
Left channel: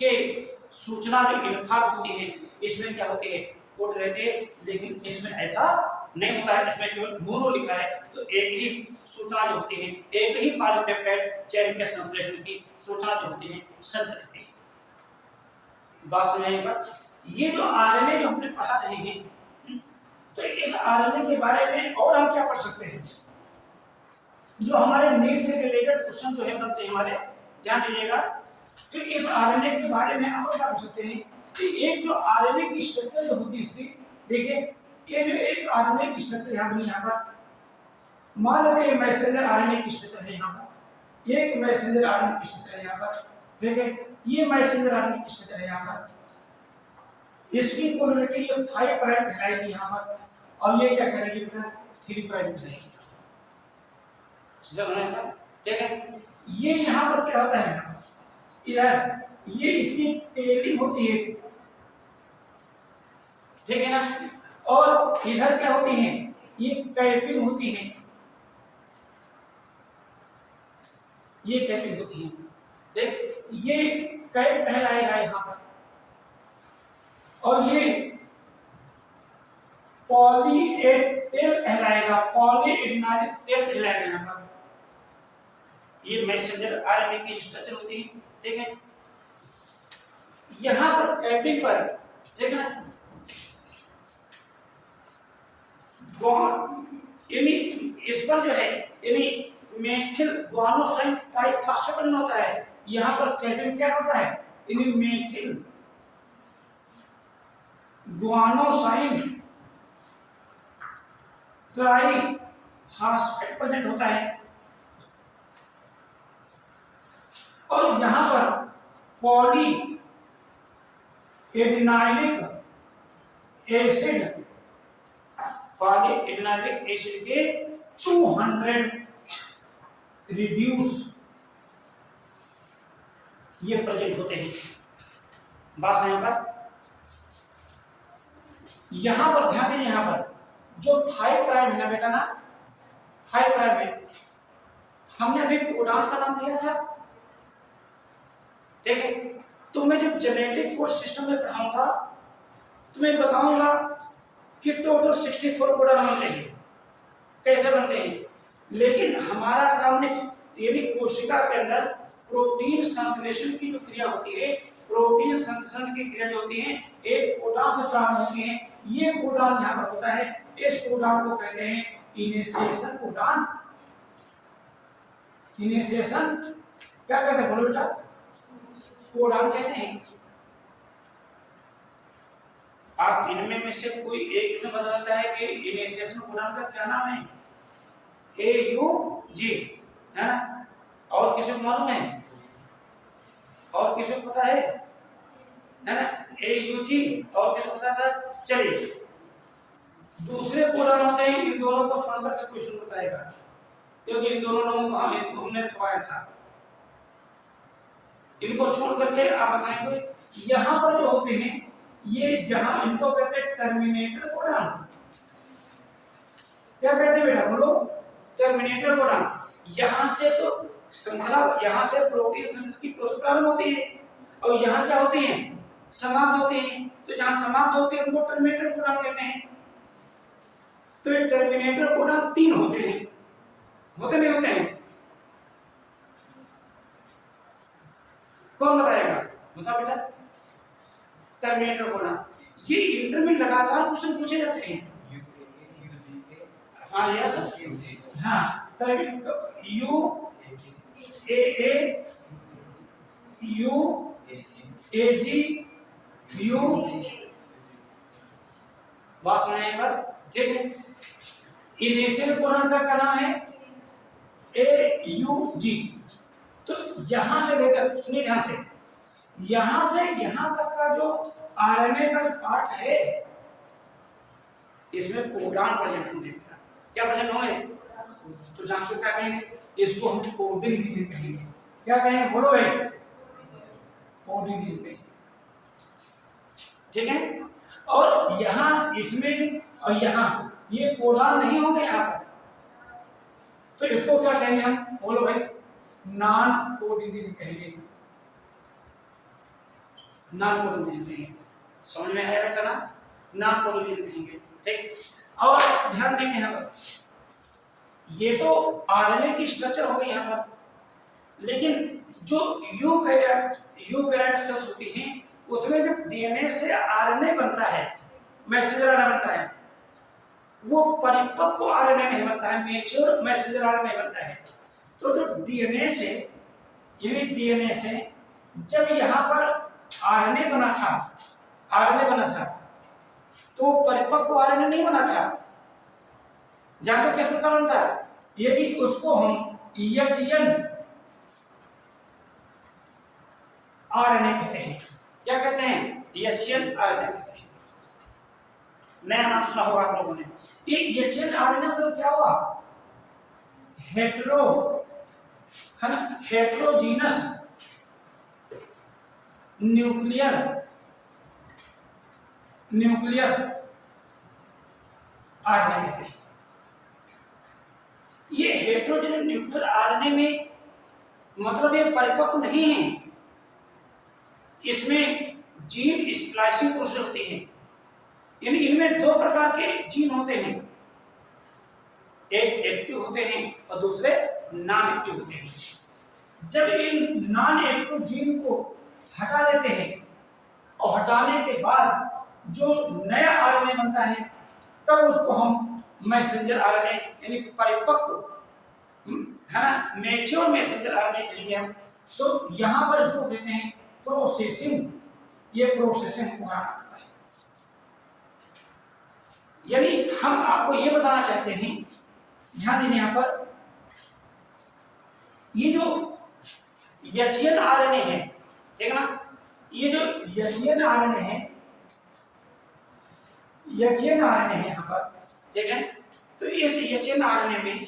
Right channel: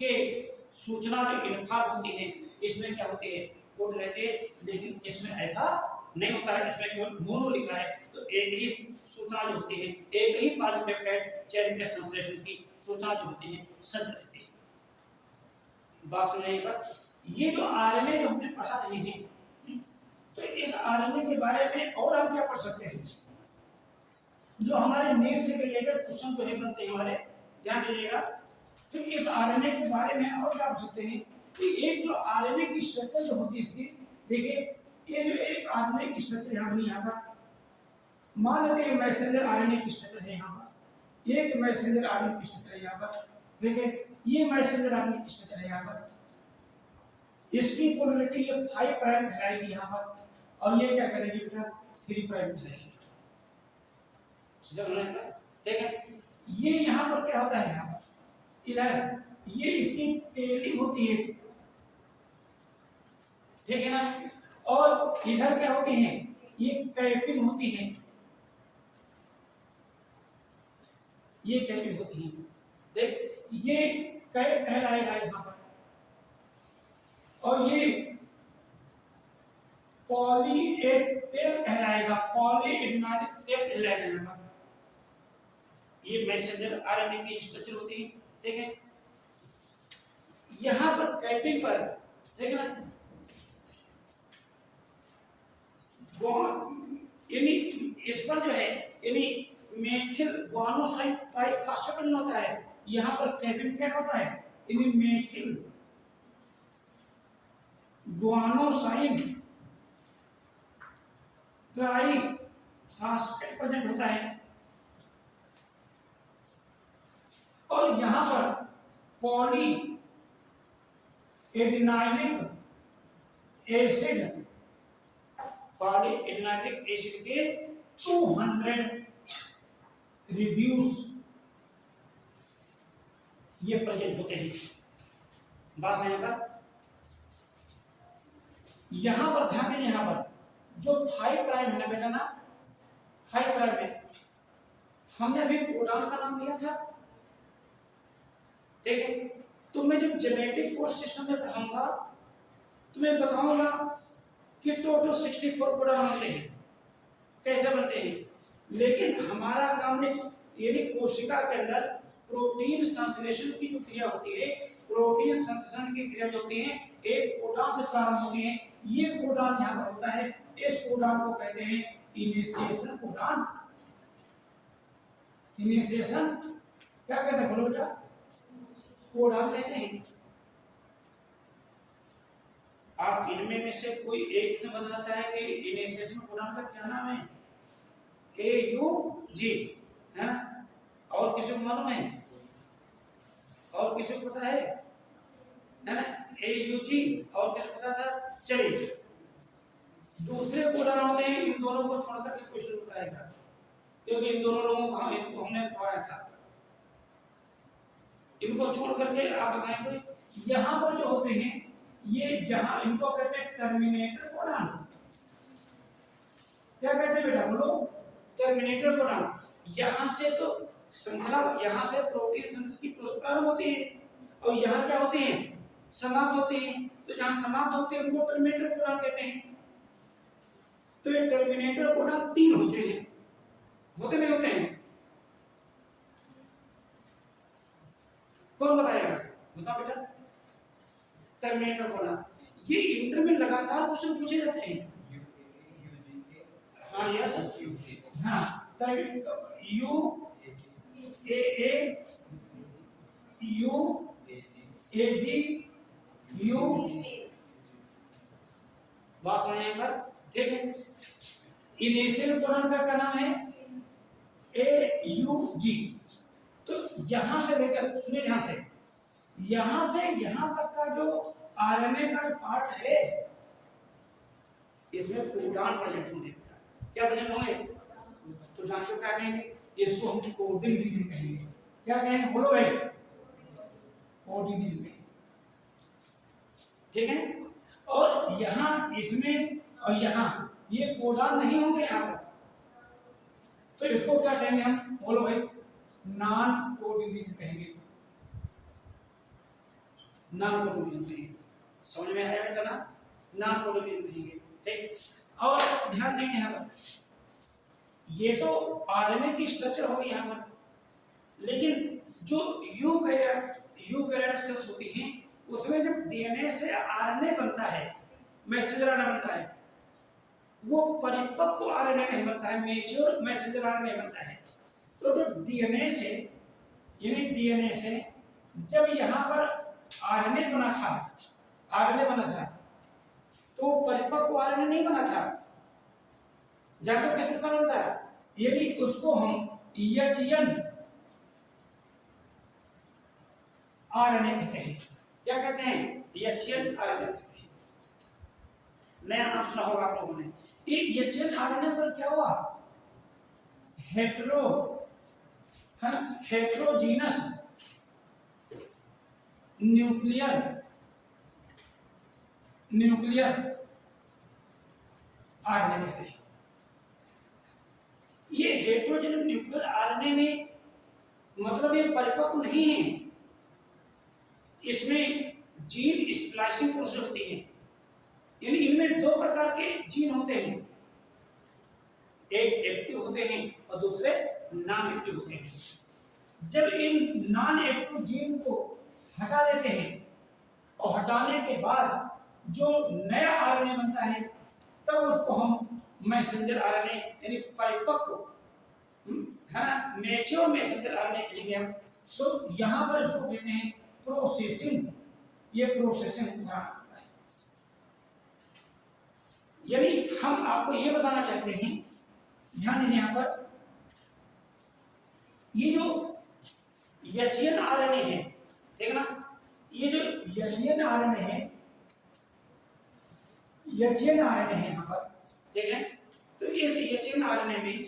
के सूचना जो इन्फॉर्म होती है इसमें क्या होती है? कोड रहते हैं, लेकिन इसमें ऐसा नहीं होता है, इसमें केवल मोनो लिखा है। तो एक ही सूचना जो होती है, एक ही पॉलीपेप्टाइड चेन के संश्लेषण की सूचना जो होती है संचित रहती है। बात समझाइए पर ये जो आरएनए जो हमने पढ़ा रहे हैं, तो इस आरएनए के बारे में और हम क्या पढ़ सकते हैं? जो हमारे नीट से रिलेटेड क्वेश्चन जो है बनते हैं हमारे, ध्यान दीजिएगा। तो इस आरएनए के बारे में और क्या पढ़ सकते हैं कि एक जो आरएनए की स्ट्रक्चर जो होती है इसकी, देखिए ये जो एक आरएनए की स्ट्रक्चर यहाँ बनी, यहाँ पर मान लेते हैं मैसेंजर आरएनए की स्ट्रक्चर है, यहाँ पर एक मैसेंजर आरएनए की स्ट्रक्चर है यहाँ पर, देखिए ये मैसेंजर आरएनए की स्ट्रक्चर है यहाँ पर, इसकी पोलरिटी ये 5 प्राइम कहलाएगी यहाँ पर, और ये क्या करेगी बेटा 3 प्राइम कहलाएगी, ठीक है। ये यहाँ पर क्या होता है, यहाँ पर इधर ये इसकी टेलिंग होती है, ठीक है ना, और इधर क्या होती है? ये कैपिंग होती है, ये कैपिंग होती है, देख ये कैप कहलाएगा यहाँ पर, और ये पॉलीएटेल कहलाएगा, पॉलीएडेनाइल कहलाएगा यहाँ पर। ये मैसेंजर आरएनए की स्ट्रक्चर होती है, ठीक है। यहाँ पर कैपिंग पर, ठीक है ना, यानी इस पर जो है यानी मेथिल ग्वानोसाइन ट्राइफॉस्फेट होता है, यहाँ पर कैपिंग क्या होता है? यानी मेथिल ग्वानोसाइन ट्राइफॉस्फेट प्रेजेंट होता है, और यहाँ पर पॉली एडिनाइलिक एसिड पॉलीएडिनाइलिक एसिड के 200 रिड्यूस ये प्रेजेंट होते हैं। बात यहां पर ध्यान दीजिए, यहां पर जो 5 प्राइम है ना बेटा ना, 5 प्राइम है, हमने अभी कोडान का नाम लिया था, ठीक है। तो मैं जब जेनेटिक कोड सिस्टम में पढ़ाऊंगा तो मैं बताऊंगा कि टोटल 64 कोडान बनते हैं, कैसे बनते हैं। लेकिन हमारा काम ने यदि कोशिका के अंदर प्रोटीन संश्लेषण की जो क्रिया होती है, प्रोटीन संश्लेषण की क्रिया जो होती है एक कोडान से प्रारंभ होती है। ये कोडान यहाँ पर होता है, इस कोडान को कहते हैं इनिशिएशन कोडान। इनिशिएशन क्या कहते हैं, बोलो बेटा, कोडान कहते हैं। आप इनमें में से कोई एक इसमें बता देता है कि इनिशिएशन कोडान का क्या नाम है? AUG है ना। और किसी को मालूम है? और किसी को पता है ना? AUG और किसी को पता था? चलिए दूसरे कोडान होते हैं, इन दोनों को छोड़कर के क्वेश्चन बताएगा, क्योंकि इन दोनों लोगों को हमने पढ़ाया था। इनको छोड़ करके आप बताएंगे यहां पर जो होते हैं ये, जहां इनको कहते हैं टर्मिनेटर कोडान। क्या कहते हैं बेटा, बोलो, टर्मिनेटर कोडान। यहां से तो श्रृंखला, यहां से प्रोटीन संश्लेषण की प्रोसेस प्रारंभ होती है और यहां क्या होती है, समाप्त होती है। तो जहां समाप्त होती है उनको टर्मिनेटर कोडान कहते हैं। तो ये टर्मिनेटर कोडान 3 होते हैं, होते नहीं होते हैं? कौन बताएगा, बता बेटा। टर्मिनेटर कोडान ये इंटर में लगातार क्वेश्चन पूछे जाते हैं। हाँ यस, हाँ U A U A G U, बात सुना एक बार, ठीक है। इनिशियल कोडान का क्या नाम है? AUG। तो यहां से लेकर, सुनिए ध्यान से, यहां से यहां तक का जो आरएनए का जो पार्ट है इसमें कोडान प्रेजेंट होने का, क्या प्रेजेंट होंगे? तो जानते क्या कहेंगे, इसको हम कोडिंग रीजन कहेंगे। क्या कहेंगे, बोलो भाई, कोडिंग रीजन कहेंगे, ठीक है। और यहां इसमें और यहां ये कोडान नहीं होंगे यहां पर, तो इसको क्या कहेंगे हम, बोलो भाई, नॉन कोडिंग रीजन कहेंगे। नॉन कोडिंग रीजन कहेंगे, समझ में आया बेटा ना? नॉन कोडिंग रीजन कहेंगे, ठीक। और ध्यान देंगे यहां पर, ये तो आरएनए की स्ट्रक्चर हो गई यहां पर, लेकिन जो यूकैरियोटिक सेल्स होती हैं उसमें जब डीएनए से आरएनए बनता है, मैसेंजर आरएनए बनता है, वो परिपक्व आरएनए नहीं बनता है, मैच्योर मैसेंजर आरएनए बनता है। तो जो डीएनए से, यानी डीएनए से जब यहाँ पर आरएनए बना था तो परिपक्व आरएनए नहीं बना था। जानते किस प्रकार बनता है? यदि उसको हम EHN आरएनए कहते हैं। क्या कहते हैं? EHN आरएनए कहते हैं। नया नाम सुना होगा आप लोगों ने। ये EHN आरएनए मतलब क्या हुआ? हेटेरो, है ना, हेटेरोजीनस न्यूक्लियर आरएनए कहते हैं। ये हेटेरोजीनस न्यूक्लियर आरएनए में मतलब ये परिपक्व नहीं है, इसमें जीन स्प्लाइसिंग प्रोसेस होती है, यानी इनमें 2 प्रकार के जीन होते हैं, एक एक्टिव होते हैं और दूसरे नॉन एक्टिव होते हैं। जब इन नॉन एक्टिव जीन को हटा देते हैं और हटाने के बाद जो नया आरएनए बनता है तब उसको हम मैसेंजर आरएनए यानी परिपक्व, है ना, मैच्योर मैसेंजर आरएनए कहेंगे हम। तो यहाँ पर इसको कहते हैं प्रोसेसिंग, ये प्रोसेसिंग होता है। यानी हम आपको ये बताना चाहते हैं, ध्यान दीजिए यहाँ पर, ये जो एचएन आरएनए है, देखना, ये जो एचएन आरएनए है एचएन आरएनए है यहाँ पर, ठीक है। तो इस एचएन आरएनए में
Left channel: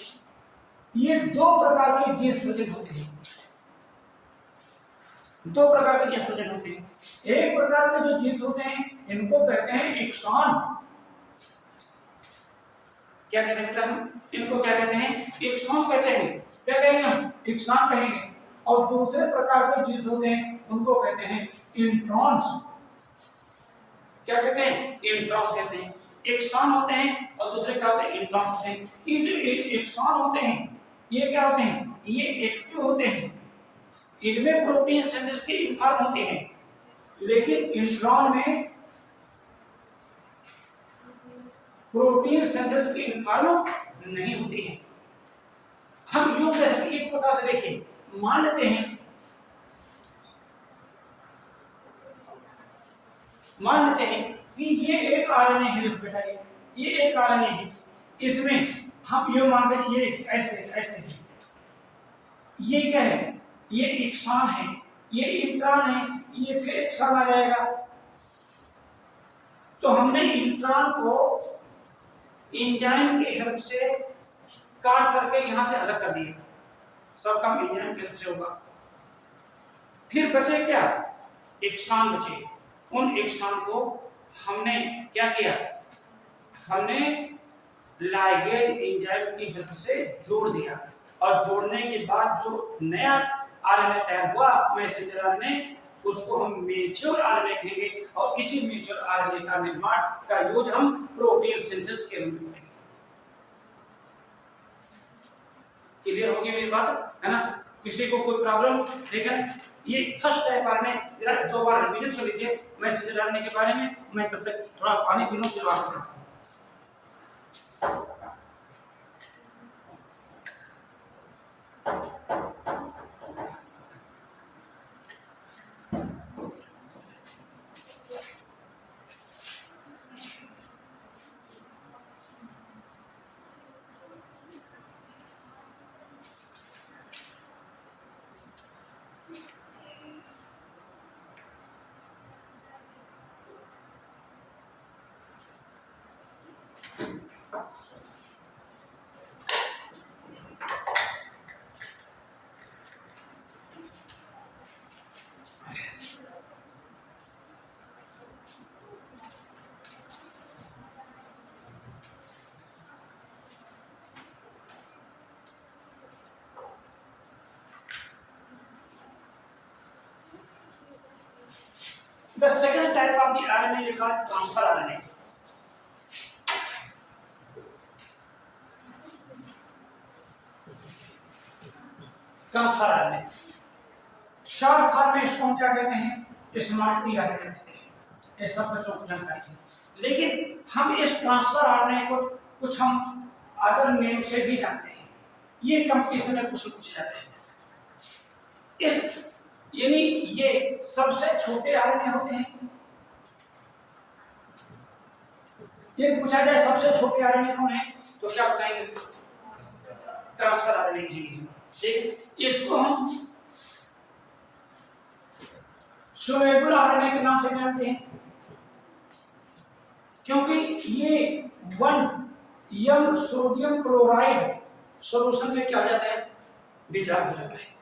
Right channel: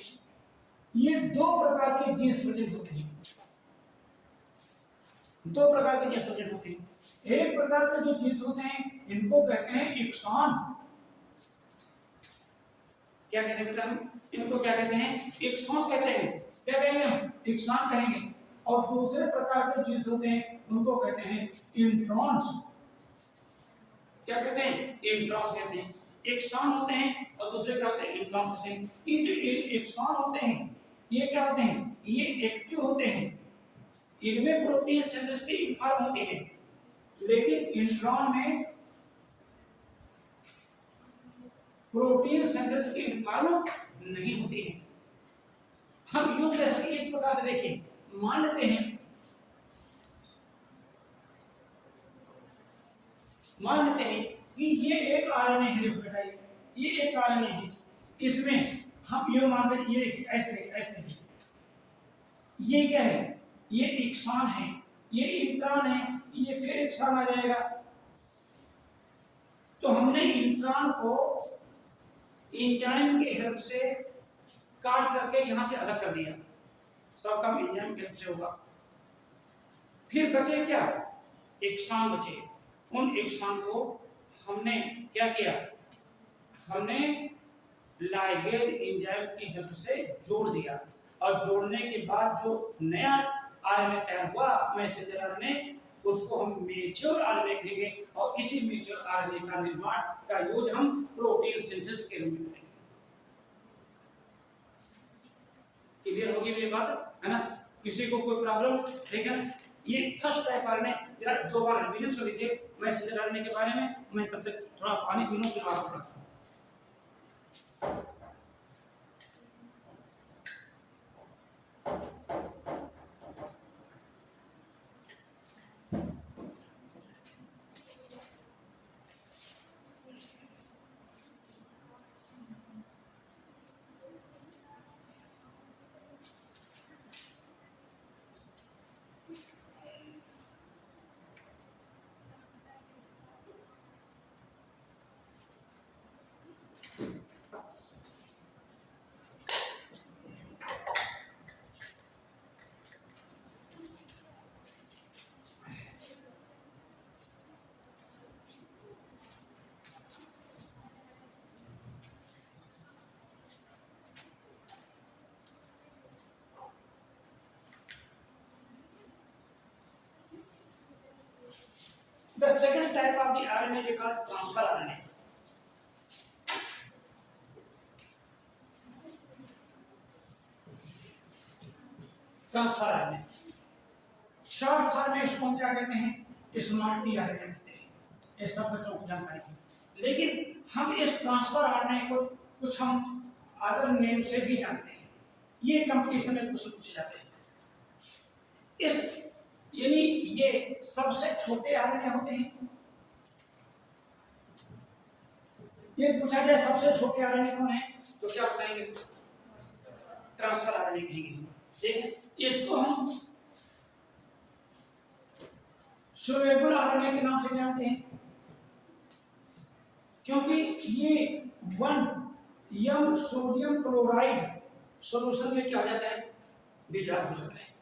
ये दो प्रकार के जीन्स प्रेजेंट होते हैं, दो प्रकार के जीन्स प्रेजेंट होते हैं। एक प्रकार के जो जीन्स होते हैं इनको कहते हैं एक्सॉन, क्या कहते हैं बेटा, हम इनको क्या कहते हैं, एक्सॉन कहते हैं। क्या कहेंगे हम, एक्सॉन कहेंगे। और दूसरे प्रकार के जीन्स होते हैं उनको कहते हैं इंट्रॉन्स। क्या कहते हैं, इंट्रॉन्स कहते हैं। एक्सॉन होते हैं और दूसरे क्या होते हैं, इंट्रॉन्स होते हैं। ये जो एक्सॉन होते हैं ये क्या होते हैं, ये एक्टिव होते हैं, इनमें प्रोटीन सिंथेसिस की इन्फॉर्म होती है, लेकिन इंट्रॉन में प्रोटीन सिंथेसिस की इन्फॉर्म नहीं होती है। हम यूं कह सकते इस प्रकार से, देखिए मान लेते हैं कि ये एक आरएनए है, देखो बेटा ये एक आरएनए है, इसमें हम ये मान के ये ऐसे ऐसे ये क्या है, ये एक्सॉन है, ये इंट्रॉन है, ये फिर एक्सॉन आ जाएगा। तो हमने इंट्रॉन को एंजाइम की हेल्प से काट करके यहां से अलग कर दिया, सब काम एंजाइम की हेल्प से होगा। फिर बचे क्या, एक्सॉन बचे। उन एक्सॉन को हमने क्या किया, हमने लाइगेज एंजाइम की हेल्प से जोड़ दिया, और जोड़ने के बाद जो नया आरएनए तैयार हुआ मैसेंजर आरएनए, उसको हम मैच्योर आरएनए कहेंगे। और इसी मैच्योर आरएनए का निर्माण का यूज हम प्रोटीन सिंथेसिस के रूप में करेंगे। क्लियर होगी मेरी बात, है ना। किसी को कोई प्रॉब्लम, ठीक है। ये फर्स्ट टाइप आरएनए जरा दो बार रिवीजन कर लीजिए मैसेंजर आरएनए के बारे में। मैं तब तक थोड़ा पानी पी लूं फिर आपको पढ़ाता हूं। The second type of the RNA is called transfer RNA. Transfer RNA short form में इसको हम क्या कहते हैं, स्मार्ट टी आरएनए कहते हैं। ये सब बच्चों को जानकारी है, लेकिन हम इस ट्रांसफर आरएनए को कुछ हम अदर नेम से भी जानते हैं। ये कंपटीशन में पूछे जाते हैं। इस यानी ये सबसे छोटे आरएनए होते हैं। ये पूछा जाए सबसे छोटे आरएनए कौन है तो क्या बताएंगे, ट्रांसफर आरएनए कहेंगे। ठीक है, इसको हम सोलेबल आरएनए के नाम से जानते हैं, क्योंकि ये 1 सोडियम क्लोराइड सॉल्यूशन में क्या हो जाता है, डिजॉल्व हो जाता है।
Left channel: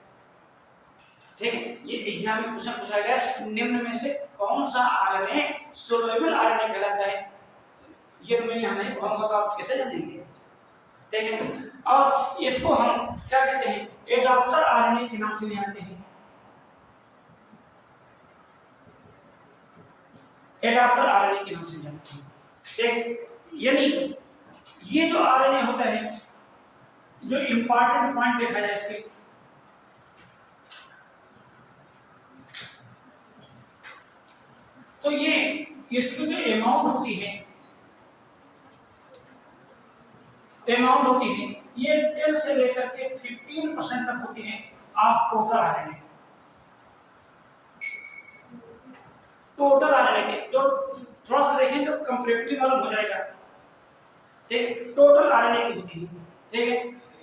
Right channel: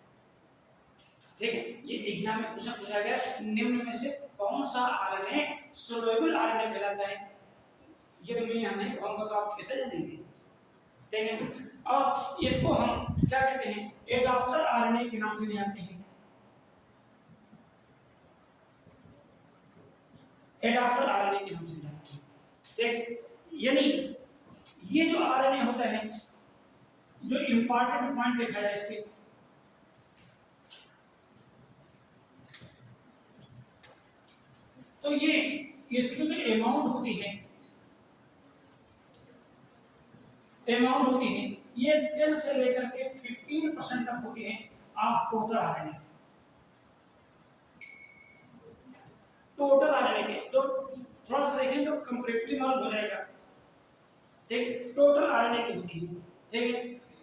ठीक है, ये एग्जाम में क्वेश्चन पूछा गया निम्न में से कौन सा आरएनए सोलेबल आरएनए कहलाता है। ये तो मैं यहाँ नहीं कहूँगा तो आप कैसे जानेंगे। ठीक है, और इसको हम क्या कहते हैं, एडाप्टर आरएनए के नाम से जानते हैं। एडाप्टर आरएनए के नाम से जानते हैं। ठीक, यानी ये जो आरएनए होता है, जो इंपॉर्टेंट पॉइंट देखा जाए इसके, तो ये इसकी जो अमाउंट होती है ये 10 से लेकर के 15% तक होती है of total RNA. Total RNA के तो थोड़ा सा देखें तो कंपैरेटिवली मालूम हो जाएगा। ठीक, टोटल आरएनए की होती है। ठीक है,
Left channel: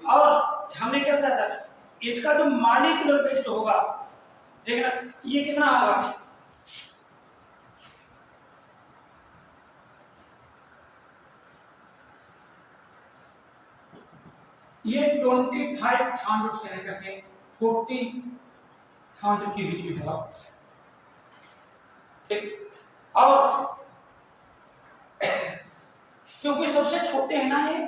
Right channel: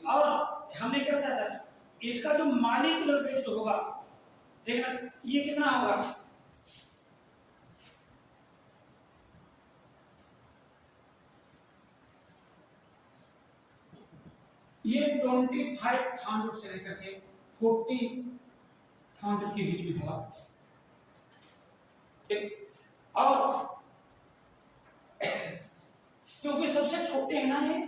और हमने क्या बताया था, इसका जो मॉलिक्यूलर वेट जो होगा, ठीक है ना, ये कितना होगा, ये 25,000 से लेकर के 40,000 के बीच में होगा। ठीक, और क्योंकि सबसे छोटे हैं ना ये,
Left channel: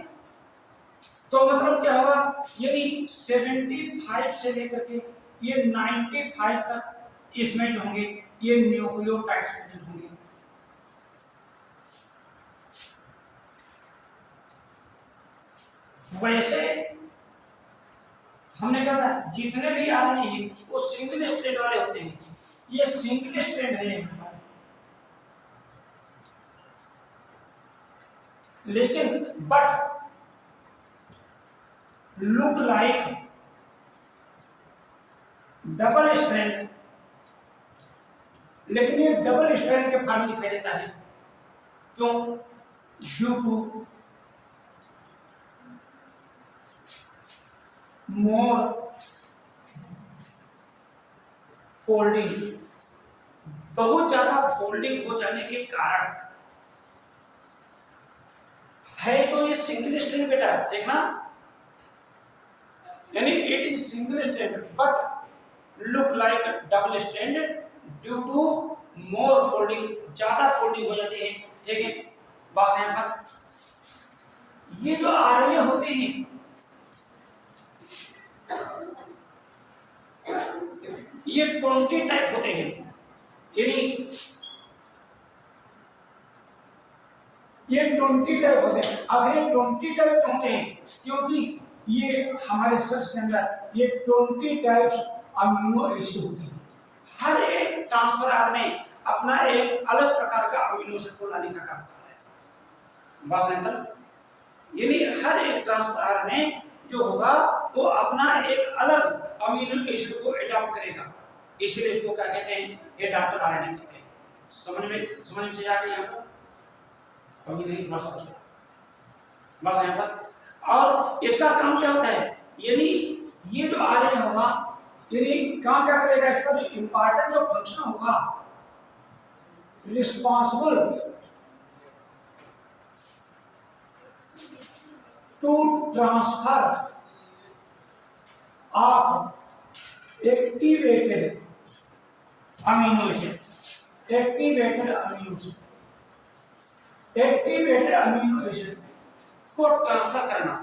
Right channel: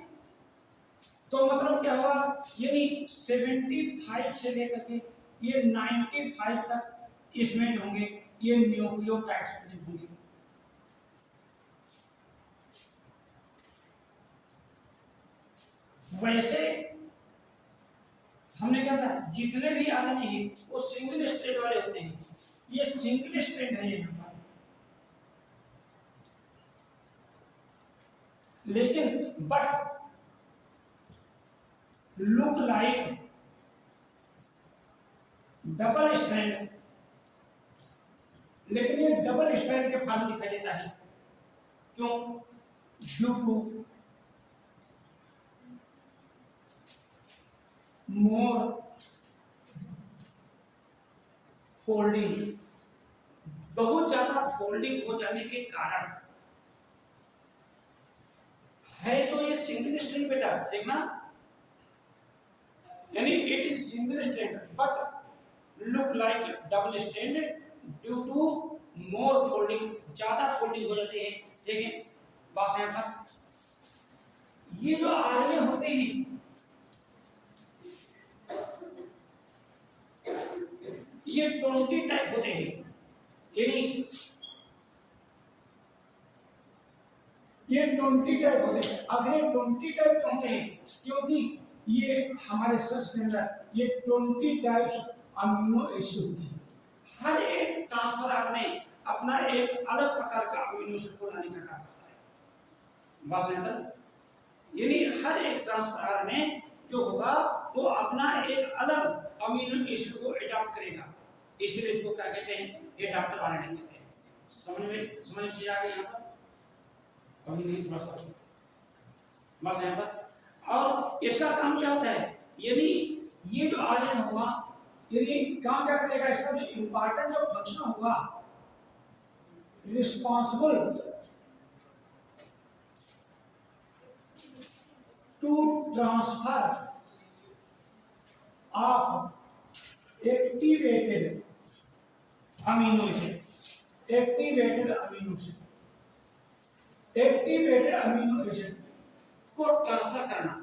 तो मतलब क्या होगा, यदि 75 से लेकर के ये 95 तक इसमें जो होंगे ये न्यूक्लियोटाइड्स प्रेजेंट होंगे। वैसे हमने कहा था जितने भी आरएनए हैं वो सिंगल स्ट्रैंड वाले होते हैं, ये सिंगल स्ट्रैंड है हमारे, लेकिन but look like double strand, लेकिन ये डबल स्ट्रैंड के फॉर्म दिखाई देता है। क्यों? ड्यू टू मोर फोल्डिंग, बहुत ज्यादा फोल्डिंग हो जाने के कारण है। तो ये सिंगल स्ट्रैंड बेटा देखना, यानी it is single strand but look like double strand due to more folding, ज्यादा फोल्डिंग हो जाती है। ठीक है, बस यहां पर ये जो आरएनए होते हैं ये 20 टाइप होते हैं, यानी ये 20 टाइप होते हैं। अगर ये 20 टाइप क्यों होते हैं? क्योंकि ये हमारे सेल्स के अंदर ये 20 टाइप्स अमीनो एसिड होती हैं। हर एक ट्रांसफर आरएनए अपना एक अलग प्रकार का अमीनो एसिड को लाने का काम करता है। बस अंतर, यानी हर एक ट्रांसफर आरएनए जो होगा वो अपना एक अलग अमीनो एसिड को एडॉप्ट करेगा, इसलिए इसको क्या कहते हैं? एडॉप्टर आरएनए कहते हैं। समझ में आ गया? यहाँ पर अभी नहीं, बस यहाँ पर। और इसका काम क्या होता है, यानी ये जो आरएनए होगा यानी काम क्या करेगा, इसका जो इंपॉर्टेंट जो फंक्शन होगा, responsible to transfer of activated amino acid, activated amino acid को ट्रांसफर करना।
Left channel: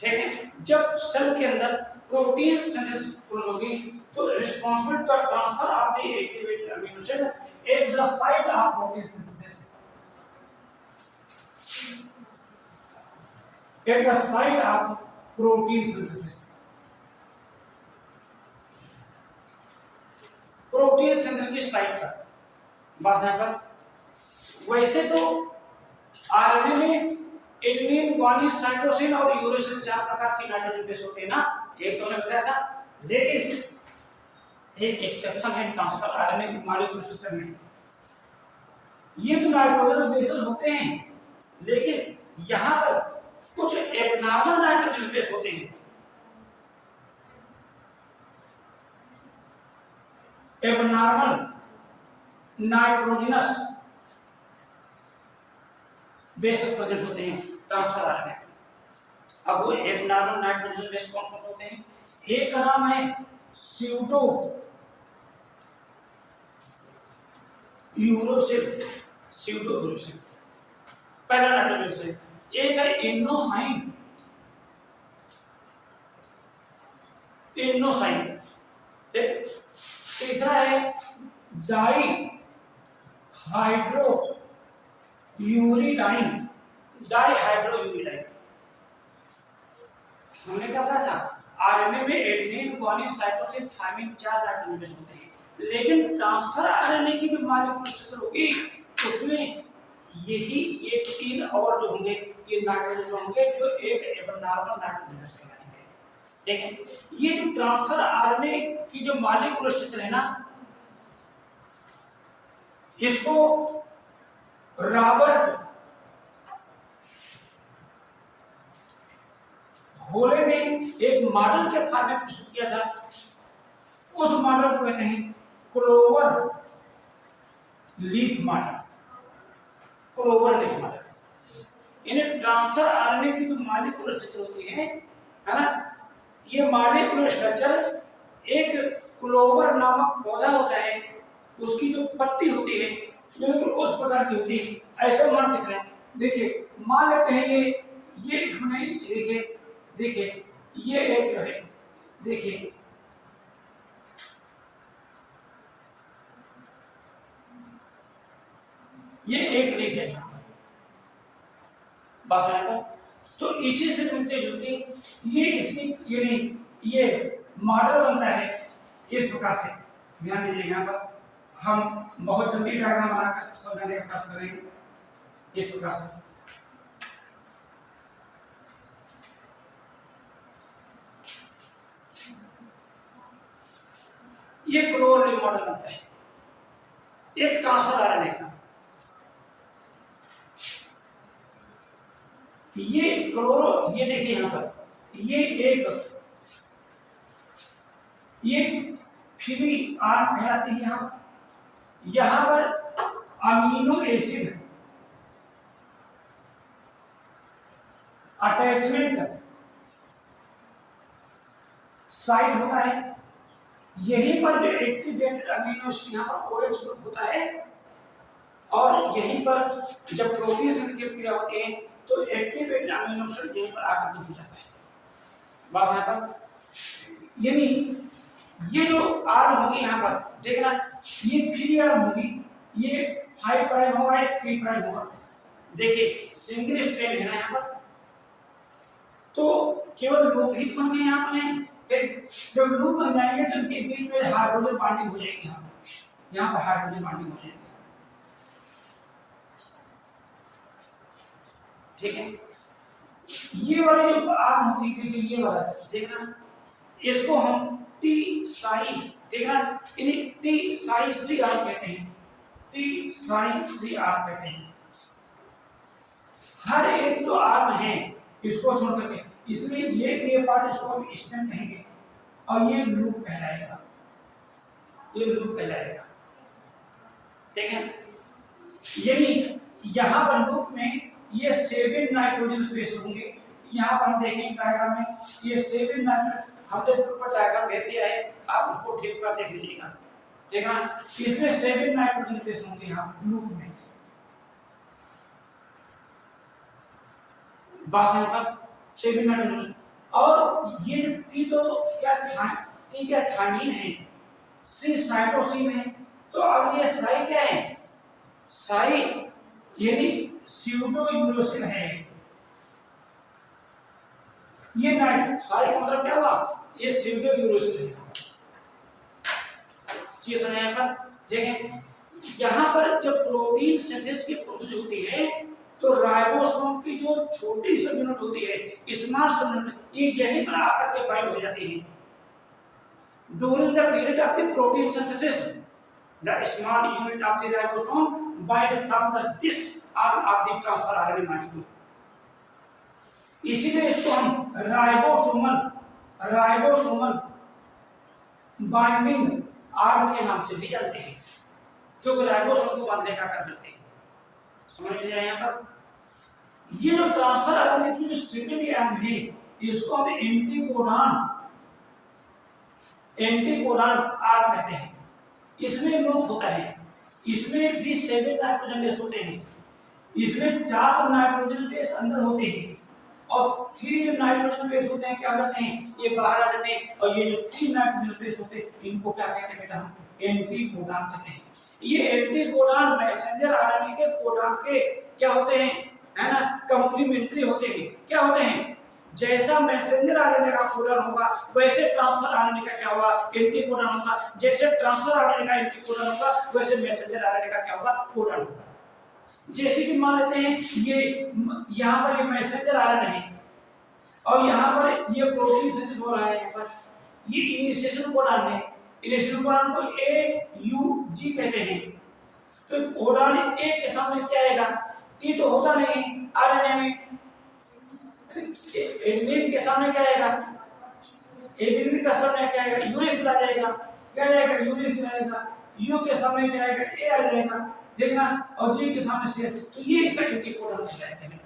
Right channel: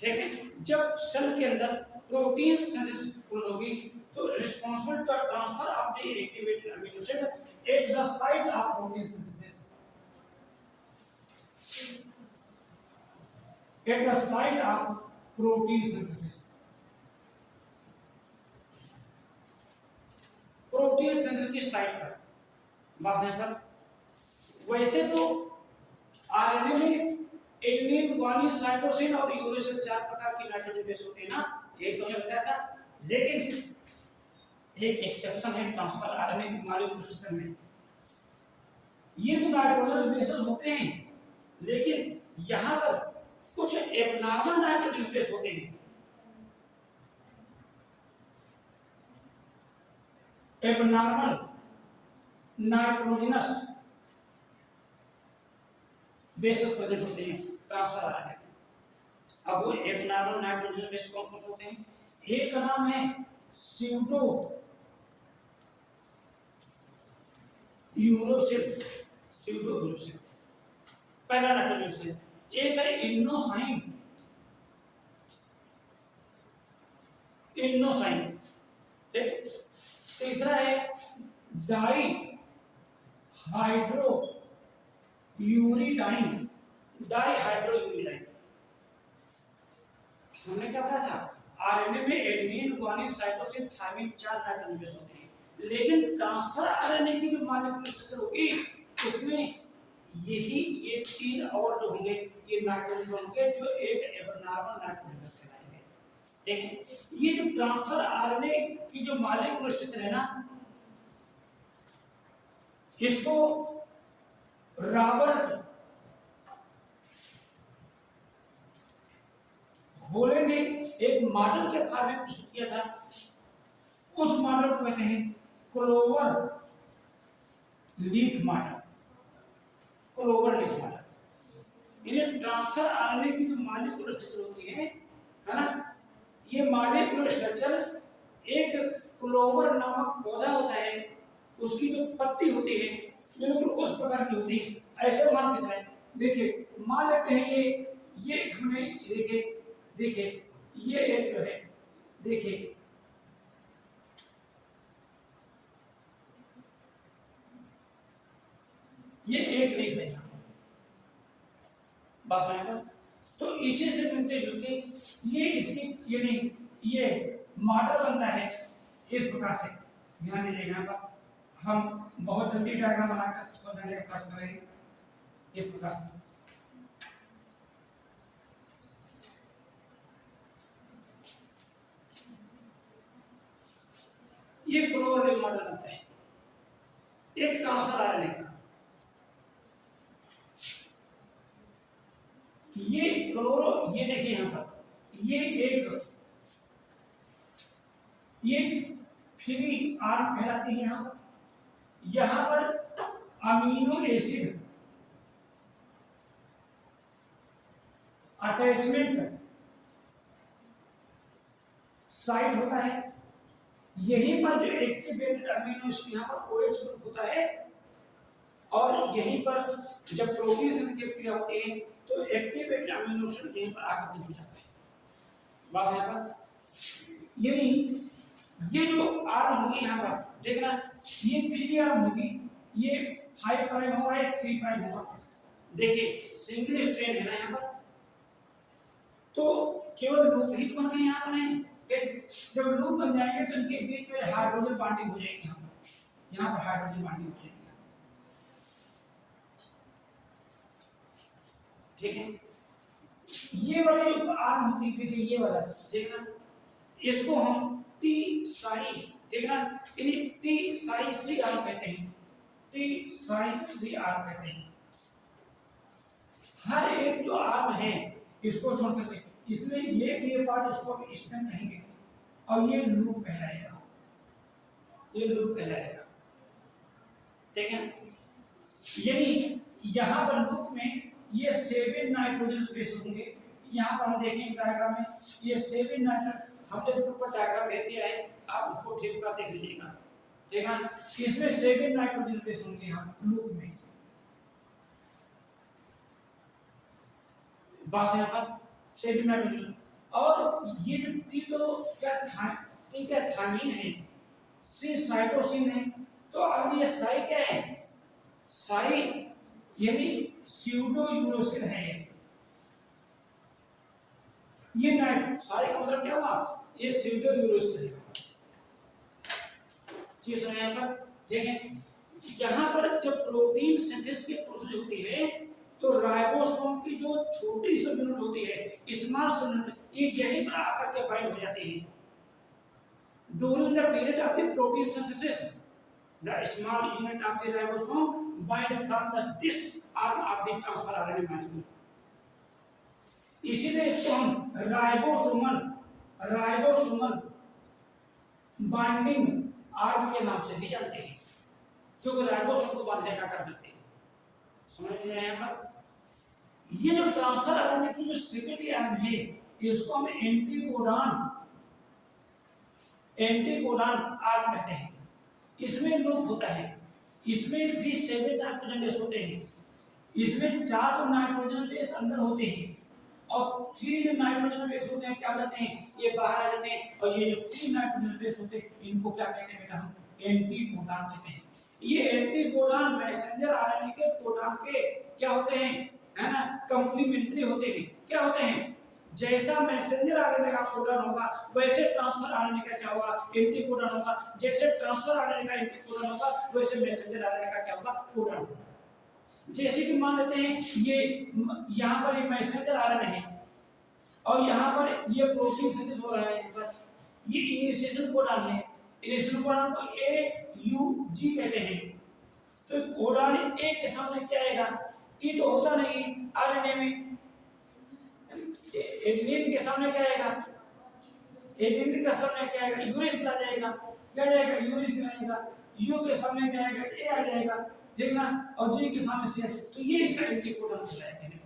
ठीक है, जब सेल के अंदर प्रोटीन सिंथेसिस होगी तो responsible for transfer of the activated amino acid at the site of protein synthesis, at the site of protein synthesis, protein synthesis की साइट पर। बस यहाँ पर वैसे तो आरएनए में एडेनिन, ग्वानिन, साइटोसिन और यूरेसिल 4 प्रकार की नाइट्रोजन बेस होते हैं ना, एक तो मैंने बताया था। लेकिन एक एक्सेप्शन है ट्रांसफर आरएनए की मॉलिक्यूलर स्ट्रक्चर में, ये तो नाइट्रोजन बेस होते हैं, लेकिन यहां पर कुछ एबनॉर्मल नाइट्रोजन बेस होते हैं। एबनॉर्मल नाइट्रोजनस बेसेस प्रेजेंट होते हैं ट्रांसफर आरएनए में। अब वो एबनॉर्मल नाइट्रोजन बेस कौन कौन से होते हैं? एक का नाम है स्यूडो यूरोसिल, पहला नाइट्रोजन है। एक है इनोसाइन, तीसरा है डाई हाइड्रो यूरिडाइन, हमने क्या पढ़ा था? आरएनए में adenine, guanine, cytosine, thymine 4 nitrogen base होते हैं, लेकिन ट्रांसफर आरएनए की जो मॉलिक्यूलर स्ट्रक्चर होगी उसमें यही ये 3 और जो होंगे ये नाइट्रोजन होंगे जो एक एबनॉर्मल नाइट्रोजन बेस कहलाएंगे। ठीक है, ये जो ट्रांसफर आरएनए की जो मॉलिक्यूलर स्ट्रक्चर है ना, इसको रॉबर्ट होले ने एक मॉडल के फॉर्म में प्रस्तुत किया था। उस मॉडल को कहते हैं क्लोवर लीफ मॉडल। इन्हें ट्रांसफर आरएनए की जो मॉलिक्यूलर स्ट्रक्चर होती है ना, ये मॉलिक्यूलर स्ट्रक्चर एक क्लोवर नामक पौधा होता है, उसकी जो पत्ती होती है बिल्कुल उस प्रकार की होती है। ऐसा मान के चलें, देखिए मान लेते हैं ये हमने देखिए देखिए ये एक जो है, देखिए ये एक लीफ है यहाँ पर, बस यहाँ पर। तो इसी से मिलते जुलते ये इसकी ये नहीं ये मॉडल बनता है इस प्रकार से। ध्यान दीजिए, यहाँ पर हम बहुत जल्दी डायग्राम बनाकर समझाने का प्रयास करेंगे इस प्रकार से। ये क्लोरोलिन मॉडल बनता है एक ट्रांसफर आरएनए का। ये क्लोरो, ये देखिए यहाँ पर ये फ्री आर्म कहलाती है। यहाँ पर अमीनो एसिड अटैचमेंट साइट होता है, यहीं पर जो एक्टिवेटेड अमीनो एसिड यहाँ पर OH ग्रुप होता है, और यहीं पर जब प्रोटीन से क्रिया होती है तो एक्टिवेटेड अमीनो एसिड यहीं पर आकर जुड़ जाता है। बस यहाँ पर यानी ये जो आर्म होगी यहाँ पर देखना, ये फ्री आर्म होगी, ये 5 प्राइम होगा, ये 3 प्राइम होगा। देखिए सिंगल स्ट्रैंड है ना यहाँ पर, तो केवल लूप ही बन गए यहाँ पर हैं। जब लूप बन जाएंगे तो इनके बीच में हाइड्रोजन बॉन्डिंग हो जाएगी, यहाँ पर हाइड्रोजन बॉन्डिंग हो जाएगी। ठीक है, ये वाली जो आर्म होती है, देखिए ये वाला देखना, इसको हम टी साई देखना, इन्हें टी साई सी आर कहते हैं, टी साई सी आर कहते हैं। हर एक जो आर्म है इसको छोड़ करके इसमें ये पार्ट इसको हम स्टेम कहेंगे, और ये लूप कहलाएगा, ये लूप कहलाएगा। ठीक है, यानी यहाँ पर लूप में ये 7 नाइट्रोजन स्पेस होंगे। यहाँ पर हम देखेंगे डायग्राम में ये 7 नाइट्रोजन, हमने ऊपर डायग्राम भेज दिया है, आप उसको ठीक कर देख लीजिएगा। देखना इसमें 7 नाइट्रोजन स्पेस होंगे यहाँ लूप में। बस यहाँ पर 7 नाइट्रोजन, और ये जो टी तो क्या था, टी क्या थायमीन है, सी साइटोसिन है। तो अगर ये साई क्या है, साई यानी स्यूडो यूरोसिन है। ये नाइट साई का मतलब क्या हुआ, ये स्यूडो यूरोसिन है। चीज सुनिए यहाँ पर, देखें यहाँ पर जब प्रोटीन सिंथेसिस की प्रोसेस होती है तो राइबोसोम की जो छोटी सी यूनिट होती है, स्मॉल यूनिट, ये यहीं पर आकर के बाइंड हो जाती है। During the period of the protein synthesis the small unit of the ribosome bind from this arm of the transfer RNA molecule. इसीलिए इसको हम राइबोसोमल बाइंडिंग आर्म के नाम से भी जानते हैं, क्योंकि राइबोसोम को बांधने का कार्य करते हैं। समझ में आया यहाँ पर? ये जो ट्रांसफर आरएनए की जो सेकेंडरी आर्म है, इसको हम एंटीकोडॉन आर्म कहते हैं। इसमें लूप होता है, इसमें भी 7 नाइट्रोजन बेस होते हैं, इसमें 4 नाइट्रोजन बेस अंदर होते हैं, और 3 जो नाइट्रोजन बेस होते हैं क्या हो जाते हैं, ये बाहर आ जाते हैं। और ये जो 3 नाइट्रोजन बेस होते हैं इनको क्या कहते हैं बेटा, हम एंटीकोडॉन कहते हैं। ये एंटीकोडॉन मैसेंजर आरएनए के कोडॉन के क्या होते हैं, है ना, कंप्लीमेंट्री होते हैं। क्या होते हैं, जैसा मैसेंजर आरएनए का कोडॉन होगा वैसे ट्रांसफर आरएनए का क्या होगा, एंटीकोडॉन होगा। जैसे ट्रांसफर आरएनए का एंटीकोडॉन होगा वैसे मैसेंजर आरएनए का क्या होगा, कोडॉन होगा। जैसे कि मान लेते हैं ये यहाँ पर ये मैसेंजर आरएनए है, और यहाँ पर ये प्रोटीन सिंथेसिस हो रहा है। यहाँ पर ये इनिशिएशन कोडॉन है, इनिशिएशन कोडॉन को AUG कहते हैं। तो कोडॉन ए के सामने क्या आएगा, टी तो होता नहीं आरएनए में, एडेनिन के सामने क्या आएगा, एडेनिन का सामने क्या आएगा, यूरेसिल आ जाएगा। क्या आएगा, यूरेसिल आएगा। यू के सामने क्या आएगा, ए आ जाएगा, देखना, और जी के सामने सी। तो ये इसका एंटीकोडॉन कहलाएगा।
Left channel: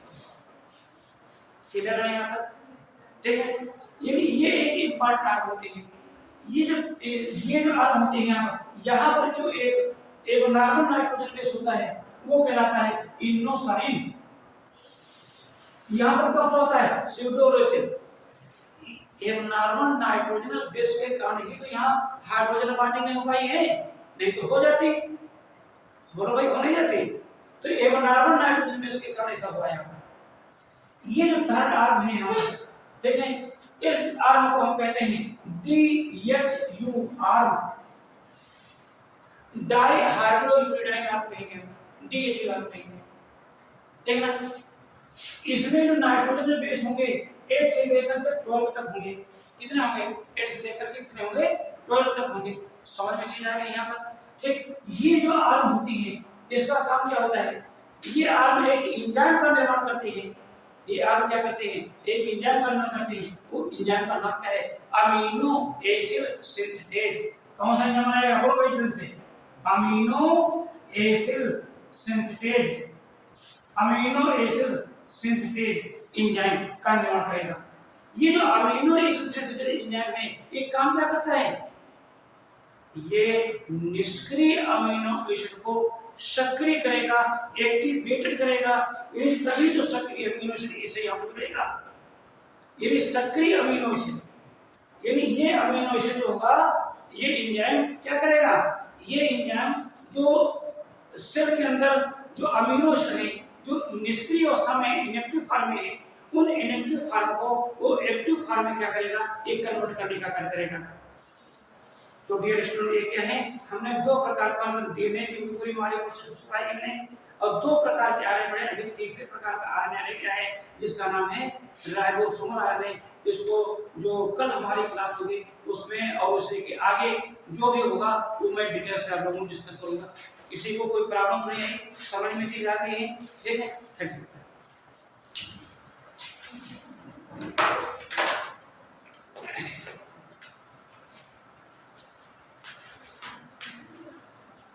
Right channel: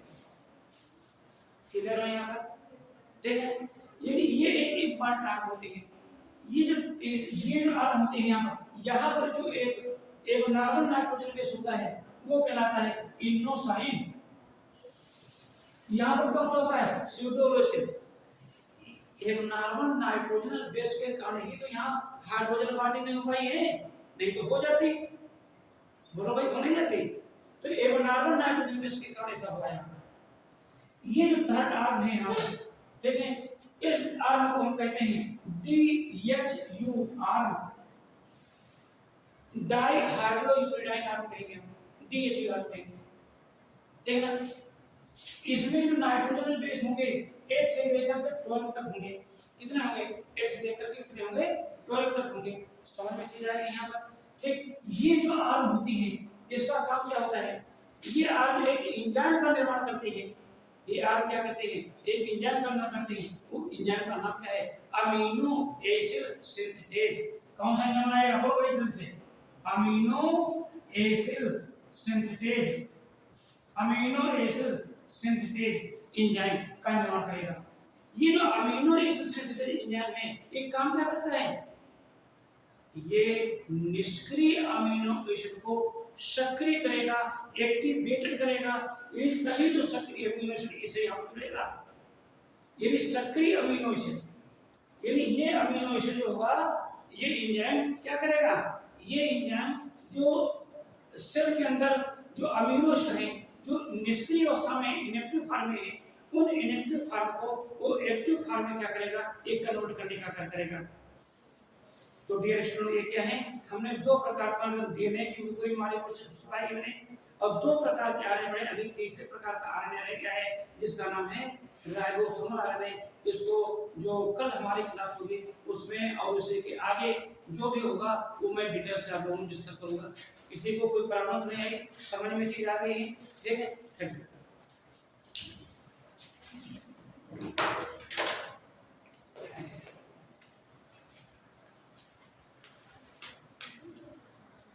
क्लियर है यहाँ पर? ठीक है, यानी ये एक इम्पॉर्टेंट आर्म होते हैं। ये जो आर्म होते हैं यहाँ पर जो एक नॉर्मल नाइट्रोजन बेस होता है वो कहलाता है इनोसाइन। यहाँ पर कौन सा होता है? स्यूडोरेसिन। एक नॉर्मल नाइट्रोजनस बेस के कारण ही तो यहाँ हाइड्रोजन बॉन्डिंग नहीं हो पाई है, नहीं तो हो जाती। बोलो भाई, हो नहीं जाती? तो एक नॉर्मल नाइट्रोजन बेस के कारण ऐसा हुआ है। ये जो थर्ड आर्म है यहाँ पर देखें, इस आर्म को हम कहते हैं DHU आर्म, डाई हाइड्रोयूरिडाइन आर्म कहेंगे, DHU आर्म कहेंगे। देखना, इसमें जो नाइट्रोजन बेस होंगे 8 से लेकर के 12 तक होंगे। कितने होंगे? 8 से लेकर के कितने होंगे? 12 तक होंगे। समझ में चीज आ गई यहाँ पर? ठीक, ये जो आर्म होती है इसका काम क्या होता है? ये आर्म एक एंजाइम का निर्माण करती है। ये आर्म क्या करते हैं? एक एंजाइम का निर्माण करते हैं। वो एंजाइम का नाम क्या है? Amino acid synthase. कौन सा एंजाइम बनाएगा? बोलो भाई जल्दी से। Amino acid synthase, amino acid synthase enzyme का निर्माण करेगा। ये जो अमीनो एसिड सिंथेज एंजाइम है ये काम क्या करता है? ये निष्क्रिय अमीनो एसिड को सक्रिय करेगा, एक्टिवेटेड करेगा। ये तभी तो सक्रिय अमीनो एसिड इसे यहाँ पर मिलेगा। ये सक्रिय अमीनो एसिड, यानी ये अमीनो एसिड होगा, ये एंजाइम क्या करेगा? ये एंजाइम जो सेल के अंदर जो अमीनो एसिड है जो निष्क्रिय अवस्था में इनएक्टिव फॉर्म में है, उन इनएक्टिव फॉर्म को वो एक्टिव फॉर्म में क्या करेगा? एक कन्वर्ट करने का कार्य करेगा। तो डियर स्टूडेंट, ये क्या है? हमने दो प्रकार का डीएनए की पूरी मॉलिक्यूल सिखाई हमने, और दो प्रकार के आरएनए बने। अभी तीसरे प्रकार का आरएनए रह गया है जिसका नाम है राइबोसोमल आरएनए। इसको जो कल हमारी क्लास होगी उसमें और उसके के आगे जो भी होगा वो मैं डिटेल से आप लोगों को डिस्कस करूंगा। किसी को कोई प्रॉब्लम नहीं है? समझ में चीज आ गई है? ठीक है, थैंक्स।